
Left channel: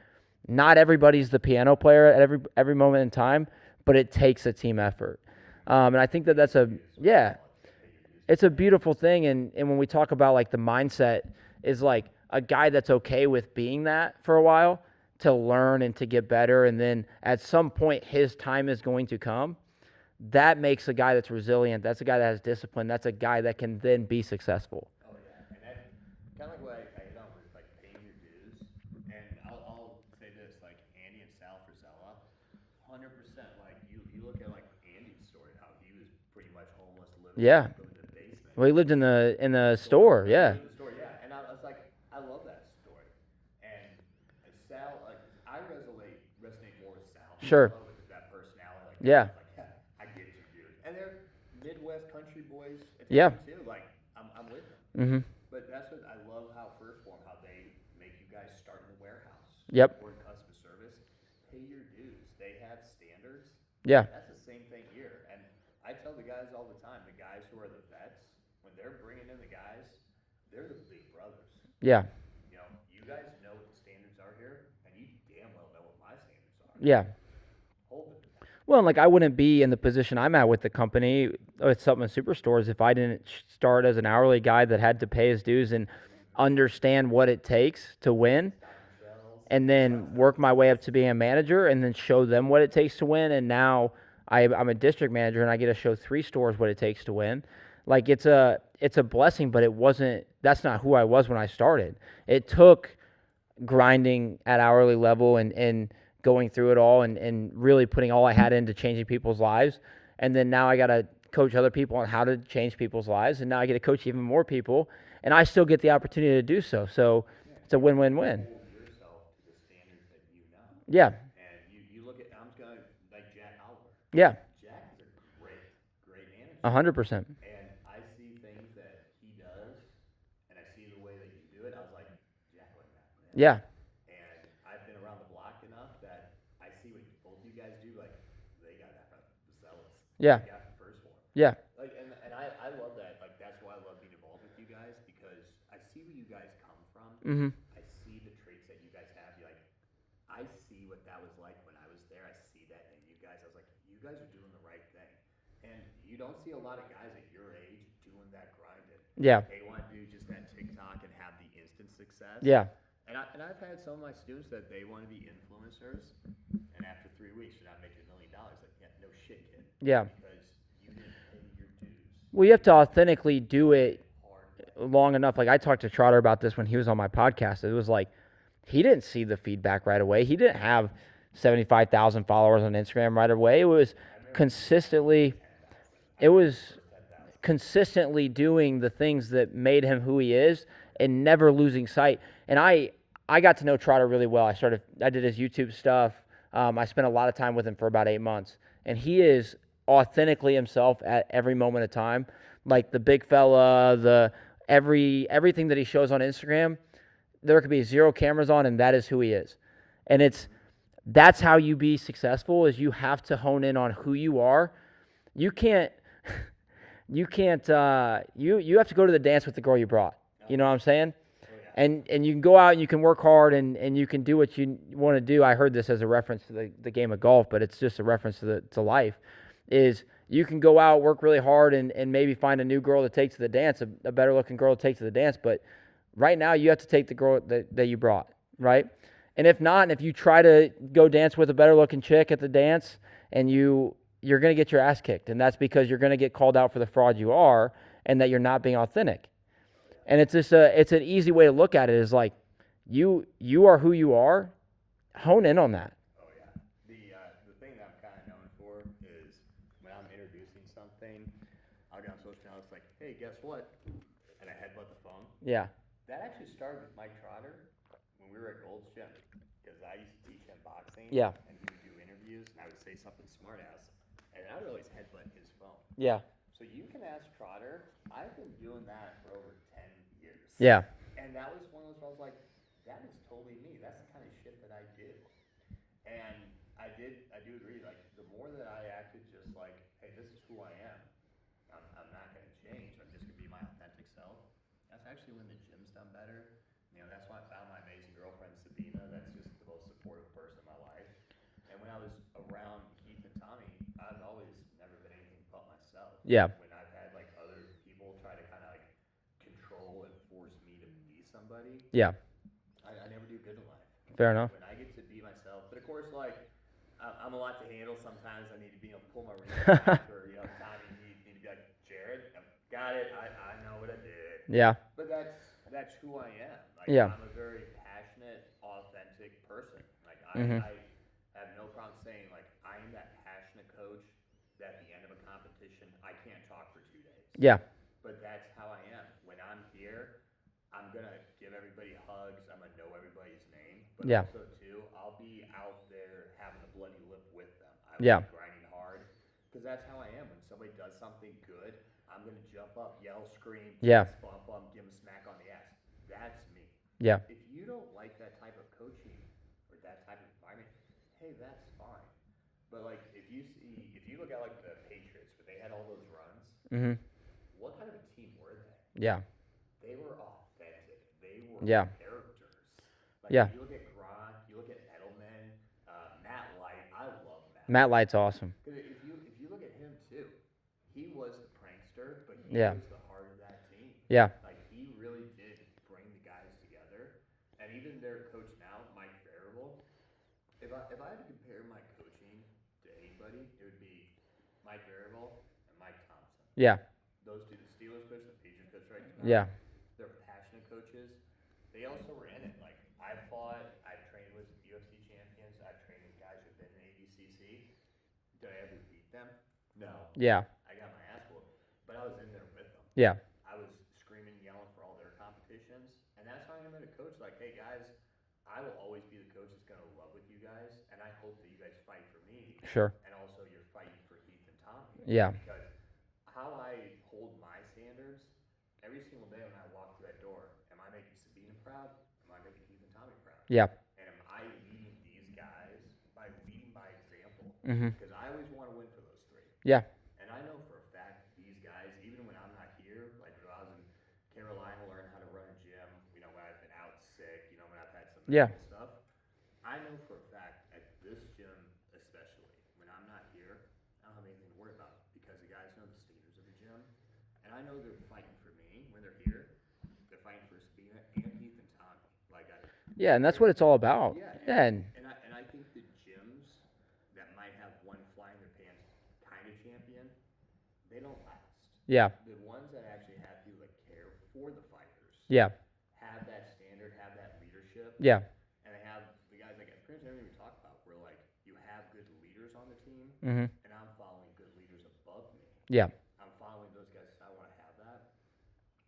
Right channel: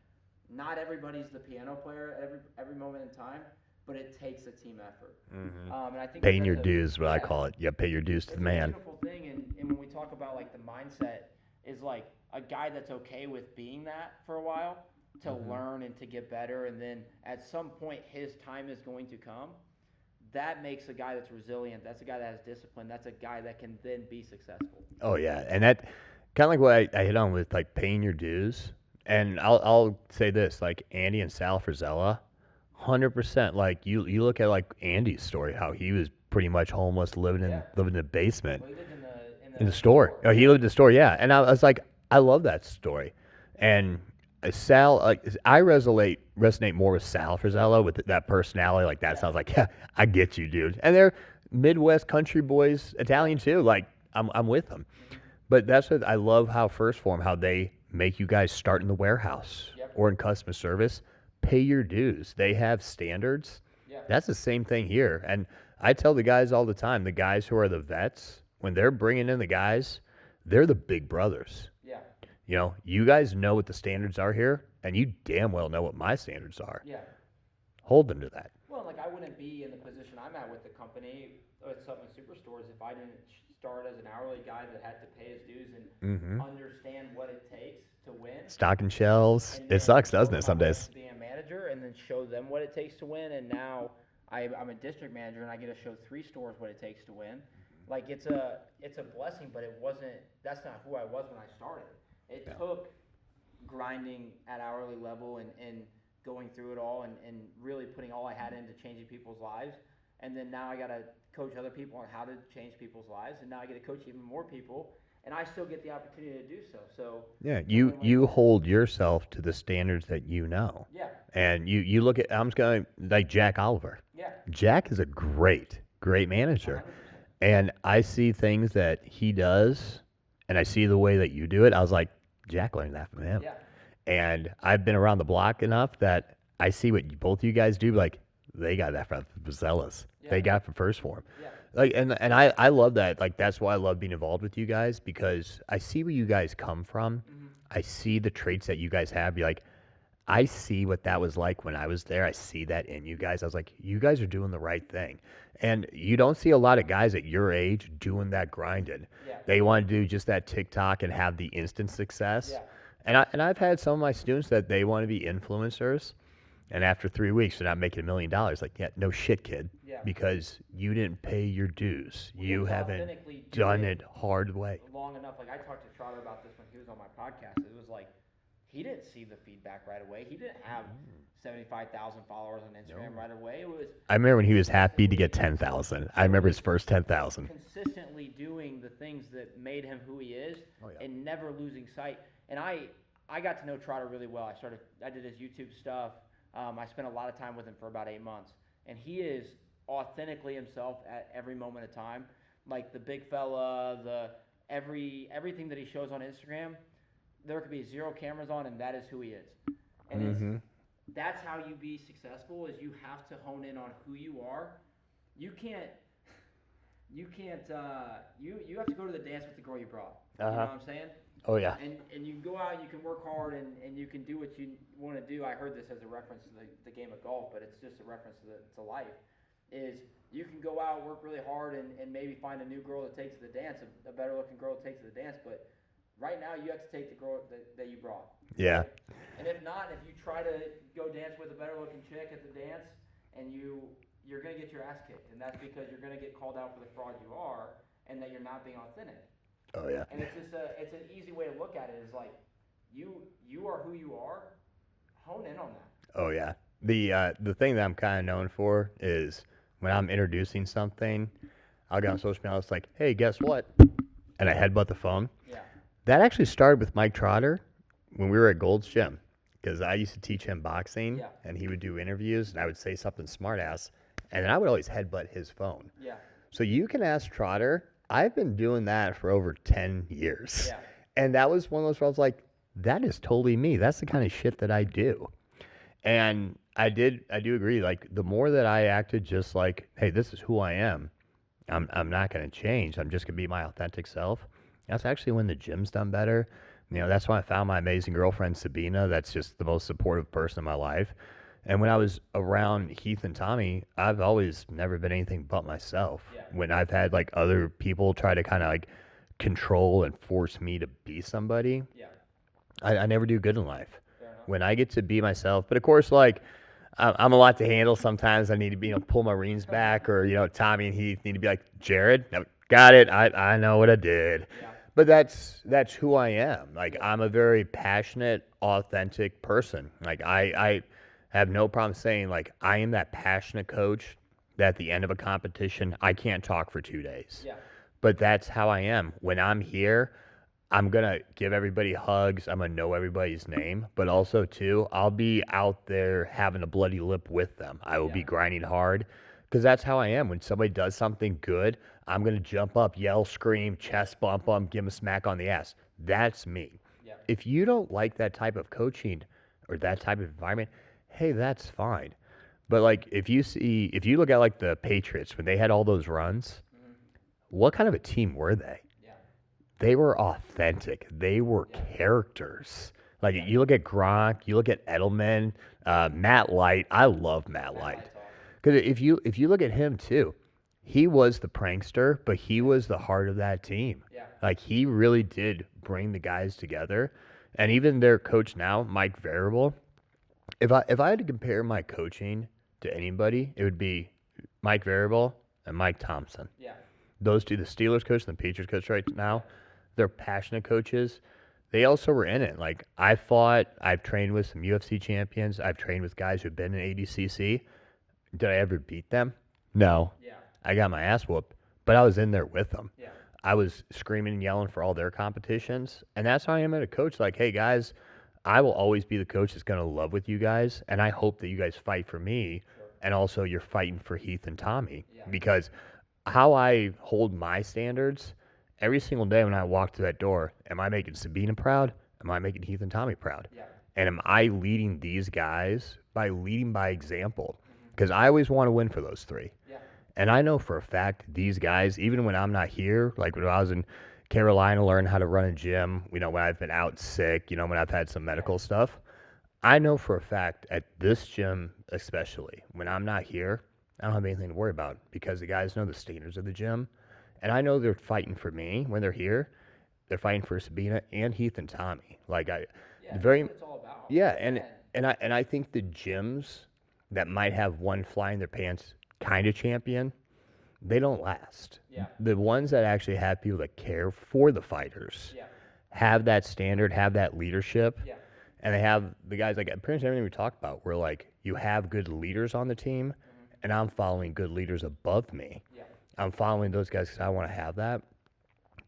not everybody's the piano player at every moment in time, but it takes a team effort. Mm-hmm. And I think Paying that's your dues, what I call it. Yeah, pay your dues. It's a beautiful thing. And when we talk about like the mindset, is like a guy that's okay with being that for a while, to learn and to get better, and then at some point his time is going to come. That makes a guy that's resilient. That's a guy that has discipline. That's a guy that can then be successful. Oh yeah, and that kind of like what I hit on with like paying your dues. And I'll say this, like Andy and Sal Frizella, 100%. Like you look at like Andy's story, how he was pretty much homeless, living in the basement. Well, he lived in the store. Oh, he lived in the store, yeah. And I was like, I love that story. And Sal, I resonate more with Sal Frizella, with that personality. Like that sounds like, yeah, I get you, dude. And they're Midwest country boys, Italian too. Like I'm with them. Mm-hmm. But that's what I love, how First Form, how they make you guys start in the warehouse, or in customer service, pay your dues. They have standards. Yeah, that's the same thing here. And I tell the guys all the time, the guys who are the vets, when they're bringing in the guys, they're the big brothers. Yeah. You guys know what the standards are here, and you damn well know what my standards are. Yeah. Hold them to that. Well, and like I wouldn't be in the position I'm at with the company with Supplement Superstores if I didn't start as an hourly guy that had to pay his dues and understand what it takes to win. Stocking shelves. And then work my way up to being a manager, and then show them what it takes to win. And now I'm a district manager, and I get to show 3 stores what it takes to win. Like it's a blessing, but that's not who I was when I started. It took grinding at hourly level and going through it all and really putting all I had into changing people's lives. And then now I got to coach other people on how to change people's lives. And now I get to coach even more people. And I still get the opportunity to do so. So it's a win-win-win. You hold yourself to the standards that you know. Yeah. And you look at, I'm just going to, like Jack Oliver. Yeah. Jack is a great manager. 100%. And I see things that he does, and I see the way that you do it. I was like, Jack learned that from him. Yeah. And I've been around the block enough that I see what both of you guys do. Like, they got that from Vazelas. Yeah. They got it from First Form. Yeah. Like, and I love that. Like, that's why I love being involved with you guys, because I see where you guys come from. Mm-hmm. I see the traits that you guys have. You're like, I see what that was like when I was there. I see that in you guys. I was like, you guys are doing the right thing. And you don't see a lot of guys at your age doing that grinding. Yeah. They want to do just that TikTok and have the instant success. Yeah. And I've had some of my students that they want to be influencers, And after 3 weeks, they're not making $1 million. Like, yeah, no shit, kid. Yeah. Because you didn't pay your dues. Well, you have to haven't authentically do done it hard way. long enough. Like I talked to Trotter about this when he was on my podcast. It was like he didn't see the feedback right away. He didn't have 75,000 followers on Instagram right away. It was I remember when he was happy to get 10,000. I remember his first 10,000. Consistently doing the things that made him who he is and never losing sight. And I got to know Trotter really well. I did his YouTube stuff. I spent a lot of time with him for about 8 months. And he is authentically himself at every moment of time. Like the big fella, everything that he shows on Instagram, there could be 0 cameras on, and that is who he is. And that's how you be successful, is you have to hone in on who you are. You have to go to the dance with the girl you brought. You know what I'm saying? Oh, yeah. And you can go out and you can work hard and you can do what you want to do. I heard this as a reference to the game of golf, but it's just a reference to life, is you can go out, work really hard, and maybe find a new girl to take to the dance, a better looking girl to take to the dance. But right now you have to take the girl that you brought, right? And if not, and if you try to go dance with a better looking chick at the dance, and you're going to get your ass kicked. And that's because you're going to get called out for the fraud you are and that you're not being authentic. Oh, yeah. And it's an easy way to look at it, is like you are who you are. Hone in on that. Oh, yeah. The thing that I'm kind of known for is when I'm introducing something, I'll get on social media, it's like, hey, guess what? And I headbutt the phone. Yeah. That actually started with Mike Trotter when we were at Gold's Gym, because I used to teach him boxing. Yeah. And he would do interviews, and I would say something smart ass, and then I would always headbutt his phone. Yeah. So you can ask Trotter. I've been doing that for over 10 years. Yeah. And that was one of those where I was like, that is totally me. That's the kind of shit that I do. And I do agree. Like, the more that I acted just like, hey, this is who I am, I'm not going to change. I'm just going to be my authentic self. That's actually when the gym's done better. You know, that's when I found my amazing girlfriend, Sabina. That's just the most supportive person in my life. And when I was around Heath and Tommy, I've always never been anything but myself. Yeah. When I've had, like, other people try to kind of, like, control and force me to be somebody, Yeah. I never do good in life. Fair enough. When I get to be myself. But, of course, like, I'm a lot to handle. Sometimes I need to be, pull my reins back, or, Tommy and Heath need to be like, Jared, no, got it. I know what I did. Yeah. But that's who I am. Like, Yeah. I'm a very passionate, authentic person. Like, I have no problem saying, like, I am that passionate coach that at the end of a competition, I can't talk for 2 days. Yeah. But that's how I am. When I'm here, I'm going to give everybody hugs. I'm going to know everybody's name. But Yeah. also, too, I'll be out there having a bloody lip with them. I will Yeah. be grinding hard, because that's how I am. When somebody does something good, I'm going to jump up, yell, scream, chest bump them, give them a smack on the ass. That's me. Yeah. If you don't like that type of coaching or that type of environment, hey, that's fine. But, like, if you look at, like, the Patriots, when they had all those runs, what kind of a team were they? Yeah. They were authentic. They were characters. Like, you look at Gronk, you look at Edelman, Matt Light. I love Matt Light. Matt Light's awesome. Because if you look at him, too, he was the prankster, but he was the heart of that team. Yeah. Like, he really did bring the guys together. And even their coach now, Mike Variable, if I had to compare my coaching to anybody, it would be Mike Variable and Mike Thompson. Yeah. Those two, the Steelers coach and the Patriots coach right now, Yeah. they're passionate coaches. They also were in it. Like, I've trained with some UFC champions. I've trained with guys who've been in ADCC. Did I ever beat them? No. Yeah. I got my ass whooped, but I was in there with them. Yeah. I was screaming and yelling for all their competitions. And that's how I am at a coach. Like, hey, guys, I will always be the coach that's going to love with you guys. And I hope that you guys fight for me. Sure. And also you're fighting for Heath and Tommy. Yeah. Because how I hold my standards, every single day when I walk through that door, am I making Sabina proud? Am I making Heath and Tommy proud? Yeah. And am I leading these guys by leading by example? Mm-hmm. Because I always want to win for those three. Yeah. And I know for a fact these guys, even when I'm not here, like when I was in Carolina learning how to run a gym, when I've been out sick, when I've had some medical stuff, I know for a fact at this gym especially, when I'm not here, I don't have anything to worry about, because the guys know the standards of the gym. And I know they're fighting for me when they're here. they're fighting for Sabina and Heath and Tommy. Like Yeah, and that's very what it's all about. yeah, Yeah, and I think the gyms that might have one fly in their pants kind of champion, they don't last. yeah, The ones that actually have people that care for the fighters, yeah, have that standard, have that leadership, yeah, and they have the guys like pretty much everything we talked about. Where like you have good leaders on the team, and I'm following good leaders above me. yeah, I'm following those guys because I want to have that.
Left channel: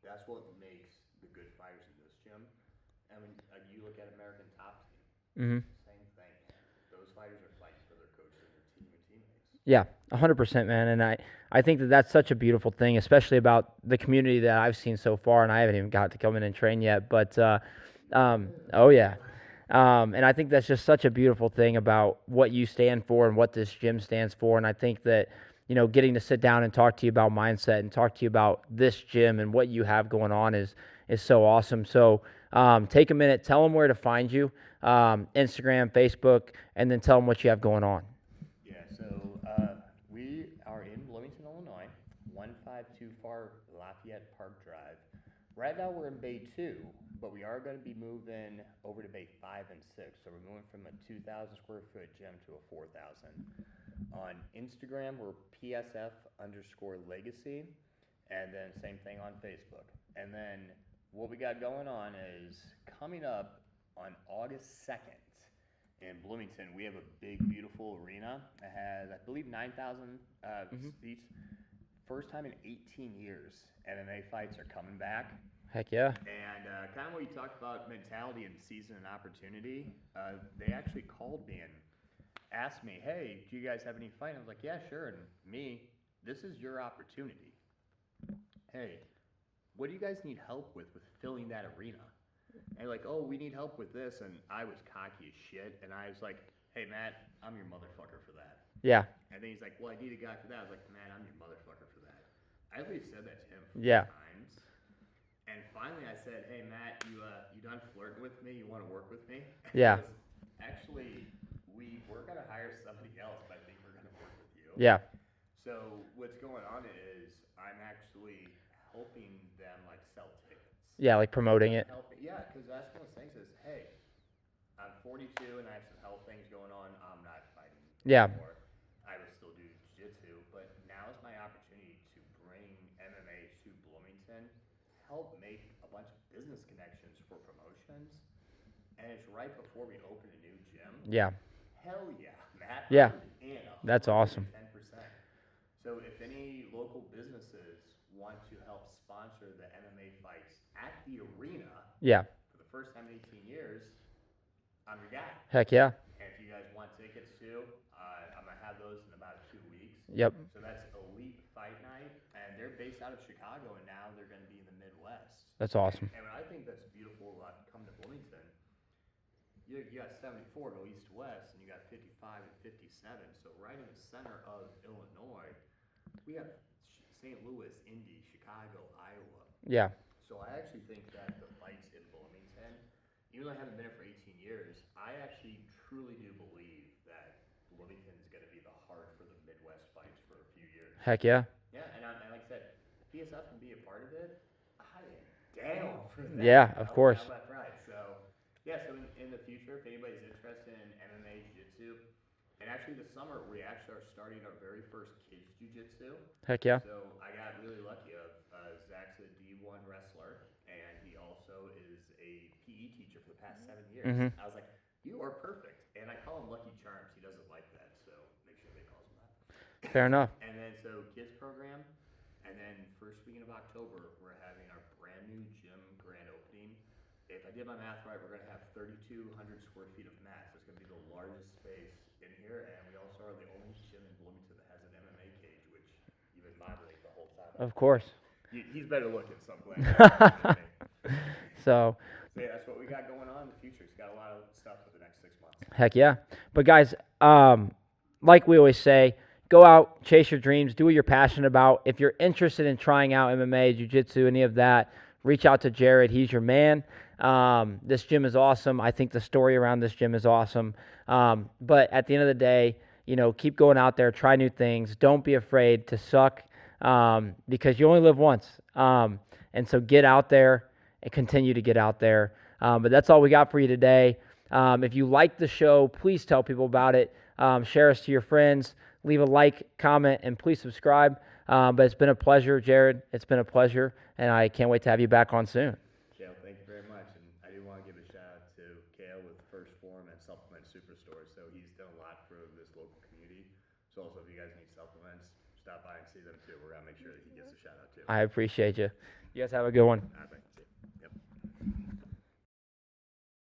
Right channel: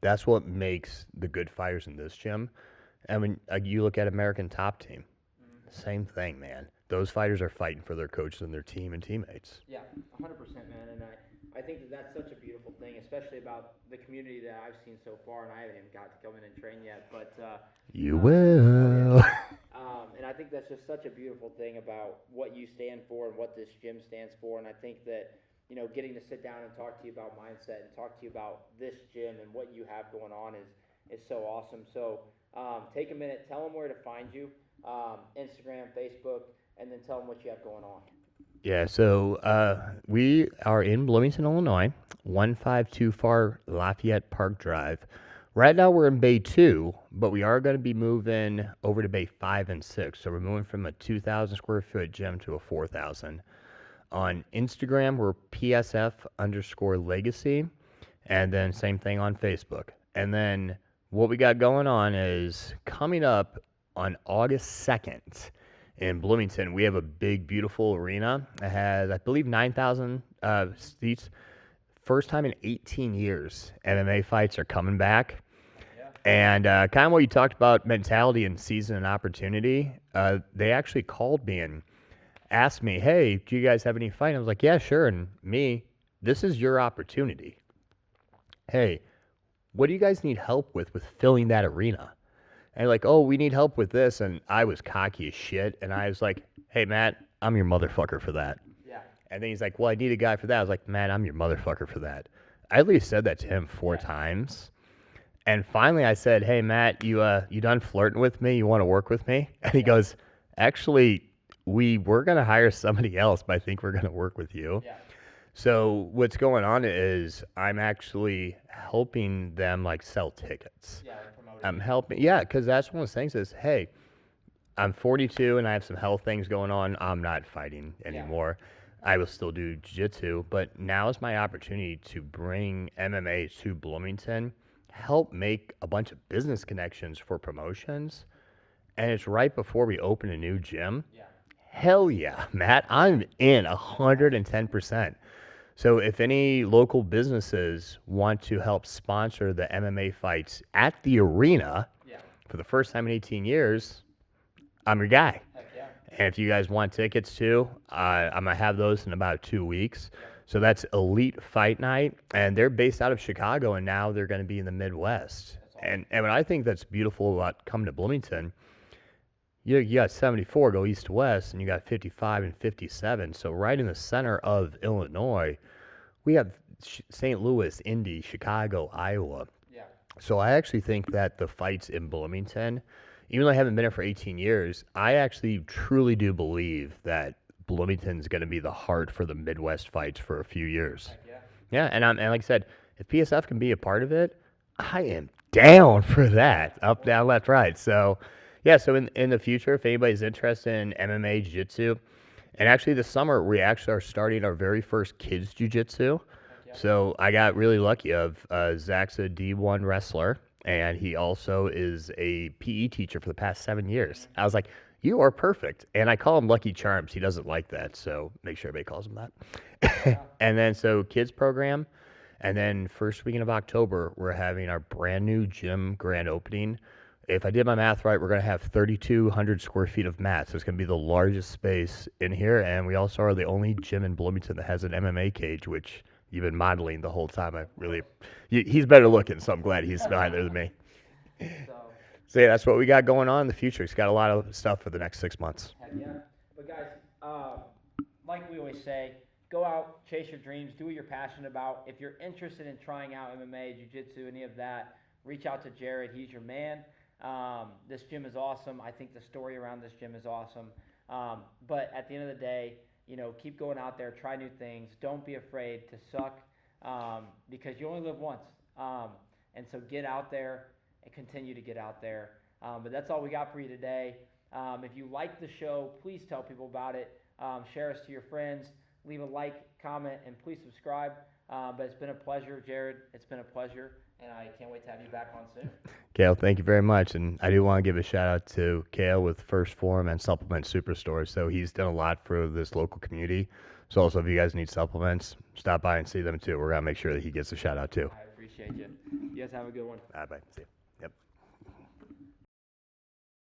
That's what makes the good fighters in this gym. And when you look at American Top Team, same thing, man. Those fighters are fighting for their coaches and their team and teammates. yeah, 100%, man. And I think that that's such a beautiful thing, especially about the community that I've seen so far, and I haven't even got to come in and train yet. But You will. oh yeah. And I think that's just such a beautiful thing about what you stand for and what this gym stands for. And I think that, getting to sit down and talk to you about mindset and talk to you about this gym and what you have going on is so awesome. So take a minute, tell them where to find you, Instagram, Facebook, and then tell them what you have going on. Yeah, so we are in Bloomington, Illinois, 152 Lafayette Park Drive. Right now we're in Bay 2, but we are going to be moving over to Bay 5 and 6. So we're moving from a 2,000 square foot gym to a 4,000. On Instagram, we're PSF_Legacy, and then same thing on Facebook. And then what we got going on is coming up on August 2nd in Bloomington, we have a big, beautiful arena. It has, I believe, 9,000 seats. First time in 18 years, MMA fights are coming back. Heck yeah. And kind of what you talked about, mentality and season and opportunity, they actually called me and asked me, hey, do you guys have any fight? I was like, yeah, sure. And me, this is your opportunity. Hey, what do you guys need help with filling that arena? And like, oh, we need help with this. And I was cocky as shit. And I was like, hey, Matt, I'm your motherfucker for that. Yeah. And then he's like, well, I need a guy for that. I was like, Matt, I'm your motherfucker for that. I at least said that to him 4 times. And finally I said, hey, Matt, you done flirting with me? You want to work with me? And he goes, actually, we were going to hire somebody else, but I think we're going to work with you. Yeah. So what's going on is I'm actually helping them like sell tickets. Yeah, like promoting it. Helping, yeah, because that's one of those things is, hey, I'm 42 and I have some health things going on. I'm not fighting anymore. I will still do jiu-jitsu, but now is my opportunity to bring MMA to Bloomington, help make a bunch of business connections for promotions, and it's right before we open a new gym. Yeah. Hell yeah, Matt. Yeah. I'm in 110%. So if any local businesses want to help sponsor the MMA fights at the arena for the first time in 18 years, I'm your guy. Heck yeah. And if you guys want tickets too, I'm going to have those in about 2 weeks. Yep. So that's Elite Fight Night, and they're based out of Chicago, and now they're going to be in the Midwest. That's awesome. And what I think that's beautiful about coming to Bloomington, you got 74 go east to west, and you got 55 and 57. So right in the center of Illinois, we have St. Louis, Indy, Chicago, Iowa. Yeah. So I actually think that the fights in Bloomington, even though I haven't been here for 18 years, I actually truly do believe that Bloomington's going to be the heart for the Midwest fights for a few years. Heck yeah. Yeah, and like I said, if PSF can be a part of it, I am down for that. Yeah, Up, down, left, right. So, yeah, so in the future, if anybody's interested in MMA, jiu-jitsu, and actually this summer, we actually are starting our very first kids jiu-jitsu. Heck yeah. So I got really lucky Zach's a D1 wrestler, and he also is a PE teacher for the past 7 years. I was like, you are perfect. And I call him Lucky Charms. He doesn't like that, so make sure everybody calls him that. Fair enough. And then so kids program, and then first weekend of October, we're having our brand new gym grand opening. If I did my math right, we're going to have 3,200 square feet of mats. So it's going to be the largest space in here, and we also are the only gym in Bloomington that has an MMA cage, which you've been modeling the whole time. Of course. He's better looking, so I'm glad he's done it than me. So yeah, that's what we got going on in the future. It's got a lot of stuff for the next 6 months. Heck yeah. But guys, like we always say, go out, chase your dreams, do what you're passionate about. If you're interested in trying out MMA, jiu-jitsu, any of that, reach out to Jared. He's your man. This gym is awesome. I think the story around this gym is awesome. But at the end of the day, keep going out there, try new things. Don't be afraid to suck because you only live once. And so get out there and continue to get out there. But that's all we got for you today. If you like the show, please tell people about it. Share us to your friends. Leave a like, comment, and please subscribe. But it's been a pleasure, Jared. It's been a pleasure, and I can't wait to have you back on soon. Kale, thank you very much. And I do want to give a shout out to Kale with First Form and Supplement Superstore. So he's done a lot for this local community. So also, if you guys need supplements, stop by and see them too. We're going to make sure that he gets a shout out too. I appreciate you. You guys have a good one. Bye. See you.